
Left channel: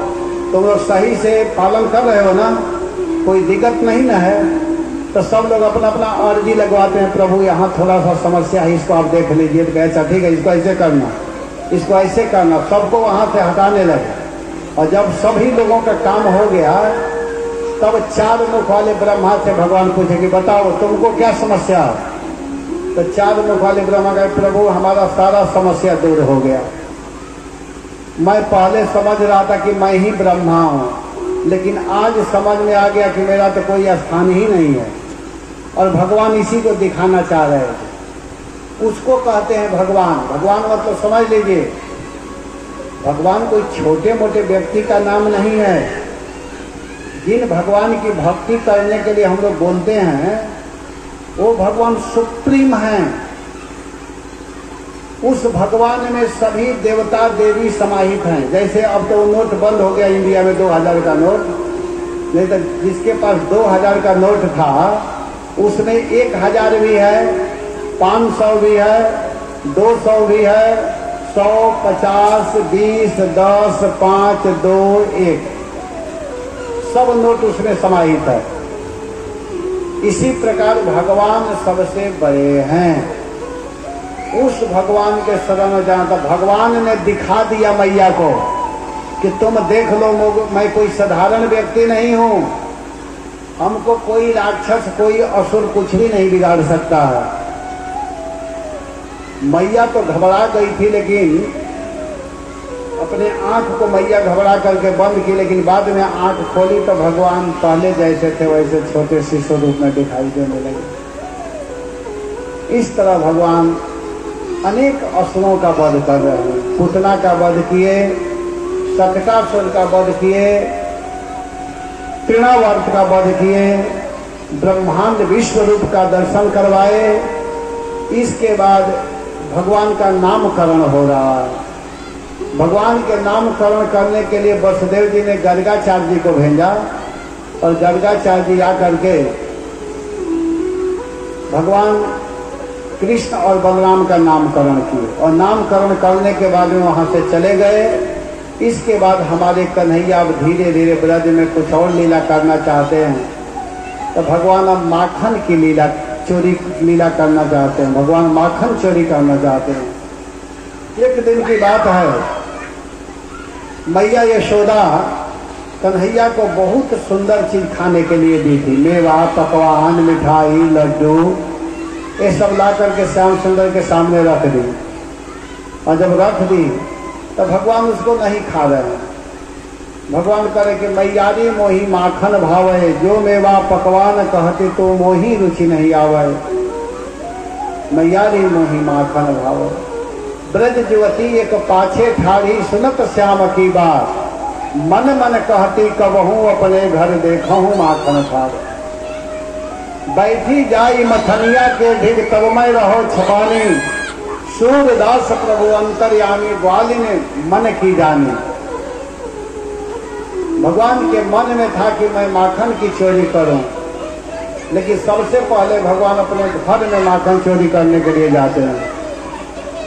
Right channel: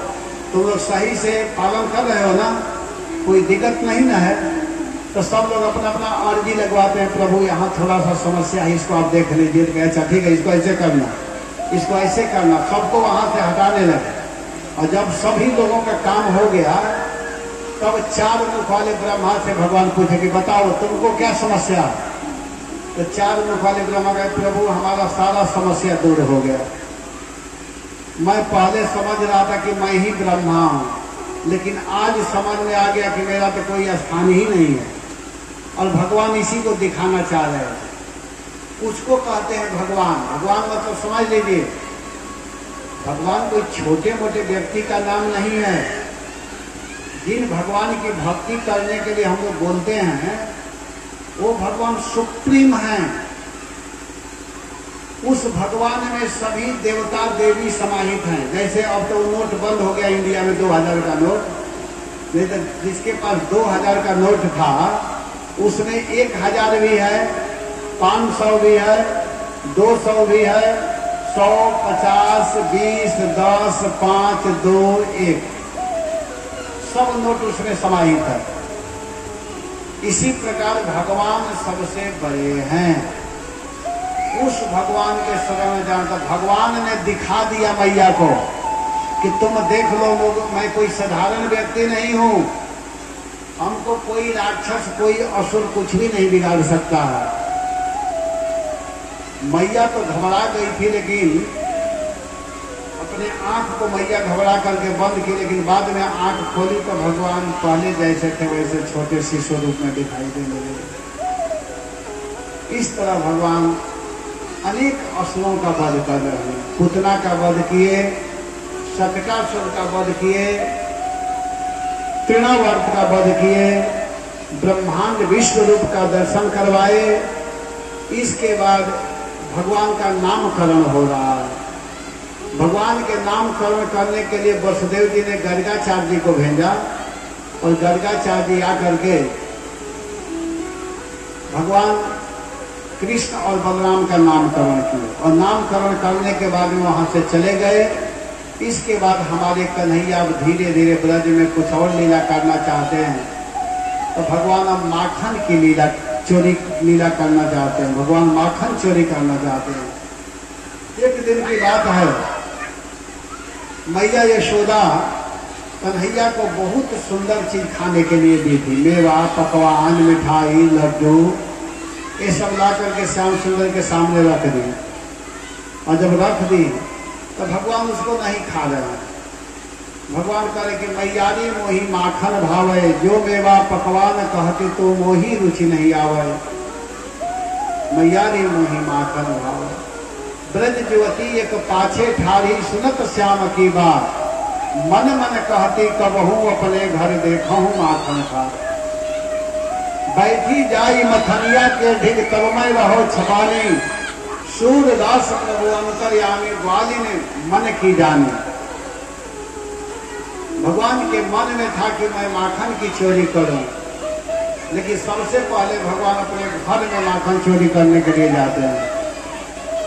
तुम लोग सही से पालन कर रहे हो ना, कोई दिक्कत नहीं ना है? तो सब लोग अपना अपना अर्जी लगवाते हैं, प्रभु यहाँ थोड़ा सा समस्या है, इसको आप देख लीजिए। तो अच्छा ठीक है, इसको ऐसे करना, इसको ऐसे करना, सबको वहां से हटाने लगे। और जब सभी लोगों का काम हो गया तब 4 मुख वाले ब्रह्मा से भगवान पूछे कि बताओ तुमको क्या समस्या है? तो 4 मुख वाले ब्रह्मा कहे प्रभु हमारा सारा समस्या दूर हो गया। मैं पहले समझ रहा था कि मैं ही ब्रह्मा हूं, लेकिन आज समझ में आ गया कि मेरा तो कोई स्थान ही नहीं है। और भगवान इसी को दिखाना चाह रहे थे। उसको कहते हैं भगवान। भगवान मतलब समझ लीजिए, भगवान कोई छोटे मोटे व्यक्ति का नाम नहीं है। जिन भगवान की भक्ति करने के लिए हम लोग बोलते हैं वो भगवान सुप्रीम हैं। उस भगवान में सभी देवता देवी समाहित हैं। जैसे अब तो नोट बंद हो गया इंडिया में 2000 का नोट, नहीं तो जिसके पास 2000 का नोट था उसमें 1000 भी है, 500 भी है, 200 भी है, 100, 50, 20, 10, 5, 2, 1 सब नोट उसमें समाहित है। इसी प्रकार भगवान सबसे बड़े हैं। उस भगवान के शरण में जाना था। भगवान ने दिखा दिया मैया को कि तुम देख लो मैं कोई साधारण व्यक्ति नहीं हूं, हमको कोई राक्षस, कोई असुर कुछ भी नहीं बिगाड़ सकता है। मैया तो घबरा गई थी, लेकिन अपने आंख को मैया घबरा करके बंद की, लेकिन बाद में आंख खोली तो भगवान पहले जैसे थे वैसे छोटे शिशु रूप में दिखाई देने लगे। इस तरह भगवान अनेक असुरों का वध कर रहे हैं। पुतना का वध किए, शतकासुर का वध किए, तृणावर्त का वध किए, ब्रह्मांड विश्व रूप का दर्शन करवाए। इसके बाद भगवान का नामकरण हो रहा है। भगवान के नामकरण करने के लिए वसुदेव जी ने गर्गाचार्य जी को भेजा, और गर्गाचार्य जी आकर के भगवान कृष्ण और बलराम का नामकरण किए, और नामकरण करने के बाद में वहां से चले गए। इसके बाद हमारे कन्हैया अब धीरे धीरे ब्रज में कुछ और लीला करना चाहते हैं। तो भगवान अब माखन की लीला करना चाहते हैं। भगवान माखन चोरी करना चाहते हैं। एक दिन की बात है, मैया यशोदा कन्हैया को बहुत सुंदर चीज खाने के लिए दी थी। मेवा, पकवान, मिठाई, लड्डू, ये सब ला करके श्याम सुंदर के सामने रख दी। और जब रख दी तो भगवान उसको नहीं खा रहे हैं। भगवान करे कि मैयारी मोही माखन भावे, जो मेवा पकवान कहते तो मोही रुचि नहीं आवे। मैयारी मोही माखन भावे, ब्रज युवती एक पाछे ठारी, सुनत श्याम की बात, मन मन कहती कबहू अपने घर देखूं माखन खावे। बैठी जाई मथनिया के ढिग तलमय रहो छपानी, सूरदास प्रभु अंतर्यामी ग्वाली ने मन की जानी। भगवान के मन में था कि मैं माखन की चोरी करूं, लेकिन सबसे पहले भगवान अपने घर में माखन चोरी करने के लिए जाते हैं।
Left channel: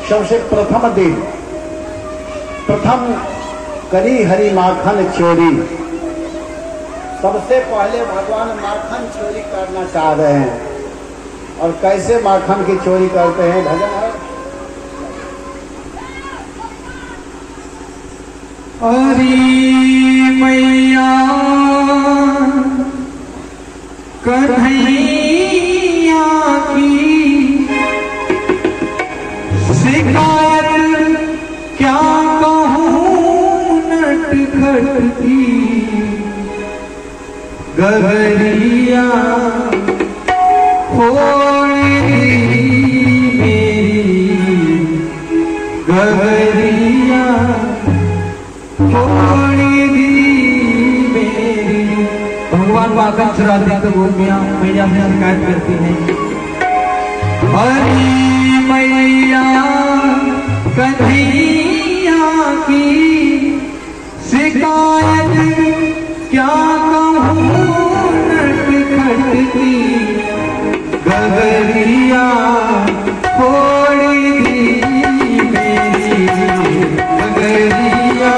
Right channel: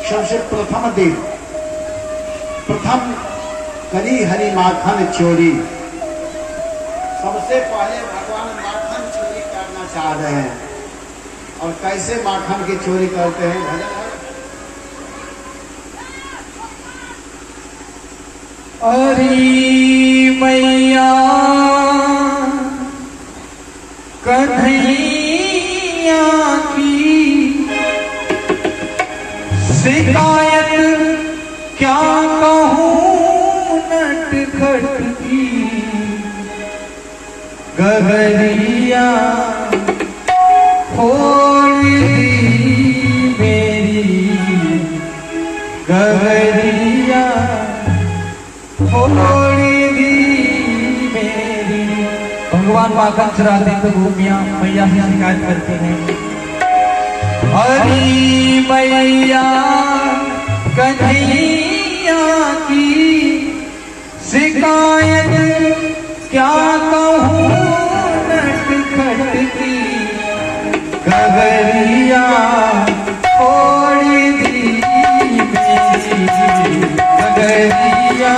सबसे प्रथम दिन प्रथम करी हरि माखन चोरी। सबसे पहले भगवान माखन चोरी करना चाह रहे हैं। और कैसे माखन की चोरी करते हैं? भजन है, हरी मैया कन्हैया की शिकायत क्या कहूँ नटखट की, गगरिया होली मेरी, गगरिया होली मेरी। भगवान माखन चुराते हैं तो भूमिया मैया से शिकायत करती है। हरी मैया कन्हैया की शिकायत क्या कहूँ नटखट की, गगरिया होली मेरी, गगरिया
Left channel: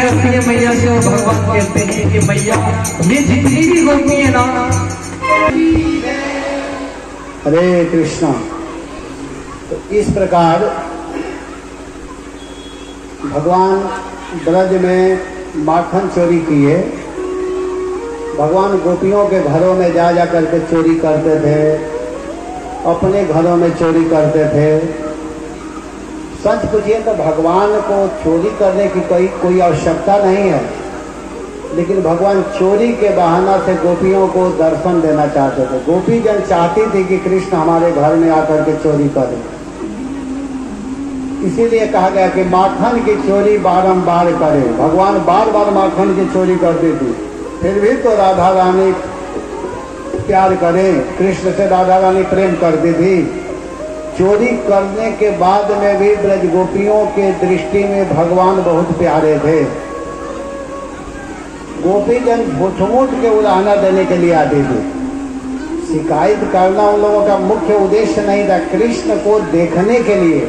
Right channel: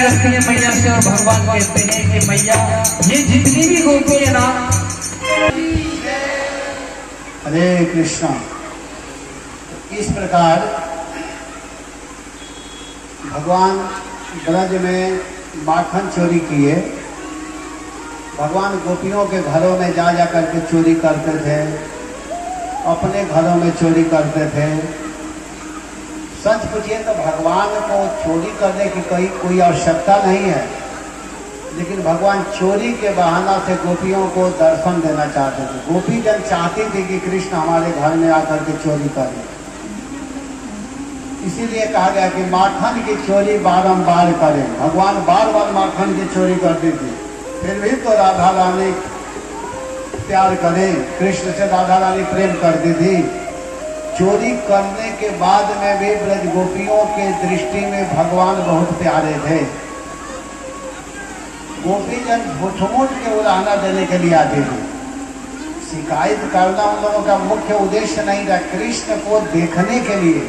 कहती है मैया से और भगवान कहते हैं कि मैया ये जितनी भी गोपी है ना। हरे कृष्ण। तो इस प्रकार भगवान ब्रज में माखन चोरी किए। भगवान गोपियों के घरों में जा जा करके चोरी करते थे, अपने घरों में चोरी करते थे। सच पूछिए तो भगवान को चोरी करने की कोई आवश्यकता नहीं है, लेकिन भगवान चोरी के बहाना से गोपियों को दर्शन देना चाहते थे। गोपी जन चाहती थी कि कृष्ण हमारे घर में आकर के चोरी करें, इसीलिए कहा गया कि माखन की चोरी बारंबार करें। भगवान बार बार माखन की चोरी करती थी, फिर भी तो राधा रानी प्यार करें, कृष्ण से राधा रानी प्रेम करती थी। चोरी करने के बाद में भी ब्रज गोपियों के दृष्टि में भगवान बहुत प्यारे थे। गोपी जन झूठ के उड़ाना देने के लिए आते थे। शिकायत करना उन लोगों का मुख्य उद्देश्य नहीं था। कृष्ण को देखने के लिए,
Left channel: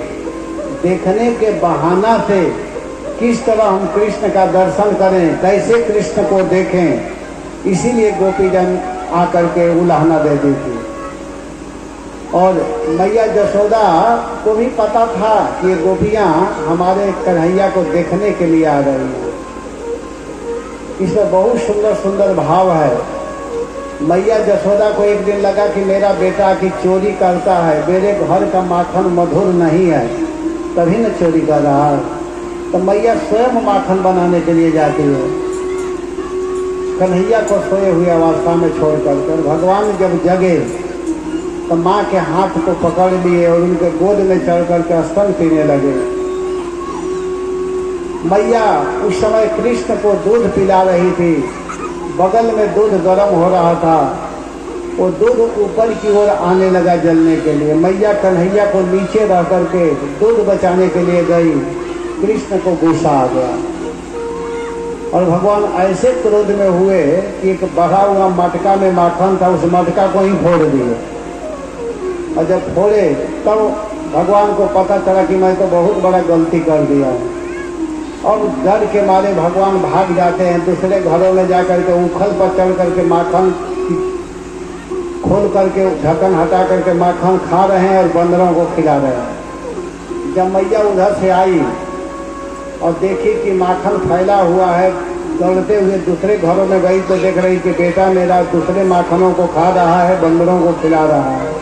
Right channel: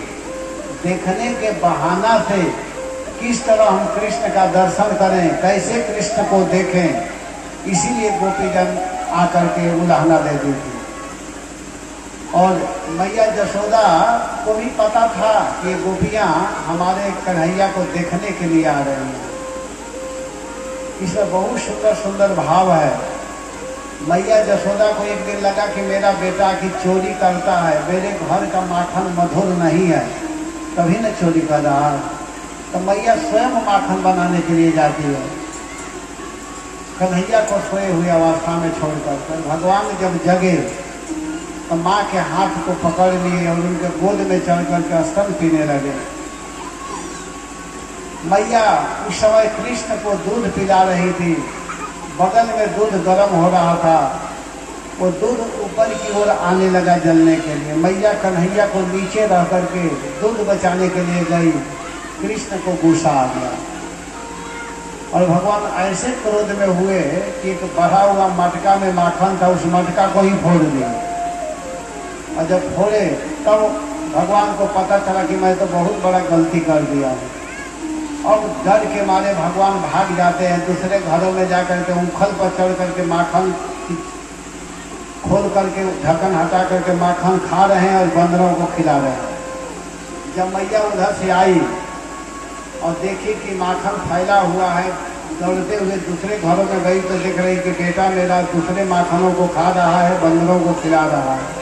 देखने के बहाना से किस तरह हम कृष्ण का दर्शन करें, कैसे कृष्ण को देखें, इसीलिए गोपी जन आकर के उलाहना देती थी। और मैया जसोदा को भी पता था कि गोपियां हमारे कन्हैया को देखने के लिए आ रही हैं। इसमें बहुत सुंदर सुंदर भाव है। मैया जसोदा को एक दिन लगा कि मेरा बेटा की चोरी करता है, मेरे घर का माखन मधुर नहीं है, तभी न चोरी कर रहा है। तो मैया स्वयं माखन बनाने के लिए जाती है, कन्हैया को सोए हुए अवस्था में छोड़कर। भगवान जब जगे तो माँ के हाथ को पकड़ लिए और उनके गोद में चढ़ करके स्तन पीने लगे। मैया उस समय कृष्ण को दूध पिला रही थी, बगल में दूध गर्म हो रहा था, वो दूध ऊपर की ओर आने लगा जलने के लिए। मैया कन्हैया को नीचे रह करके दूध बचाने के लिए गई, कृष्ण को गुस्सा आ गया और भगवान ऐसे क्रोध में हुए कि एक बढ़ा हुआ मटका में माखन था, उस मटका को ही फोड़ दिए। और जब फोड़े तो भगवान को पता चला कि मैं तो बहुत बड़ा गलती कर दिया हूँ। और डर के मारे भगवान भाग जाते हैं, दूसरे घरों में जाकर के उखल पर चढ़ करके माखन खोल करके ढक्कन हटा करके माखन खा रहे हैं और बंदरों को खिला रहे हैं। जब मैया उधर से आई और देखी कि माखन फैला हुआ है, दौड़ते हुए दूसरे घरों में गई तो देख रही कि बेटा मेरा दूसरे माखनों को खा रहा है, बंदरों को खिला रहा है।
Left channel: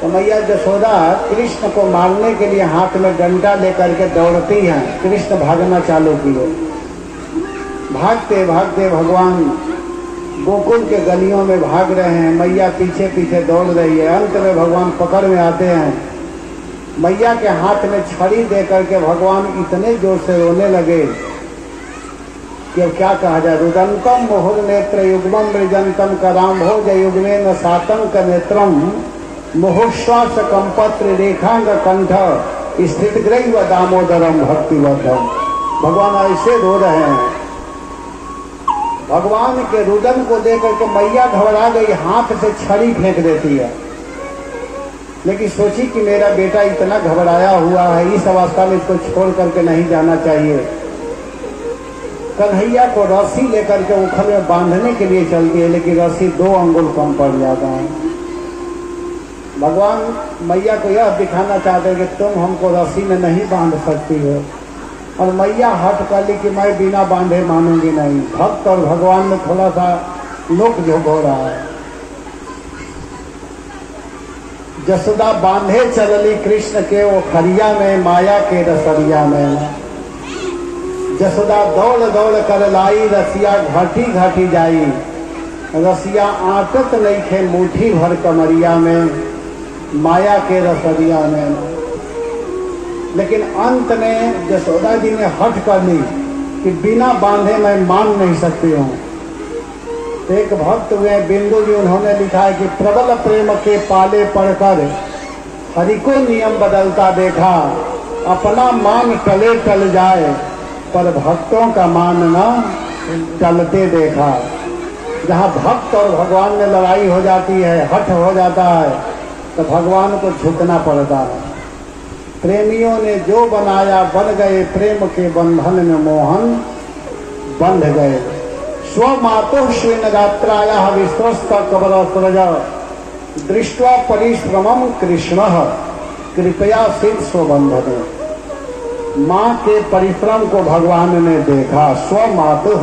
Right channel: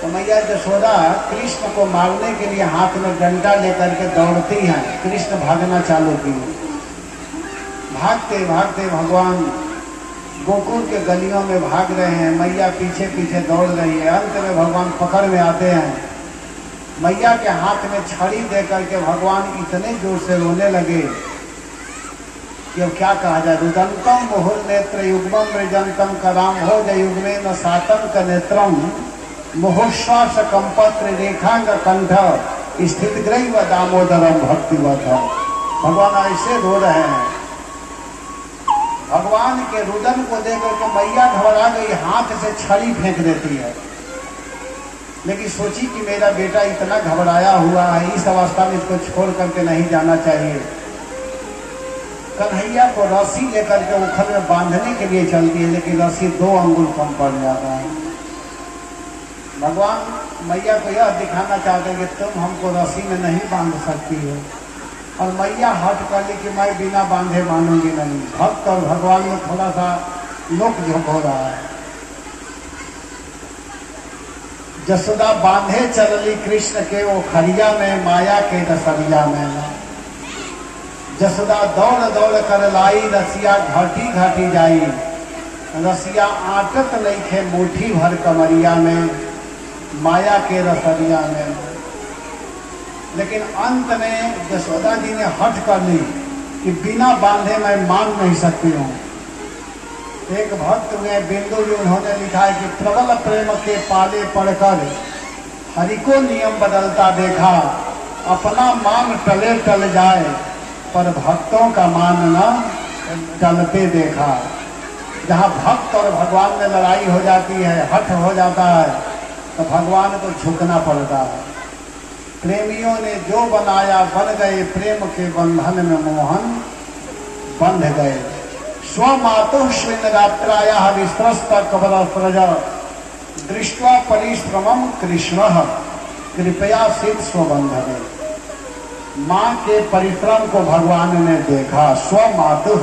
तो मैया जसोदा कृष्ण को मारने के लिए हाथ में डंडा लेकर के दौड़ती हैं। कृष्ण भागना चालू किए। भागते भागते भगवान गोकुल के गलियों में भाग रहे हैं, मैया पीछे पीछे दौड़ रही है। अंत में भगवान पकड़ में आते हैं। मैया के हाथ में छड़ी दे करके भगवान इतने जोर से रोने लगे कि क्या कहा जाए। रुदंतम मोहन नेत्र युग्मम मृजंतम कराम हो जय युग्मे न सातम का नेत्रम मोहोश्वास कंपत्र रेखांग कंठ स्थित ग्रही व दामोदरम भक्तिवर्धन। भगवान ऐसे रो रहे हैं। भगवान के रुदन को देकर के मैया घबरा गई, हाथ से छड़ी फेंक देती है। लेकिन सोची कि मेरा बेटा इतना घबराया हुआ है, इस अवस्था में इसको छोड़ करके नहीं जाना चाहिए। कन्हैया को रस्सी लेकर के उखल में बांधने के लिए चलती है, लेकिन रस्सी 2 अंगुल कम पड़ जाता है। भगवान मैया को यह दिखाना चाहते हैं कि तुम हमको रस्सी में नहीं बांध सकती हो। और मैया हट कर ली कि मैं बिना बांधे मानूंगी नहीं। भक्त और भगवान में थोड़ा सा नोक झोंक हो रहा है। जसोदा बांधे चलली कृष्ण के वो खरिया में, माया के रसरिया में। जसोदा दौड़ दौड़ कर लाई, रसिया घाटी घाटी जाई। रसिया आटत नहीं थे मुट्ठी भर कमरिया में, माया के रसरिया में। लेकिन अंत में जसोदा जी ने हट कर ली कि बिना बांधे मैं मान नहीं सकती हूँ। एक भक्त हुए बिंदु जी, उन्होंने लिखा है कि प्रबल प्रेम के पाले पढ़कर हरि को नियम बदलता देखा। अपना मान टले टल जाए पर भक्तों का मान न टलते देखा। जहाँ भक्त और भगवान में लड़ाई हो जाती है, हठ हो जाता है, तो भगवान को झुकना पड़ता है। प्रेमियों ने जो बनाया बन गए, प्रेम के बंधन में मोहन बंध गए। स्वमातुः श्रीनगात्रायाः विस्त्रस्ता कबरस्त्रज दृष्ट्वा परिश्रमं कृष्णः कृपया सिद्ध स्वबंधने। माँ के परिश्रम को भगवान ने देखा। स्वमातुः,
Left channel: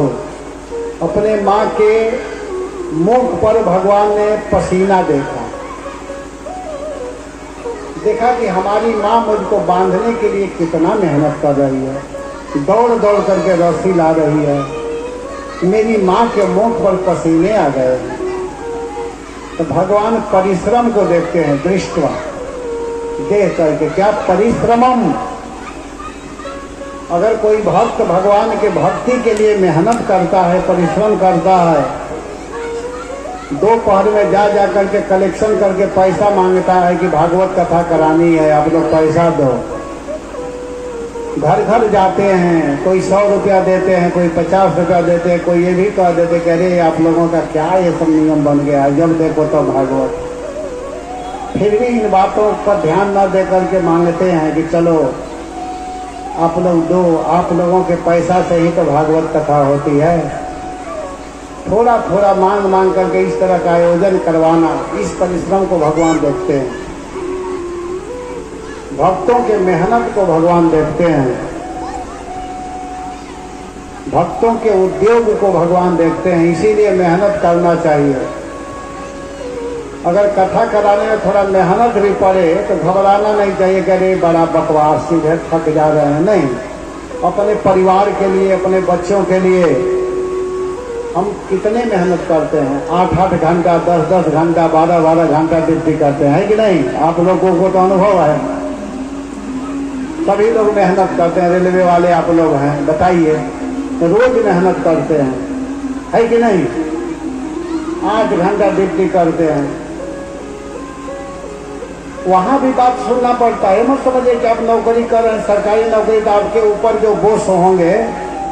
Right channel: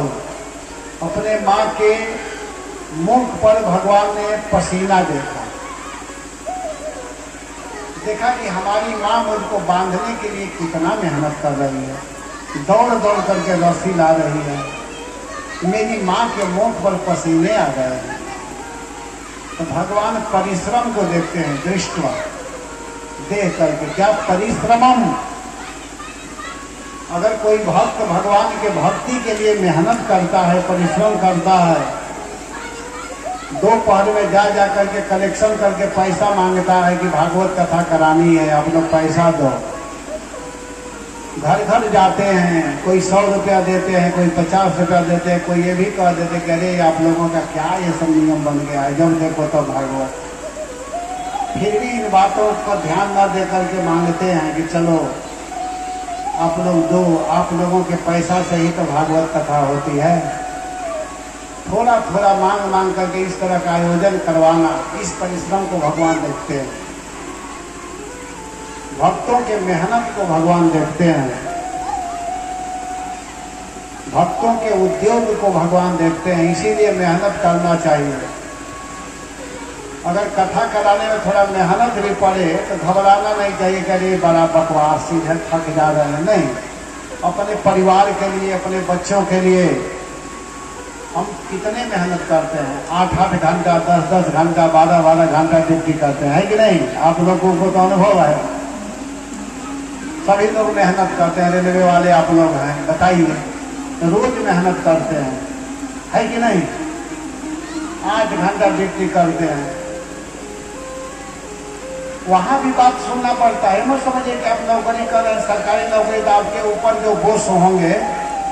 अपने माँ के मुख पर भगवान ने पसीना देखा। देखा कि हमारी माँ मुझको बांधने के लिए कितना मेहनत कर रही है, दौड़ दौड़ करके रस्सी ला रही है। मेरी माँ के मुख पर पसीने आ गए हैं। तो भगवान परिश्रम को देखते हैं, दृष्टवा, देख करके। क्या परिश्रमम? अगर कोई भक्त भगवान के भक्ति के लिए मेहनत करता है, परिश्रम करता है, दोपहर में जा करके कलेक्शन करके पैसा मांगता है कि भागवत कथा करानी है, आप लोग पैसा दो। घर घर जाते हैं, कोई 100 रुपया देते हैं, कोई 50 रुपया देते हैं, कोई ये भी कह देते कि अरे आप लोगों का क्या ये सब नियम बन गया है, जब देखो तो भागवत। फिर भी इन बातों पर ध्यान न दे करके मांगते हैं कि चलो आप लोग दो, आप लोगों के पैसा से ही तो भागवत कथा होती है। थोड़ा थोड़ा मांग मांग करके इस तरह का आयोजन करवाना, इस परिश्रम को भगवान देखते हैं। भक्तों के मेहनत को भगवान देखते हैं। भक्तों के उद्योग को भगवान देखते हैं। इसीलिए मेहनत करना चाहिए। अगर कथा कराने में थोड़ा मेहनत भी पड़े तो घबराना नहीं चाहिए कि अरे बड़ा बकवास सीधे थक जा रहे हैं। नहीं, अपने परिवार के लिए, अपने बच्चों के लिए हम कितने मेहनत करते हैं। 8-8 घंटा, 10-10 घंटा, 12-12 घंटा ड्यूटी करते हैं कि नहीं? आप लोगों को तो अनुभव है। सभी लोग मेहनत करते हैं। रेलवे वाले आप लोग हैं, बताइए, तो रोज मेहनत करते हैं, है कि नहीं? 8 घंटा ड्यूटी करते हैं। वहां भी बात सुनना पड़ता है। मत समझिए कि आप नौकरी कर रहे हैं, सरकारी नौकरी, तो आपके ऊपर जो बॉस होंगे,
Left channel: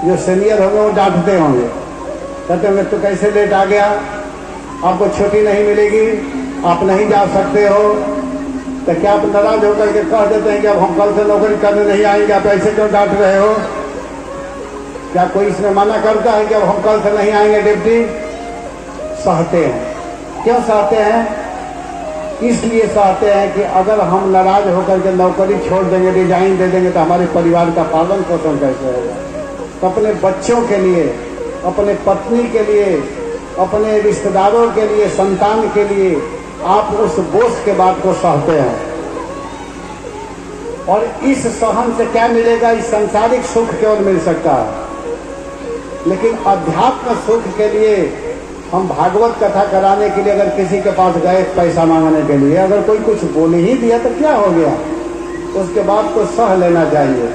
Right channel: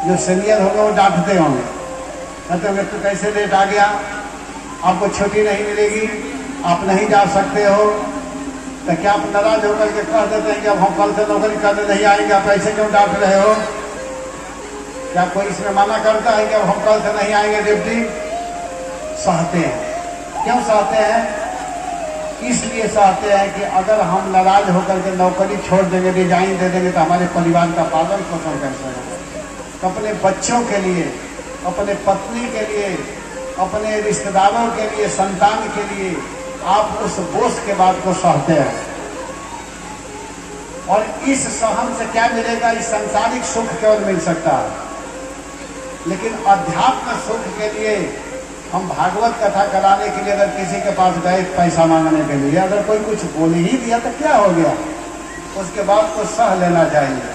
जो सीनियर होंगे, वो डांटते होंगे, कहते हुए तो कैसे लेट आ गया, आपको छुट्टी नहीं मिलेगी, आप नहीं जा सकते हो। तो क्या आप नाराज होकर के कह देते हैं कि अब हम कल से नौकरी करने नहीं आएंगे, आप ऐसे क्यों डांट रहे हो? क्या कोई इसमें मना करता है कि अब हम कल से नहीं आएंगे ड्यूटी? सहते हैं। क्यों सहते हैं? इसलिए सहते हैं कि अगर हम नाराज होकर के नौकरी छोड़ देंगे, रिजाइन दे देंगे, तो हमारे परिवार का पालन पोषण कैसे होगा? तो अपने बच्चों के लिए, अपने पत्नी के लिए, अपने रिश्तेदारों के लिए, संतान के लिए आप उस बोझ के बात को सहते हैं। और इस सहन से क्या मिलेगा? इस सांसारिक सुख केवल मिल सकता है, लेकिन अध्यात्म सुख के लिए हम भागवत कथा कराने के लिए अगर किसी के पास गए पैसा मांगने के लिए, अगर कोई कुछ बोल ही दिया तो क्या हो गया? उसके बाद तो सह लेना चाहिए।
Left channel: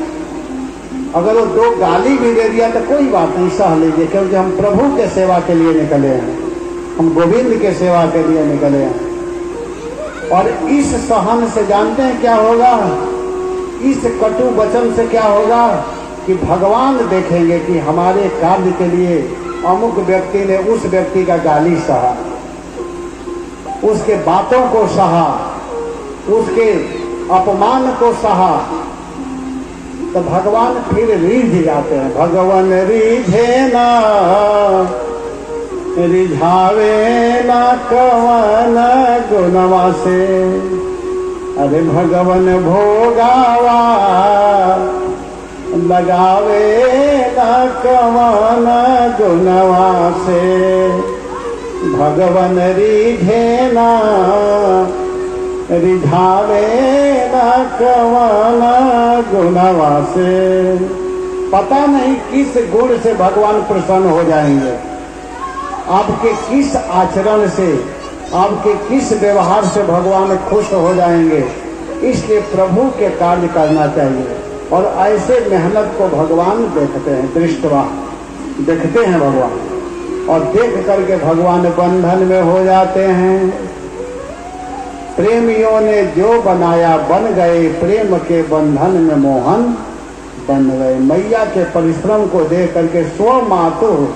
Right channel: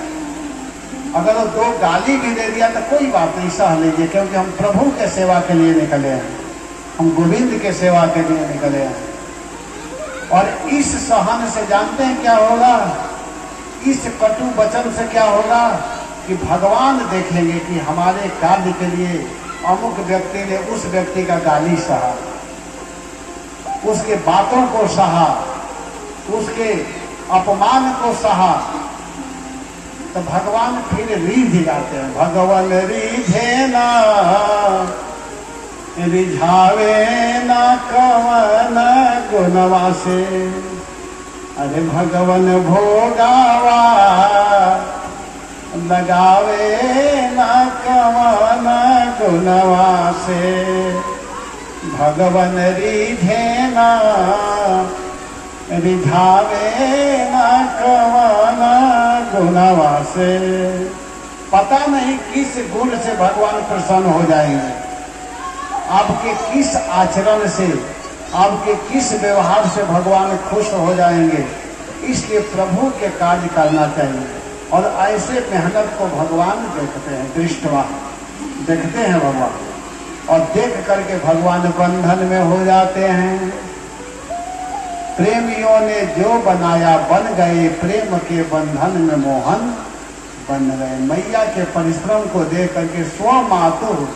अगर वो 2 गाली भी दे दिया तो कोई बात नहीं, सह लीजिए, क्योंकि हम प्रभु के सेवा के लिए निकले हैं, हम गोविंद के सेवा के लिए निकले हैं। और इस सहन से जानते हैं क्या होगा? इस कटु वचन से क्या होगा कि भगवान देखेंगे कि हमारे कार्य के लिए अमुक व्यक्ति ने उस व्यक्ति का गाली सहा, उसके बातों को सहा, उसके अपमान को सहा, तो भगवान फिर रीझ जाते हैं। भगवान रीझे ना, रिझावे ना कवन गुणवा से, अरे भगवान भोगावा लगावे ना कवन गुणवा से, भगवान रीझे ना, रिझावे ना कवन गुणवा से। पता नहीं किस गुण से भगवान प्रसन्न हो जाएंगे, आपके किस आचरण से, आपके किस व्यवहार से भगवान खुश हो जाएंगे। इसलिए प्रभु के कार्य करना चाहिए। और ऐसे मेहनत को भगवान देखते हैं, दृष्टवा देखते हैं भगवान, और देख करके भगवान बंधन में हो जाते हैं। प्रेमियों ने जो बनाया बन गए, प्रेम के बंधन में मोहन बन गए। मैया के परिश्रम को देख करके स्व मातुः,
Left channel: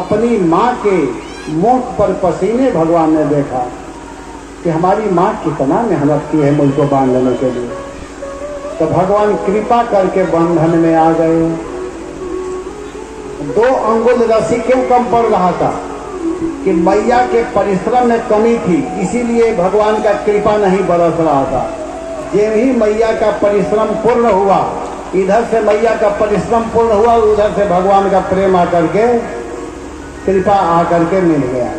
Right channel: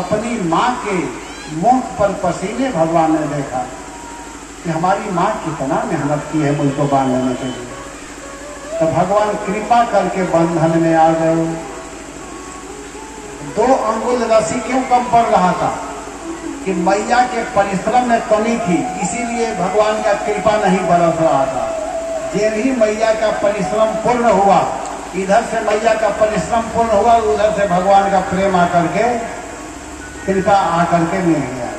अपनी माँ के मुख पर पसीने भगवान ने देखा कि हमारी माँ कितना मेहनत की है मुझको बांधने के लिए। तो भगवान कृपा करके बंधन में आ गए। 2 अंगुल रस्सी क्यों कम पड़ रहा था कि मैया के परिश्रम में कमी थी, इसीलिए भगवान का कृपा नहीं बरस रहा था। ये भी मैया का परिश्रम पूर्ण हुआ, इधर से मैया का परिश्रम पूर्ण हुआ, उधर से भगवान का प्रेम आकर के कृपा आकर के मिल गया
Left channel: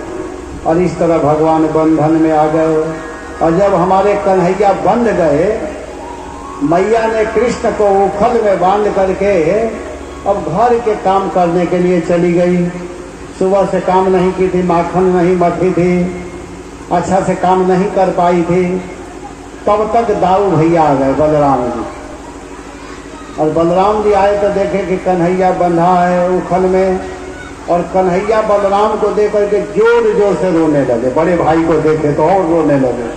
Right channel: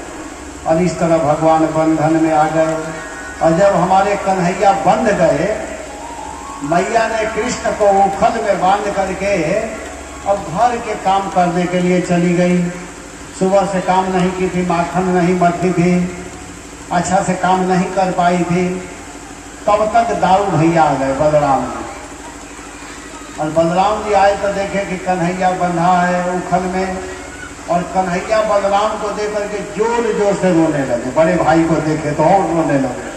और इस तरह भगवान बंधन में आ गए। और जब हमारे कन्हैया बंध गए, मैया ने कृष्ण को उथल में बांध करके अब घर के काम करने के लिए चली गई। सुबह से काम नहीं की थी, माखन नहीं मथी थी, अच्छा से काम नहीं कर पाई थी। तब तक दाऊ भैया आ गए बलराम जी। और बलराम जी आए तो देखे कि कन्हैया बंधा है उथल में, और कन्हैया बलराम को देख करके जोर जोर से रोने लगे। बड़े भाई को देखे तो और रोने लगे,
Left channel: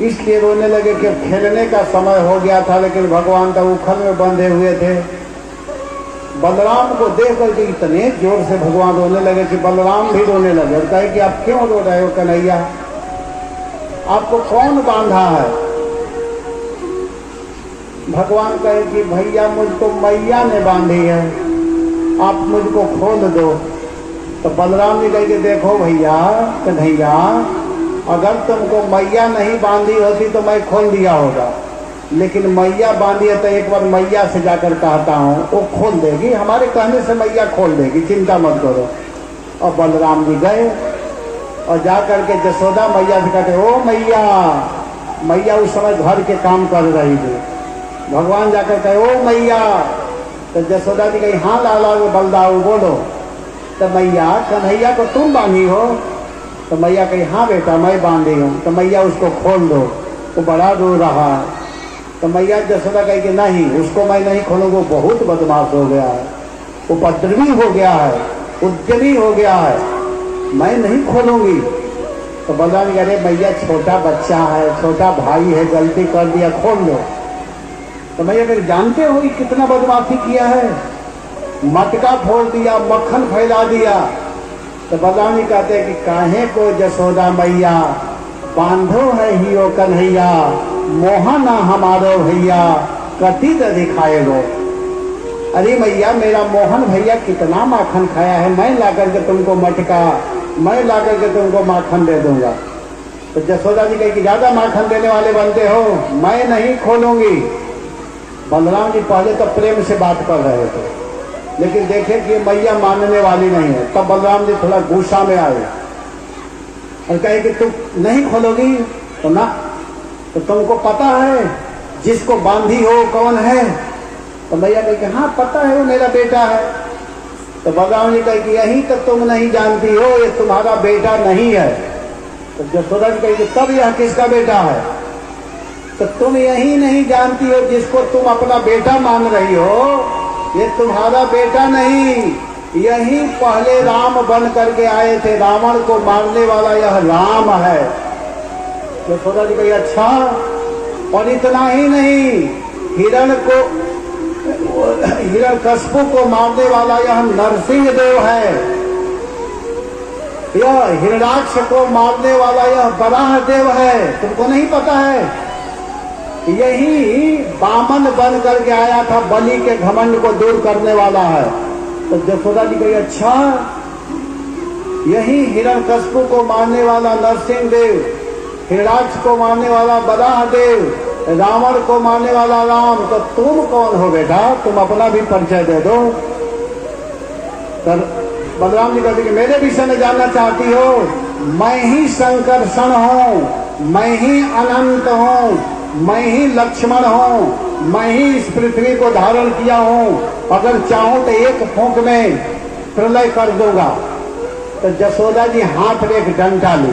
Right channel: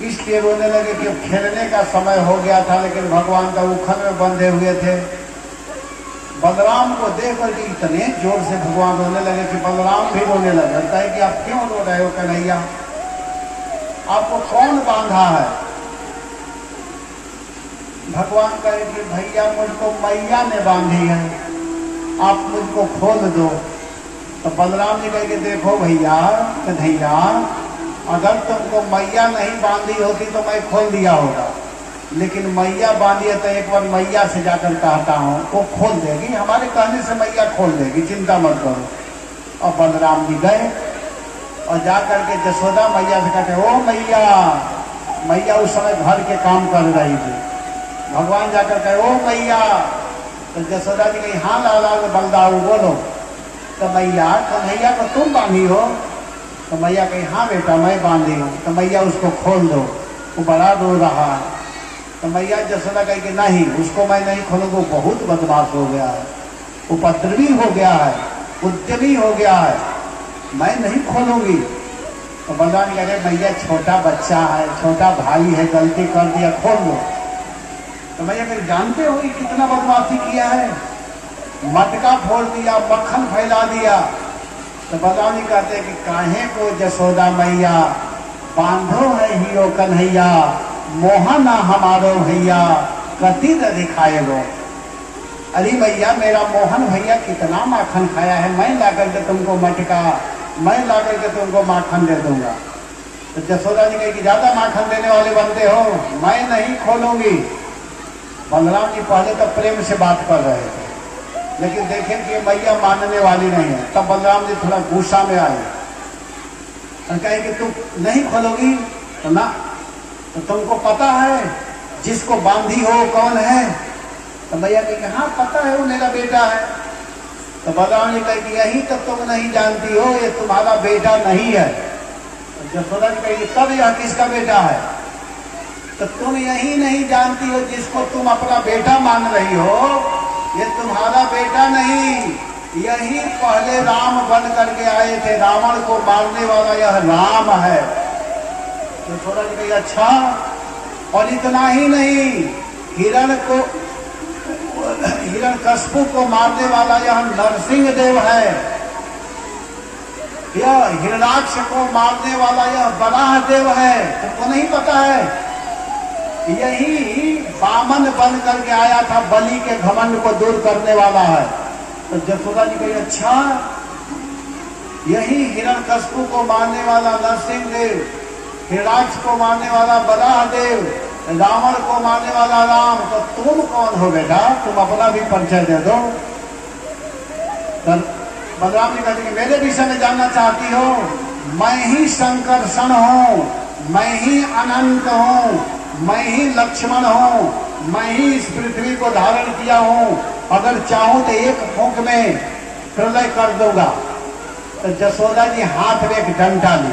इसलिए रोने लगे कि खेलने का समय हो गया था, लेकिन भगवान तो उथल में बंधे हुए थे। बलराम को देख करके इतने जोर से भगवान रोने लगे कि बलराम भी रोने लगे। कहे कि आप क्यों रो रहे हो कन्हैया, आपको कौन बांधा है? भगवान कहे कि भैया मुझको मैया ने बांधी है, आप मुझको खोल दो। तो बलराम जी कहे कि देखो भैया कन्हैया, अगर तुमको मैया नहीं बांधी होती तो मैं खोल दिया होगा, लेकिन मैया बांधी है तो एक बार मैया से जाकर कहता हूँ, वो खोल देगी, हमारे कहने से मैया खोल देगी, चिंता मत करो। और बलराम जी गए और जाकर के जसोदा मैया से कहते ओ मैया, मैया उस समय घर के काम कर रही थी। भगवान जाकर कहे ओ मैया, तो जसोदा जी कही हाँ लाला वो बलदाऊ बोलो। तो मैया कन्हैया को तुम बांधी हो? तो मैया कही हाँ बेटा मैं बांधी हूँ। तो मैया उसको खोल दो। तो बड़ा रो रहा। तो मैया जसोदा कही कि नहीं, उसको मैं नहीं खोलूंगा, बहुत बदमाश हो गया है, उपद्रवी हो गया है, उद्यमी हो गया है, मैं नहीं खोलूंगी। तो बलराम कह रहे भैया छोटा बच्चा है, छोटा भाई है, गलती कर दिया, खोल दो। तो भैया फिर जानते हो कितना बदमाशी किया है, मटका फोड़ दिया, मक्खन फैला दिया। तो बलराम जी कहते हैं कि काहे को जसोदा मैया बांधो है ही ओ कन्हैया, मोहना हमारो भैया कति न दिखाए गए। अरे भैया मेरा मोहन भैया कितना माखन खाया है, मैं लाकर के तुमको मटका, मैं लाकर के तुमको माखन दे दूंगा। तो जसोदा जी कहे कि ज्यादा माखन देने वाले बनते हो, मैं नहीं खोलूंगी। बलराम जी पहले तो प्रेम से बात कर रहे थे, लेकिन देखे कि मैया मानने वाली नहीं है। तब बलराम जी थोड़ा गुस्सा में आए और कहे कि तुम नहीं खोलोगी? तो ना, तो तुमको पता है जिसको बांधी हो कौन है? तो मैया कहे हाँ पता है, वो मेरा बेटा है। तो बलराम जी कहे कि यही तो तुम नहीं जानती हो, ये तुम्हारा बेटा नहीं है। तो जसोदा जी कहे तब यह किसका बेटा है? तो तुम यही नहीं जानती हो जिसको तुम अपना बेटा मान रही हो, ये तुम्हारा बेटा नहीं, यही पहले राम बन करके आए थे, रावण को मारने वाला यह राम है। तो सोचा जी कही अच्छा, और इतना ही नहीं, हिरण्यकश्यप को मारने वाला यह नरसिंह देव है, यह हिरणाक्ष को मारने वाला यह वराह देव है, तुमको नहीं पता है? यही बामन बन करके आया था, बलि के घमंड को दूर करने वाला है। तो जसोदा जी कही अच्छा, यही हिरण्यकश्यप को मारने वाला नरसिंह देव, हिरणाक्ष को मारने वाला वराह देव, रावण को मारने वाला राम, तो तुम कौन हो बेटा? तुम अपना भी परिचय दे दो। तो बलराम जी कहते कि मेरे विषय में जानना चाहती हो? मैं ही संकर्षण हूँ, मैं ही अनंत हूँ, मैं ही लक्ष्मण हूँ, मैं ही इस पृथ्वी को धारण किया हूँ, अगर चाहूं तो एक फूंक में प्रलय कर दूंगा। तो जसोदा जी हाथ में एक डंडा ली,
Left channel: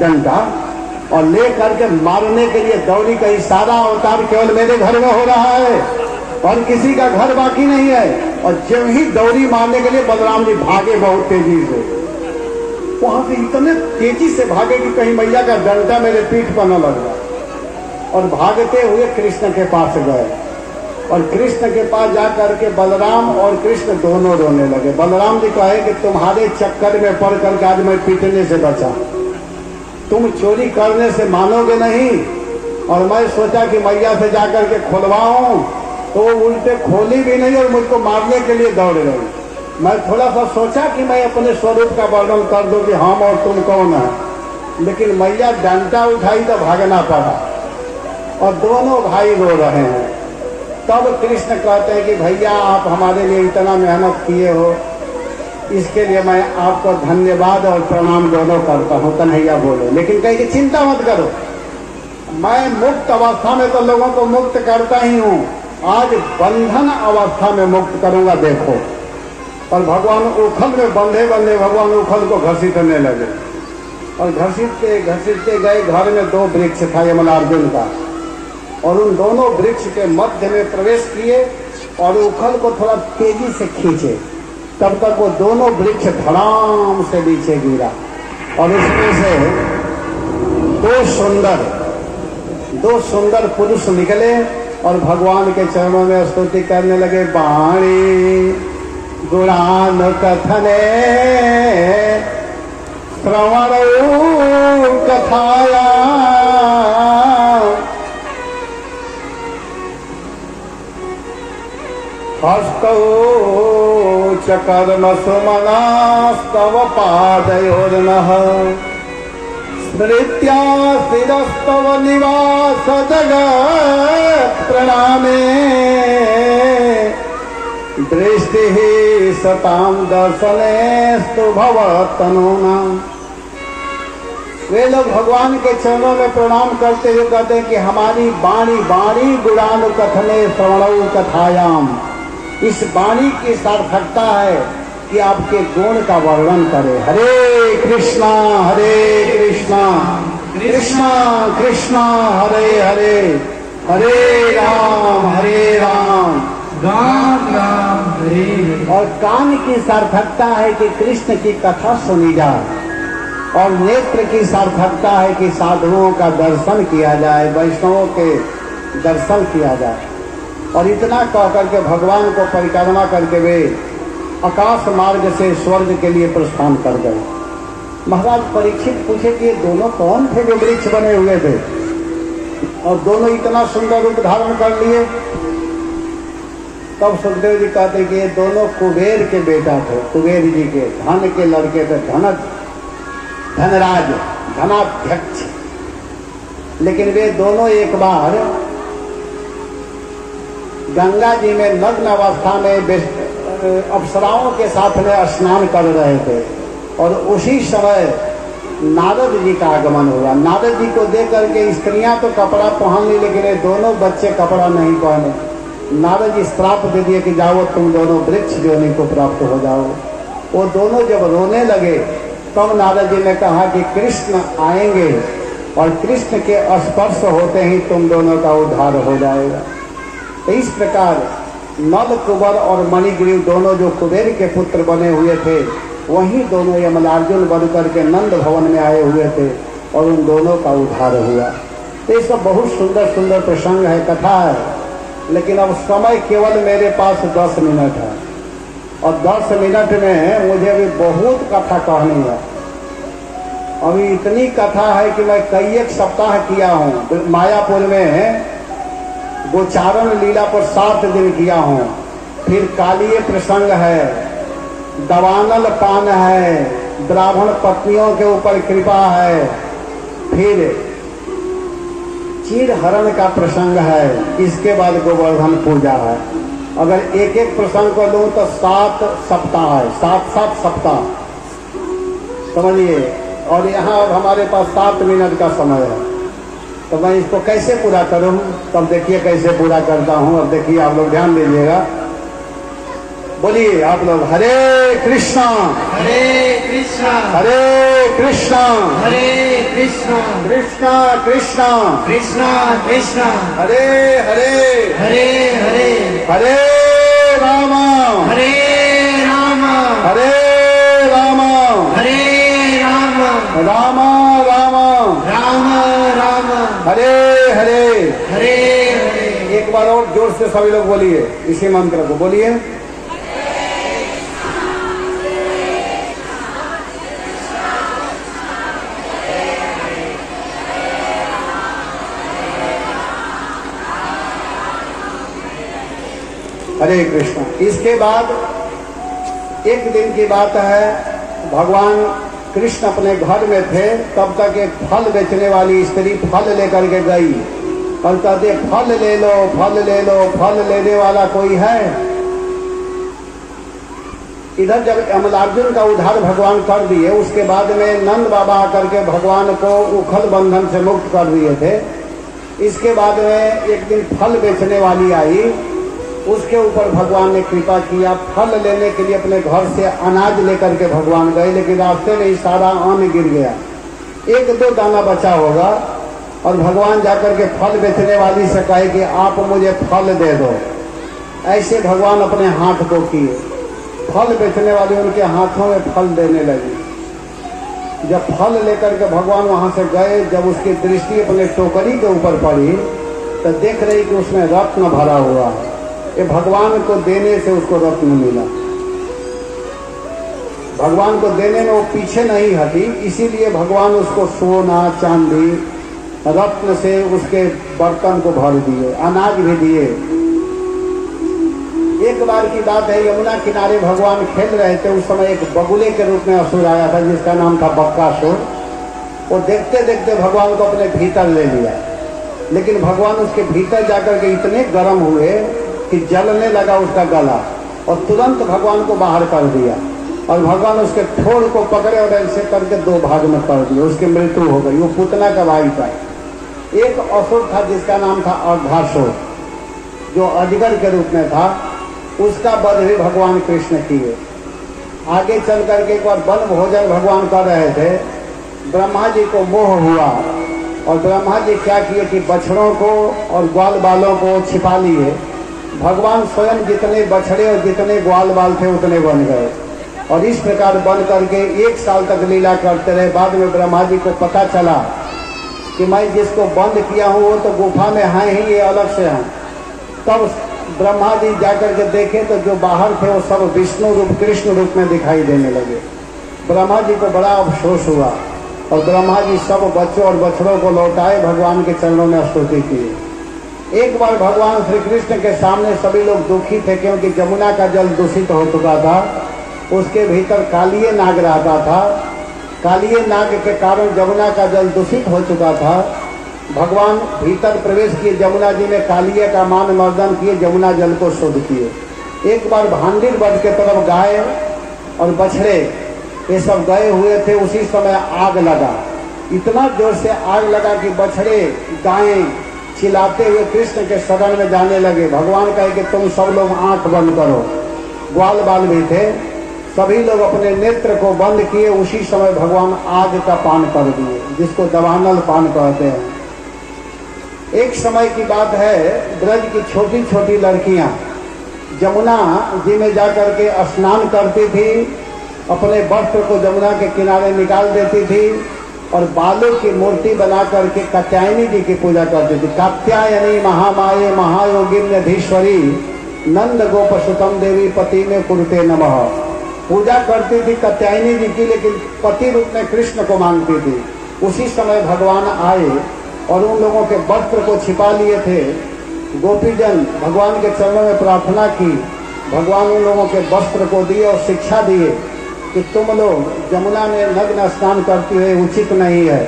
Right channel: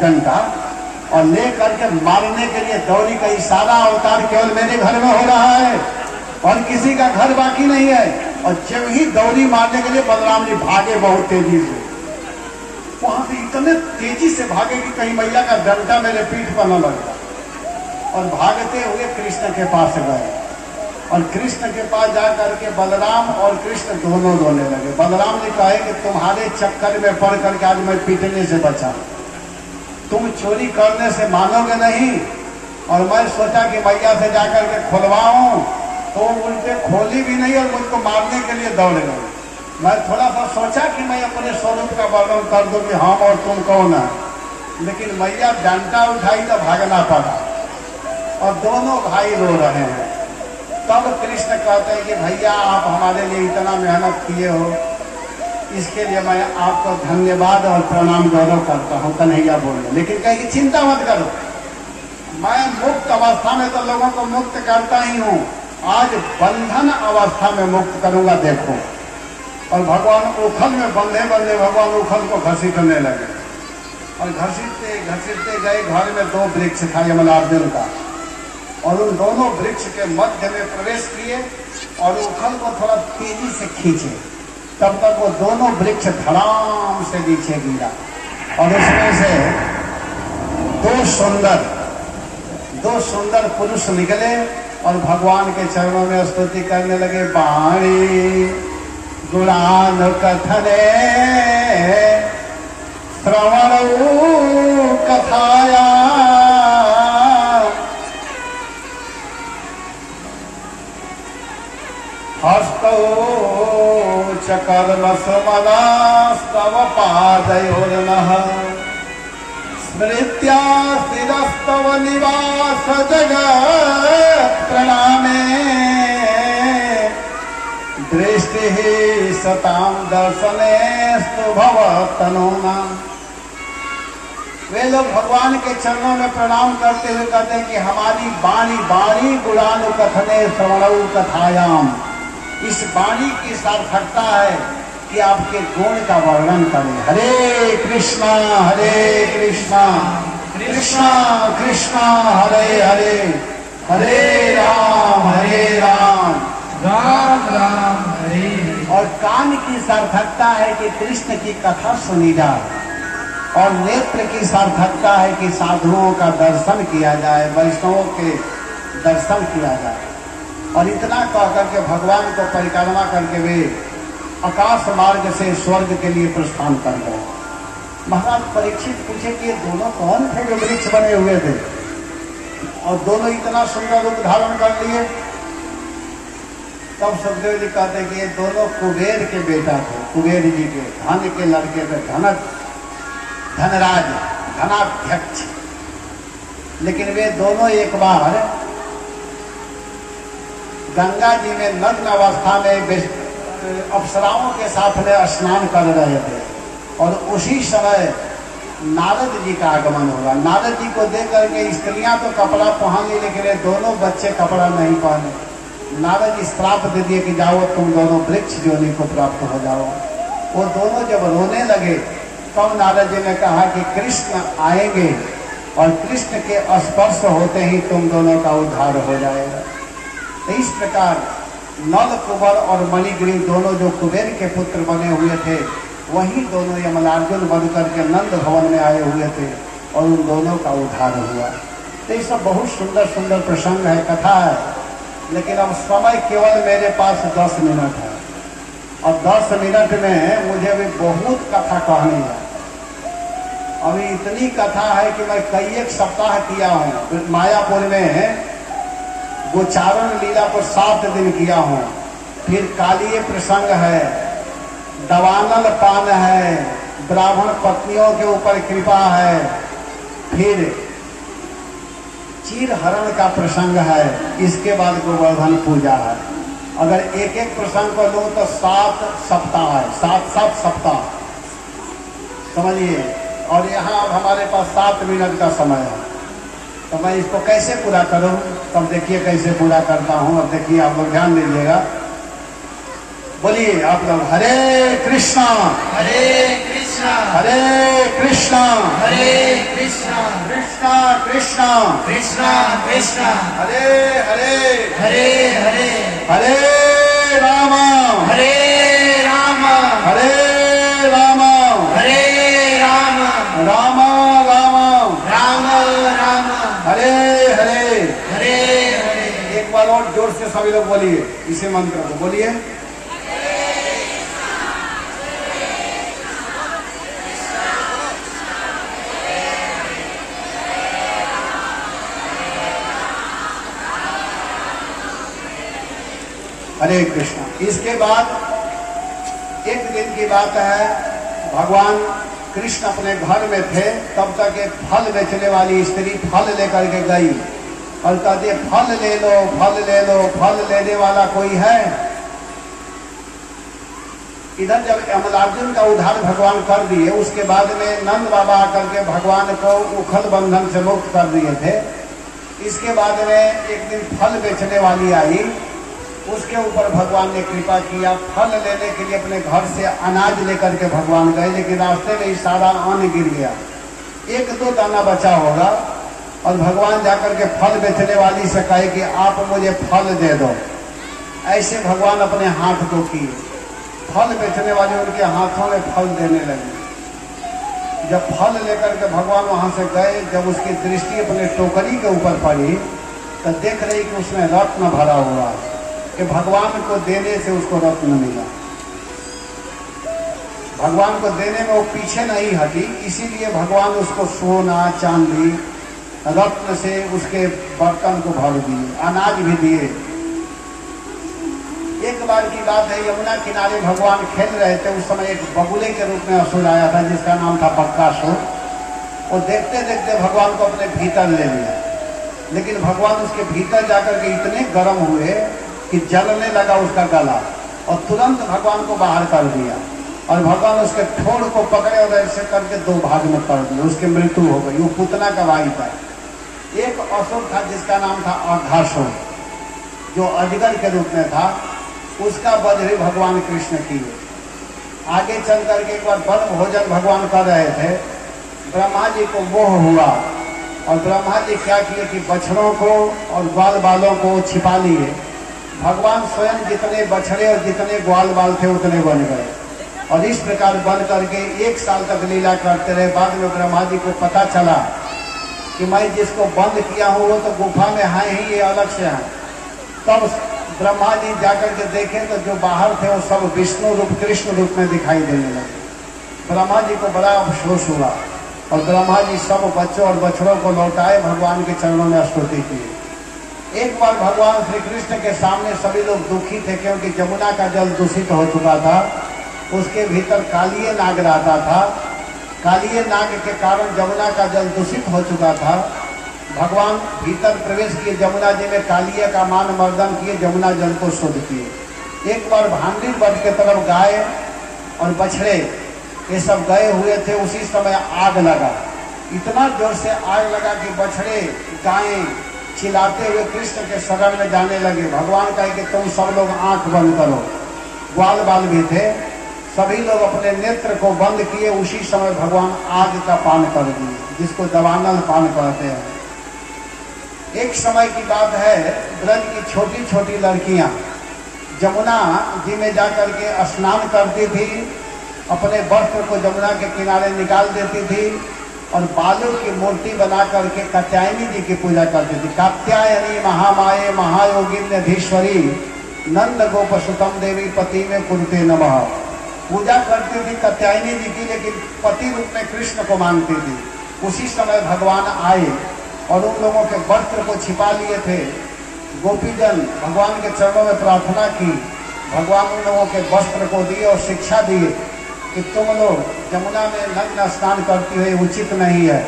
डंडा, और ले करके मारने के लिए दौड़ी। का सारा अवतार केवल मेरे घर में हो रहा है और किसी का घर बाकी नहीं है। और जब ही दौड़ी मारने के लिए बलराम जी भागे बहुत तेजी से, वहां से इतने तेजी से भागे कि कहीं मैया का डंडा मेरे पीठ पर न लगा, और भागते हुए कृष्ण के पास गए। और कृष्ण के पास जाकर के बलराम और कृष्ण दोनों रोने लगे। बलराम जी कहे कि तुम्हारे चक्कर में पड़ करके आज मैं पीटने से बचा, तुम चोरी करने से मानोगे नहीं, और मैं सोचा कि मैया से जाकर के खुलवाऊं, तो उल्टे खोली भी नहीं और मुझको मारने के लिए दौड़ गए। मैं थोड़ा सा सोचा कि मैं अपने स्वरूप का वर्णन कर दूं कि हाँ मैं तुम कौन है, लेकिन मैया डंडा उठाई तो भागना पड़ा और दोनों भाई रो रहे हैं। तब कृष्ण कहते हैं कि भैया आप हमारे लिए इतना मेहनत किए हो, इसके लिए मैं आपको धन्यवाद और प्रणाम दोनों करता हूँ। कन्हैया बोले, लेकिन कहे कि चिंता मत करो, मैं मुक्त अवस्था में तो लोगों को मुक्त करता ही हूँ, आज बंधन अवस्था में मुक्त करूंगा देखो। और भगवान उखल में बंधे बंधे भगवान उखल को घसीटने लगे और घसीटते घसीटते गए। घर में 2 वृक्ष था यमनार्जुन का, और उन दोनों वृक्ष के मध्य में प्रवेश किए और उखल को थोड़ा तेजी से खींचे। तब तक वो दोनों वृक्ष धड़ाम से नीचे गिरा और उसमें से दो सुंदर पुरुष निकले और भगवान के चरणों में स्तुति करने लगे। वाणी गुणान कथने श्रवण कथाया च कर्म सुमनास्तव पादयोर्नः स्मृत्या शिरस्तव निवास जगत् प्रणामे दृष्टि सतां दर्शनेस्तु भवतनुना। वे लोग भगवान के चरणों में प्रणाम करते हुए कहते हैं कि हमारी वाणी गुणानुकथने श्रवणौ कथायाम, इस वाणी की सार्थकता है कि आपके गुण का वर्णन करे। हरे कृष्णा कृष्णा कृष्णा हरे हरे, हरे राम राम राम हरे। और कान की सार्थकता है कि कृष्ण की कथा सुनी जाए, और नेत्र की सार्थकता है कि साधुओं का दर्शन किया जाए, वैष्णवों के दर्शन किया जाए। और इतना कह करके भगवान को परिक्रमा करके वे आकाश मार्ग से स्वर्ग के लिए प्रस्थान कर गए। महाराज परीक्षित पूछे कि ये दोनों कौन थे जो वृक्ष बने हुए थे, और दोनों इतना सुंदर रूप धारण कर लिए। तब सुखदेव जी कहते कि ये दोनों कुबेर के बेटा थे, कुबेर जी के धन के लड़के थे, धनराज धनाध्यक्ष। लेकिन वे दोनों एक बार गंगा जी में नग्न अवस्था में अप्सराओं के साथ में स्नान कर रहे थे, और उसी समय नारद जी का आगमन हुआ। नारद जी को देख करके स्त्रियां तो कपड़ा पहन ली, लेकिन ये दोनों बच्चे कपड़ा नहीं पहने। नारद जी श्राप दे दिए कि जाओ तुम दोनों वृक्ष जोनि को प्राप्त हो जाओ। वो दोनों जब रोने लगे तब नारद जी ने कहा कि कृष्ण आएंगे और कृष्ण के स्पर्श होते ही तुम दोनों का उद्धार हो जाएगा। तो इस प्रकार नल कुबर और मणिग्रीव दोनों जो कुबेर के पुत्र बने हुए थे, वही दोनों यमनार्जुन बनकर के नंद भवन में आए हुए थे और उन दोनों का उद्धार हुआ। तो ये सब बहुत सुंदर सुंदर प्रसंग है, कथा है, लेकिन अब समय केवल मेरे पास 10 मिनट है, और 10 मिनट में मुझे अभी बहुत कथा कहनी है। अभी इतनी कथा है कि मैं कई एक सप्ताह किया हूँ। मायापुर में गोचारण लीला पर 7 दिन किया हूँ, फिर कालीय प्रसंग है, दवानल पान है, ब्राह्मण पत्नियों के ऊपर कृपा है, फिर चीर हरण का प्रसंग है, इसके बाद गोवर्धन पूजा है। अगर एक एक प्रसंग को लूं तो 7 सप्ताह है, 7 सप्ताह समझिए। और यहाँ हमारे पास 7 मिनट का समय है, तो मैं इसको कैसे पूरा करूं? तब देखिए कैसे पूरा करता हूं। और देखिए आप लोग ध्यान दीजिएगा, बोलिए आप लोग हरे कृष्णा हरे कृष्णा हरे कृष्णा हरे कृष्णा कृष्णा कृष्णा कृष्णा कृष्णा हरे हरे हरे हरे हरे राम हरे राम हरे राम हरे राम राम राम राम राम हरे हरे हरे हरे। एक बार और जोर से सभी लोग बोलिए इसी मंत्र को, बोलिए हरे कृष्ण। इसके बाद एक दिन की बात है, भगवान कृष्ण अपने घर में थे, तब तक एक फल बेचने वाली स्त्री फल लेकर के गई और कहते फल ले लो, फल ले लो, फल लेने वाला कोई है? इधर जब अमलार्जुन का उद्धार भगवान कर दिए, उसके बाद में नंद बाबा करके भगवान को उखल बंधन से मुक्त कर दिए थे। इसके बाद में एक दिन फल बेचने वाली आई, उसके ऊपर भगवान ने कृपा किया। फल लेने के लिए अपने घर से अनाज लेकर के भगवान गए, लेकिन रास्ते में सारा अन्न गिर गया, एक दो दाना बचा होगा। और भगवान जाकर के फल बेचने वाली से कहे कि आप मुझे फल दे दो। ऐसे भगवान अपने हाथ को किए, फल बेचने वाली उनके हाथों में फल देने लगी। जब फल लेकर के भगवान वहां से गए, जब उसकी दृष्टि अपने टोकरी के ऊपर पड़ी तो देख रही कि उसमें रत्न भरा हुआ है। ये भगवान को देने से उसको रत्न मिला। भगवान को देने में वो पीछे नहीं हटी, इसीलिए भगवान उसको सोना चांदी रत्न से उसके बर्तन को भर दिए, अनाज भी दिए। एक बार की बात है, यमुना किनारे भगवान खेल रहे थे, उस समय एक बगुले के रूप में असुर आया था जिसका नाम था बक्कासुर। वो देखते देखते भगवान को अपने भीतर ले लिया, लेकिन भगवान उसके भीतर जाकर के इतने गर्म हुए कि जलने लगा उसका गला, और तुरंत भगवान को बाहर कर दिया। और भगवान उसके ठोड़ को पकड़े और ऐसे करके दो भाग में कर दिए, उसकी मृत्यु हो गई। वो पुतना का भाई था। एक असुर था जिसका नाम था अर्धासुर, जो अजगर के रूप में था, उसका वध भी भगवान कृष्ण किए। आगे चल करके एक बार वन भोजन भगवान कर रहे थे, ब्रह्मा जी को मोह हुआ और ब्रह्मा जी क्या किए कि बछड़ों को और ग्वाल बालों को छिपा लिए। भगवान स्वयं जितने बछड़े और जितने ग्वाल बाल थे उतने बन गए, और इस प्रकार बन करके 1 साल तक लीला करते रहे। बाद में ब्रह्मा जी को पता चला कि मैं जिसको बंद किया हूँ वो तो गुफा में है ही, ये अलग से है। तब ब्रह्मा जी जाकर के देखे तो जो बाहर थे वो सब विष्णु रूप कृष्ण रूप में दिखाई देने लगे। ब्रह्मा जी को बड़ा अफसोस हुआ और ब्रह्मा जी सब बच्चों और बछड़ों को लौटाए, भगवान के चरणों में स्तुति की। एक बार भगवान श्री कृष्ण के सामने सभी लोग दुखी थे, क्योंकि जमुना का जल दूषित हो चुका था, उसके भीतर कालिये नाग रहता था। कालिये नाग के कारण जमुना का जल दूषित हो चुका था। भगवान भीतर प्रवेश किए, जमुना जी में कालिये का मान मर्दन किए, जमुना जल को शुद्ध किए। एक बार भांडिर बट के तरफ गाय और बछड़े ये सब गए हुए थे, उसी समय आग लगा। इतना जोर से आग लगा कि बछड़े गायें चिल्लाते हुए कृष्ण के शरण में जाने लगे। भगवान कहे कि तुम सब लोग आंख बंद करो। ग्वाल बाल भी थे, सभी लोग अपने नेत्र को बंद किए। उसी समय भगवान आग का पान कर दिए, जिसको दवानल पान कहते हैं। एक समय की बात है, ब्रज की छोटी छोटी लड़कियां जमुना जी में जाकर के स्नान करती थी, अपने वस्त्र को जमुना के किनारे निकाल देती थी और बालों की मूर्ति बना करके कात्यायनी जी की पूजा करती थी। कात्यायनी महामाये महायोगिन्यधीश्वरी नंद गोप सुतम देवी पति में कुरुते नमः। पूजा करती थी कात्यायनी जी की, लेकिन पति रूप में कृष्ण को मानती थी। उसी समय भगवान आए और उन लोगों के वस्त्र को छिपा लिए थे। गोपीजन भगवान के चरणों में प्रार्थना की, भगवान उन लोगों के वस्त्र को दिए और शिक्षा दिए कि तुम लोग जमुना में नग्न स्नान करती है, उचित नहीं है।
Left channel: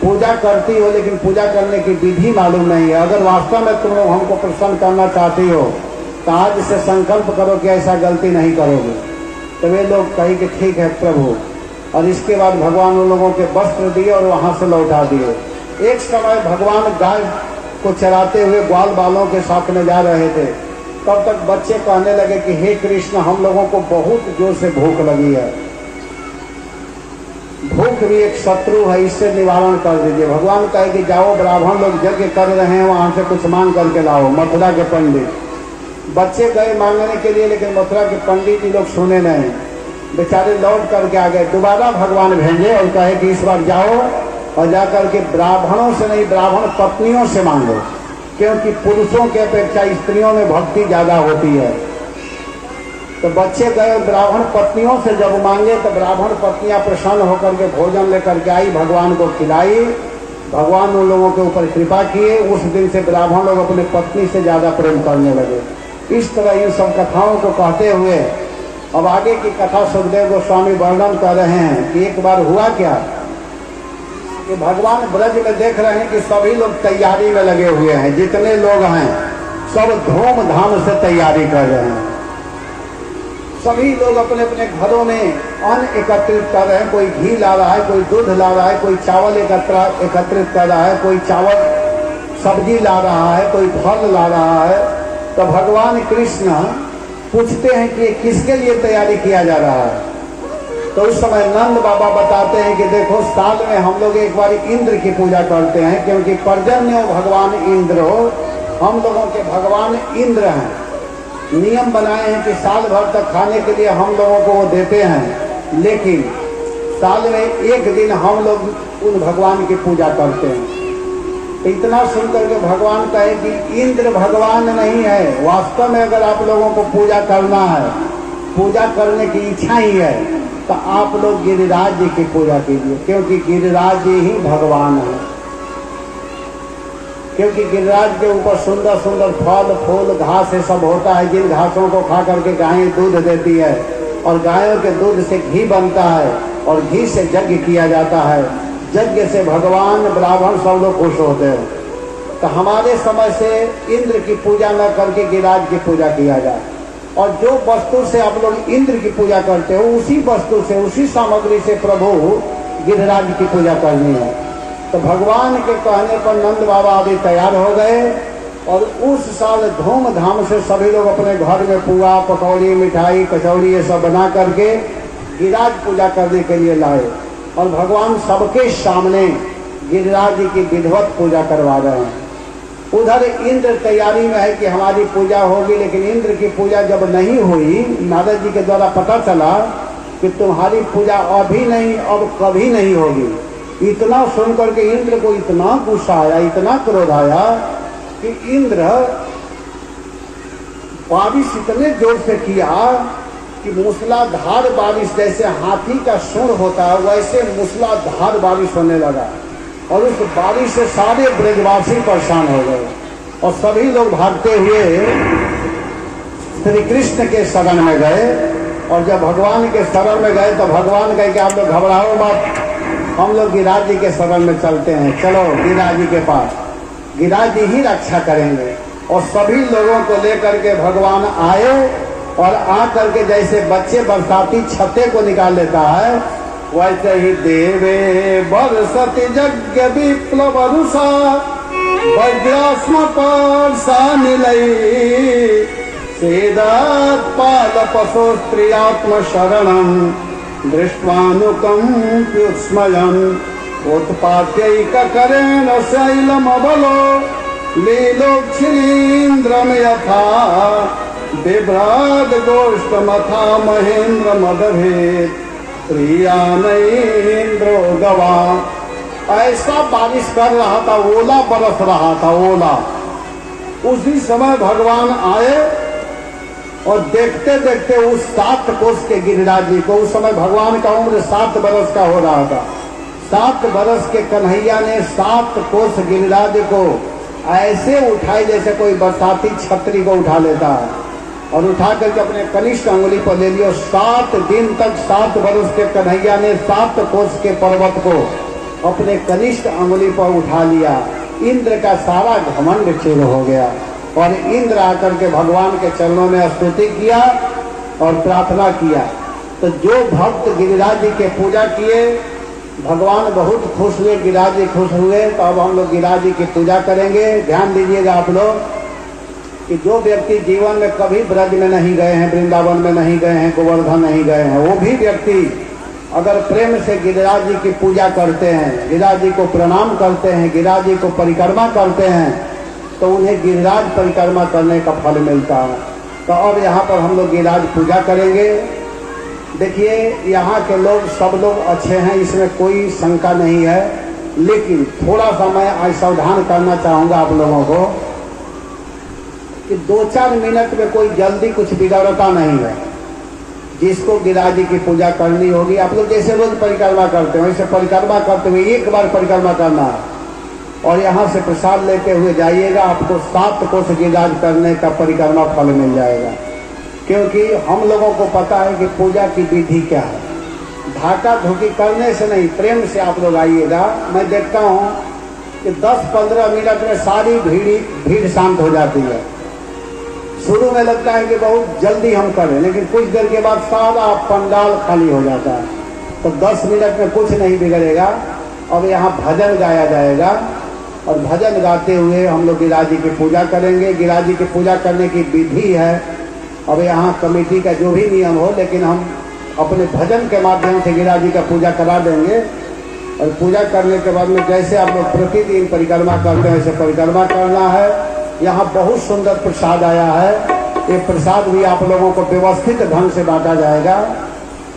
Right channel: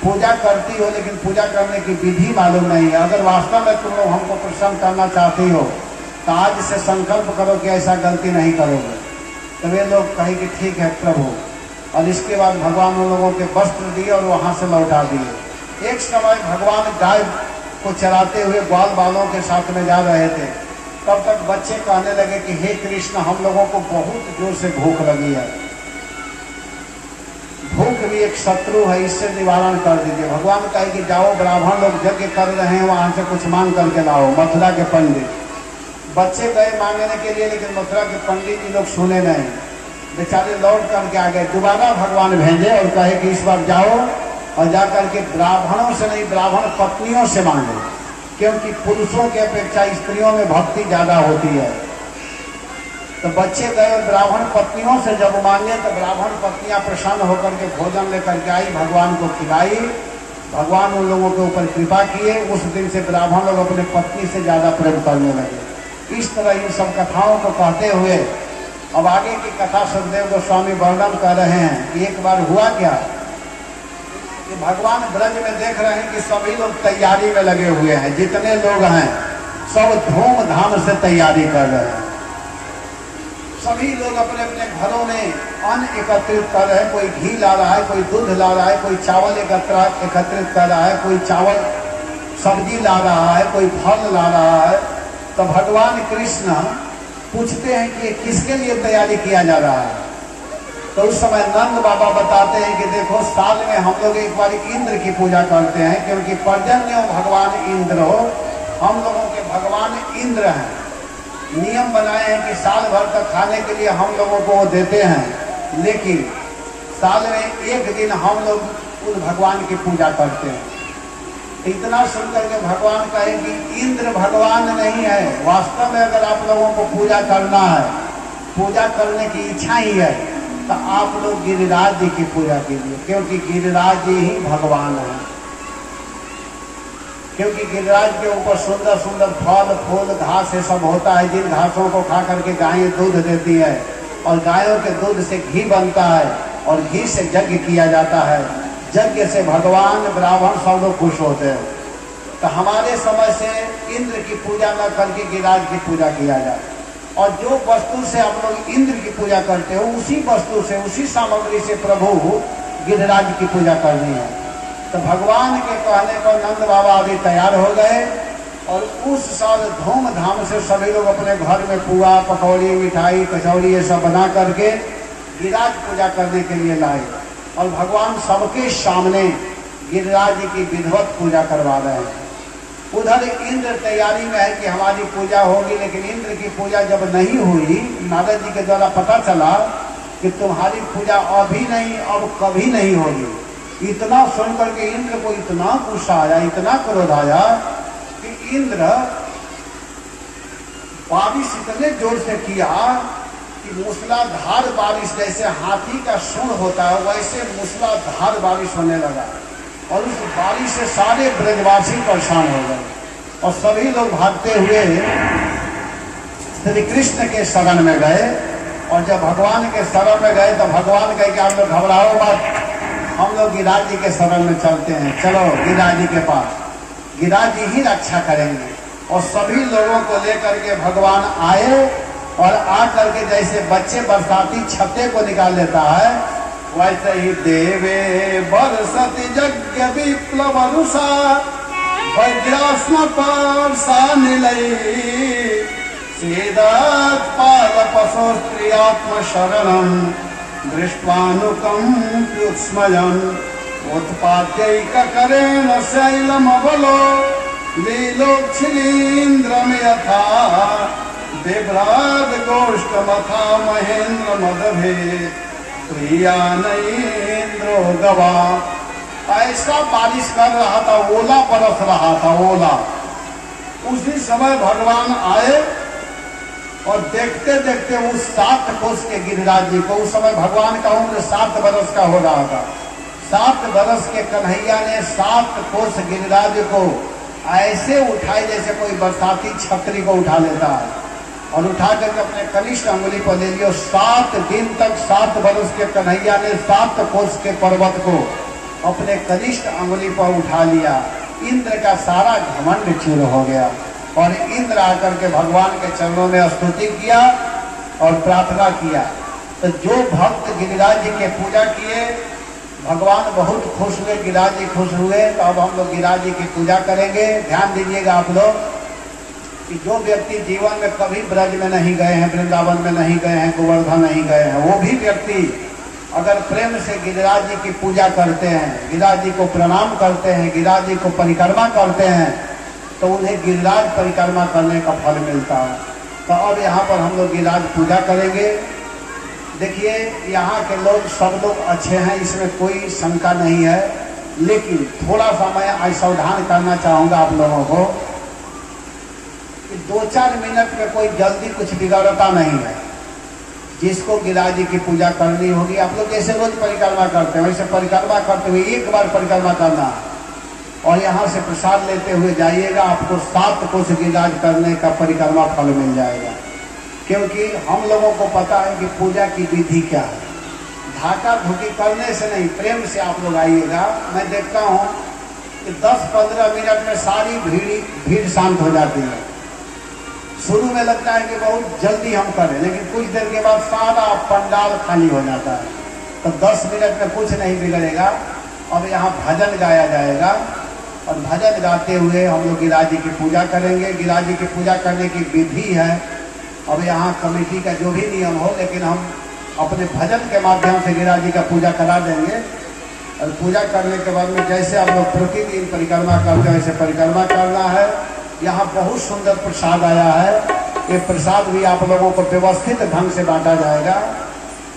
पूजा करती हो लेकिन पूजा करने की विधि मालूम नहीं है। अगर वास्तव में तुम हमको प्रसन्न करना चाहती हो तो आज से संकल्प करो कि ऐसा गलती नहीं करोगे। तो वे लोग कहे कि ठीक है प्रभु, और इसके बाद भगवान उन लोगों के वस्त्र दिए और वहां से लौटा दिए। एक समय भगवान गाय को चराते हुए ग्वाल बालों के साथ में जा रहे थे, तब तक बच्चे कहने लगे कि हे कृष्ण, हम लोगों को बहुत जोर से भूख लगी है, भूख भी एक शत्रु है, इससे निवारण कर दीजिए। भगवान कहे कि जाओ, ब्राह्मण लोग यज्ञ कर रहे हैं, वहां से कुछ मांग करके लाओ। मथुरा के पंडित बच्चे गए मांगने के लिए, लेकिन मथुरा के पंडित जी लोग सुने नहीं, बेचारे लौट करके आ गए। दोबारा भगवान भेजे और कहे कि इस बार जाओ और जाकर के ब्राह्मणों से नहीं, ब्राह्मण पत्नियों से मांगो, क्योंकि पुरुषों की अपेक्षा स्त्रियों में भक्ति ज्यादा होती है। तो बच्चे गए और ब्राह्मण पत्नियों से जब मांगे तो ब्राह्मण पत्नियां प्रसन्न होकर के भोजन लेकर के आई, भगवान को खिलाई। भगवान उन लोगों के ऊपर कृपा किए। उस दिन से ब्राह्मण लोग अपने पत्नी से ज्यादा प्रेम करने लगे। इस तरह इन सब कथाओं को कहते हुए अब आगे की कथा सुखदेव गोस्वामी वर्णन कर रहे हैं कि एक बार हुआ क्या कि भगवान ब्रज में देख रहे हैं कि सभी लोग तैयारी में लगे हुए हैं, जितने लोग हैं सब धूमधाम से तैयारी कर रहे हैं। सभी लोग अपने अपने घरों में अन्न एकत्रित कर रहे हैं, कोई घी ला रहा है, कोई दूध ला रहा है, कोई चावल एकत्रित कर रहा है, कोई चावल सब्जी ला रहा है, कोई फल ला रहा है। तो भगवान कृष्ण पूछते हैं कि किसके लिए तैयारी किया जा रहा है। तो उस समय नंद बाबा बताते हैं कि देखो साल में हम लोग एक बार इंद्र की पूजा करते हैं, क्योंकि पर्जन्य भगवान इंद्र हो, हम लोगों के भगवान इंद्र हैं। नियम बनाए हैं कि साल भर तक खाने के लिए हम लोगों को वो देते हैं, लेकिन साल में एक दिन हम लोग उन भगवान की पूजा करते हैं। इतना सुनकर के भगवान कहे कि इंद्र भगवान नहीं है, वास्तव में अगर आप लोगों को पूजा करना है, पूजा करने की इच्छा ही है, तो आप लोग गिरिराज जी की पूजा कीजिए, क्योंकि गिरिराज जी ही भगवान है। क्योंकि गिरिराज के ऊपर सुंदर सुंदर फल फूल घास ये सब होता है, जिन घासों को खा करके गायें दूध देती है, और गायों के दूध से घी बनता है, और घी से यज्ञ किया जाता है। यज्ञ से भगवान ब्राह्मण सब लोग खुश होते हैं। तो हमारे समय से इंद्र की पूजा न करके गिरिराज की पूजा किया जाए, और जो वस्तु से आप लोग इंद्र की पूजा करते हो, उसी वस्तु से, उसी सामग्री से प्रभु गिरिराज की पूजा करनी है। तो भगवान के कहने पर नंद बाबा अभी तैयार हो गए, और उस साल धूमधाम से सभी लोग अपने घर में पुआ पकौड़ी मिठाई कचौड़ी ये सब बना करके गिरिराज पूजा करने के लिए लाए, और भगवान सबके सामने गिरिराज जी की विधिवत पूजा करवा रहे हैं। उधर इंद्र तैयारी में है कि हमारी पूजा होगी, लेकिन इंद्र की पूजा जब नहीं हुई, नारद जी के द्वारा पता चला कि तुम्हारी पूजा अभी नहीं और कभी नहीं होगी। इतना सुनकर के इंद्र को इतना गुस्सा आया, इतना क्रोध आया कि इंद्र बारिश इतने जोर से किया कि मूसलाधार बारिश, जैसे हाथी का सुर होता है वैसे मूसलाधार बारिश होने लगा, और उस बारिश से सारे ब्रजवासी परेशान हो गए, और सभी लोग भागते हुए श्री कृष्ण के शरण में गए। और जब भगवान के शरण में गए तो भगवान कहे कि आप लोग घबराओ मत, हम लोग गिरिराज जी के शरण में चलते हैं, चलो गिरिराज जी के पास, गिरिराज जी ही रक्षा करेंगे। और सभी लोगों को लेकर के भगवान आए, और आकर के जैसे बच्चे बरसाती छत्ते को निकाल लेता है, वैसे ही देवे बरसति यज्ञ विप्लव रुषा वज्रास्म पार्षा निलयी सेदात पाल पशु प्रियात्म शरणम दृष्टानुकंप्युत्स्मयम् उत्पाद्यैक करेण शैलम बलो लीलोच्छिलीन्द्रम यथा बिभ्राद गोष्ठमथा महेन्द्र मदभेद प्रियानैन्द्रो गवा। ऐसा बारिश कर रहा था, ओला बरस रहा था, ओला। उसी समय भगवान आए, और देखते देखते उस 7 कोस के गिरिराज जी को, उस समय भगवान का उम्र 7 बरस का हो रहा था, 7 बरस के कन्हैया ने 7 कोस गिरिराज को ऐसे उठाई जैसे कोई बरसाती छतरी को उठा लेता है, और उठा करके अपने कनिष्ठ अंगुली पर ले लिया। 7 दिन तक 7 बरस के कन्हैया ने 7 कोस के पर्वत को अपने कनिष्ठ अंगुली पर उठा लिया। इंद्र का सारा घमंड चूर हो गया, और इंद्र आकर के भगवान के चरणों में स्तुति किया और प्रार्थना किया। तो जो भक्त गिरिराज जी के पूजा किए, भगवान बहुत खुश हुए, गिरिराज जी खुश हुए। तो अब हम लोग गिरिराज जी की पूजा करेंगे। ध्यान दीजिएगा आप लोग कि जो व्यक्ति जीवन में कभी ब्रज में नहीं गए हैं, वृंदावन में नहीं गए हैं, गोवर्धन नहीं गए हैं, वो भी व्यक्ति अगर प्रेम से गिरिराज जी की पूजा करते हैं, गिरिराज जी को प्रणाम करते हैं, गिरिराज जी को परिक्रमा करते हैं, तो उन्हें गिरिराज परिक्रमा करने का फल मिलता है। तो अब यहाँ पर हम लोग गिरिराज पूजा करेंगे। देखिए, यहाँ के लोग सब लोग अच्छे हैं, इसमें कोई शंका नहीं है, लेकिन थोड़ा सा मैं सावधान करना चाहूंगा आप लोगों को कि 2-4 मिनट में कोई जल्दी कुछ बिगाड़ता नहीं है। जिसको गिरिराज जी की पूजा करनी होगी, आप लोग जैसे रोज परिक्रमा करते हैं वैसे परिक्रमा करते हुए एक बार परिक्रमा करना है। और यहाँ से प्रसाद लेते हुए जाइएगा, आपको 7 कोस गिरिराज करने का परिक्रमा फल मिल जाएगा। क्योंकि हम लोगों को पता है कि पूजा की विधि क्या है। धाका धुकी करने से नहीं, प्रेम से आप लोग आइएगा। मैं देखता हूँ कि 10-15 मिनट में सारी भीड़ शांत हो जाती है। शुरू में लगता है कि बहुत जल्दी हम करें, लेकिन कुछ देर के बाद सारा पंडाल खाली हो जाता है। तो 10 मिनट में कुछ नहीं बिगड़ेगा। अब यहाँ भजन गाया जाएगा और भजन गाते हुए हम लोग गिरिराज जी की पूजा करेंगे। गिरिराज जी की पूजा करने की विधि है। अब यहाँ कमेटी का जो भी नियम हो, लेकिन हम अपने भजन के माध्यम से गिरिराज जी का पूजा करा देंगे। और पूजा करने के बाद में जैसे आप लोग प्रतिदिन परिक्रमा करते हैं वैसे परिक्रमा करना है। यहाँ बहुत सुंदर प्रसाद आया है। ये प्रसाद भी आप लोगों को व्यवस्थित ढंग से बांटा जाएगा।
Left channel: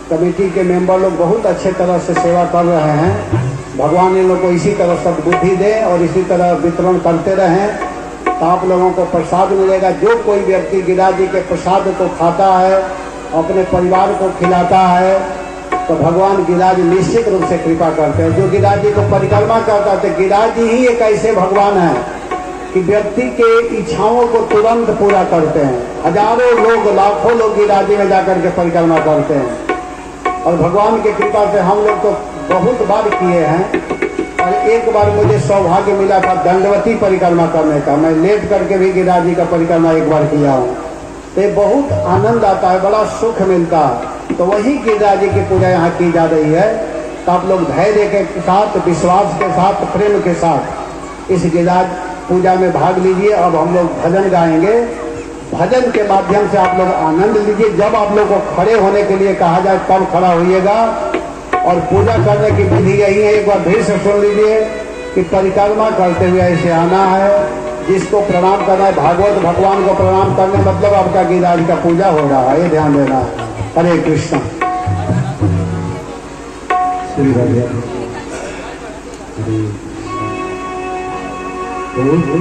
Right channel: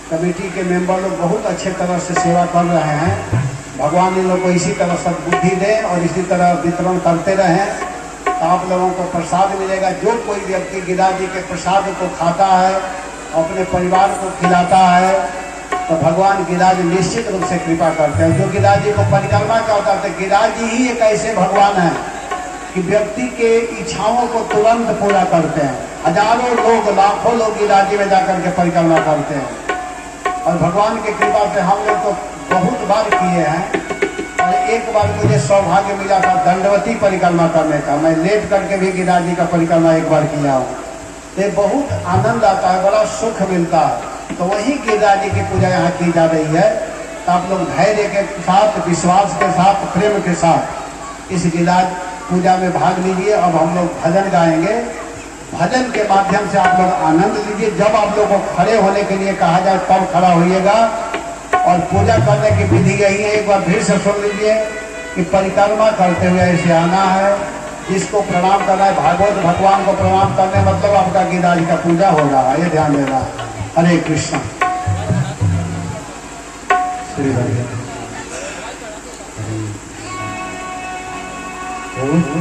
कमेटी के मेंबर लोग बहुत अच्छे तरह से सेवा कर रहे हैं। भगवान इन लोगों को इसी तरह से बुद्धि दे और इसी तरह वितरण करते रहें, तो आप लोगों को प्रसाद मिलेगा। जो कोई व्यक्ति गिरिराज जी के प्रसाद को खाता है, अपने परिवार को खिलाता है, तो भगवान गिरिराज निश्चित रूप से कृपा करते हैं। जो गिरिराज जी को परिक्रमा करता है, गिरिराज जी ही एक ऐसे भगवान है कि व्यक्ति के इच्छाओं को तुरंत पूरा करते हैं। हजारों लोग, लाखों लोग गिरिराज जी में जाकर के परिक्रमा करते हैं। और भगवान की कृपा से हम लोग तो बहुत बार किए हैं। और एक बार मुझे सौभाग्य मिला था दंडवती परिक्रमा करने का। मैं लेट करके भी गिरिराज जी का परिक्रमा एक बार किया हूँ। तो ये बहुत आनंद आता है, बड़ा सुख मिलता है। तो वही गिरिराज जी की पूजा यहाँ की जा रही है। तो आप लोग धैर्य के साथ, विश्वास के साथ, प्रेम के साथ इस गिरिराज पूजा में भाग लीजिए। अब हम लोग भजन गाएंगे। भजन के माध्यम से आप लोग आनंद लीजिए। जब आप लोग को खड़े होने के लिए कहा जाए तब खड़ा होइएगा। और पूजा करने की विधि यही है, एक बार फिर से सुन लीजिए कि परिक्रमा करते हुए ऐसे आना है। जिसको प्रणाम करना है, भागवत भगवान को प्रणाम करने मतलब आपका गिरिराज का पूजा हो रहा है, ये ध्यान देना है। हरे कृष्ण।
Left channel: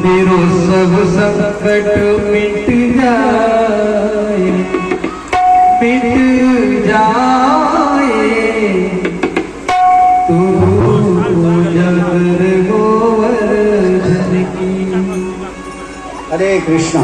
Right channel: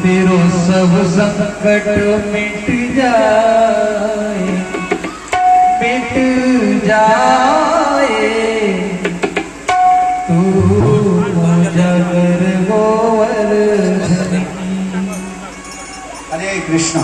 तेरो सब संकट मिट जाए, मिट जाए। तू पूजा कर गोवर्धन की। हरे कृष्ण।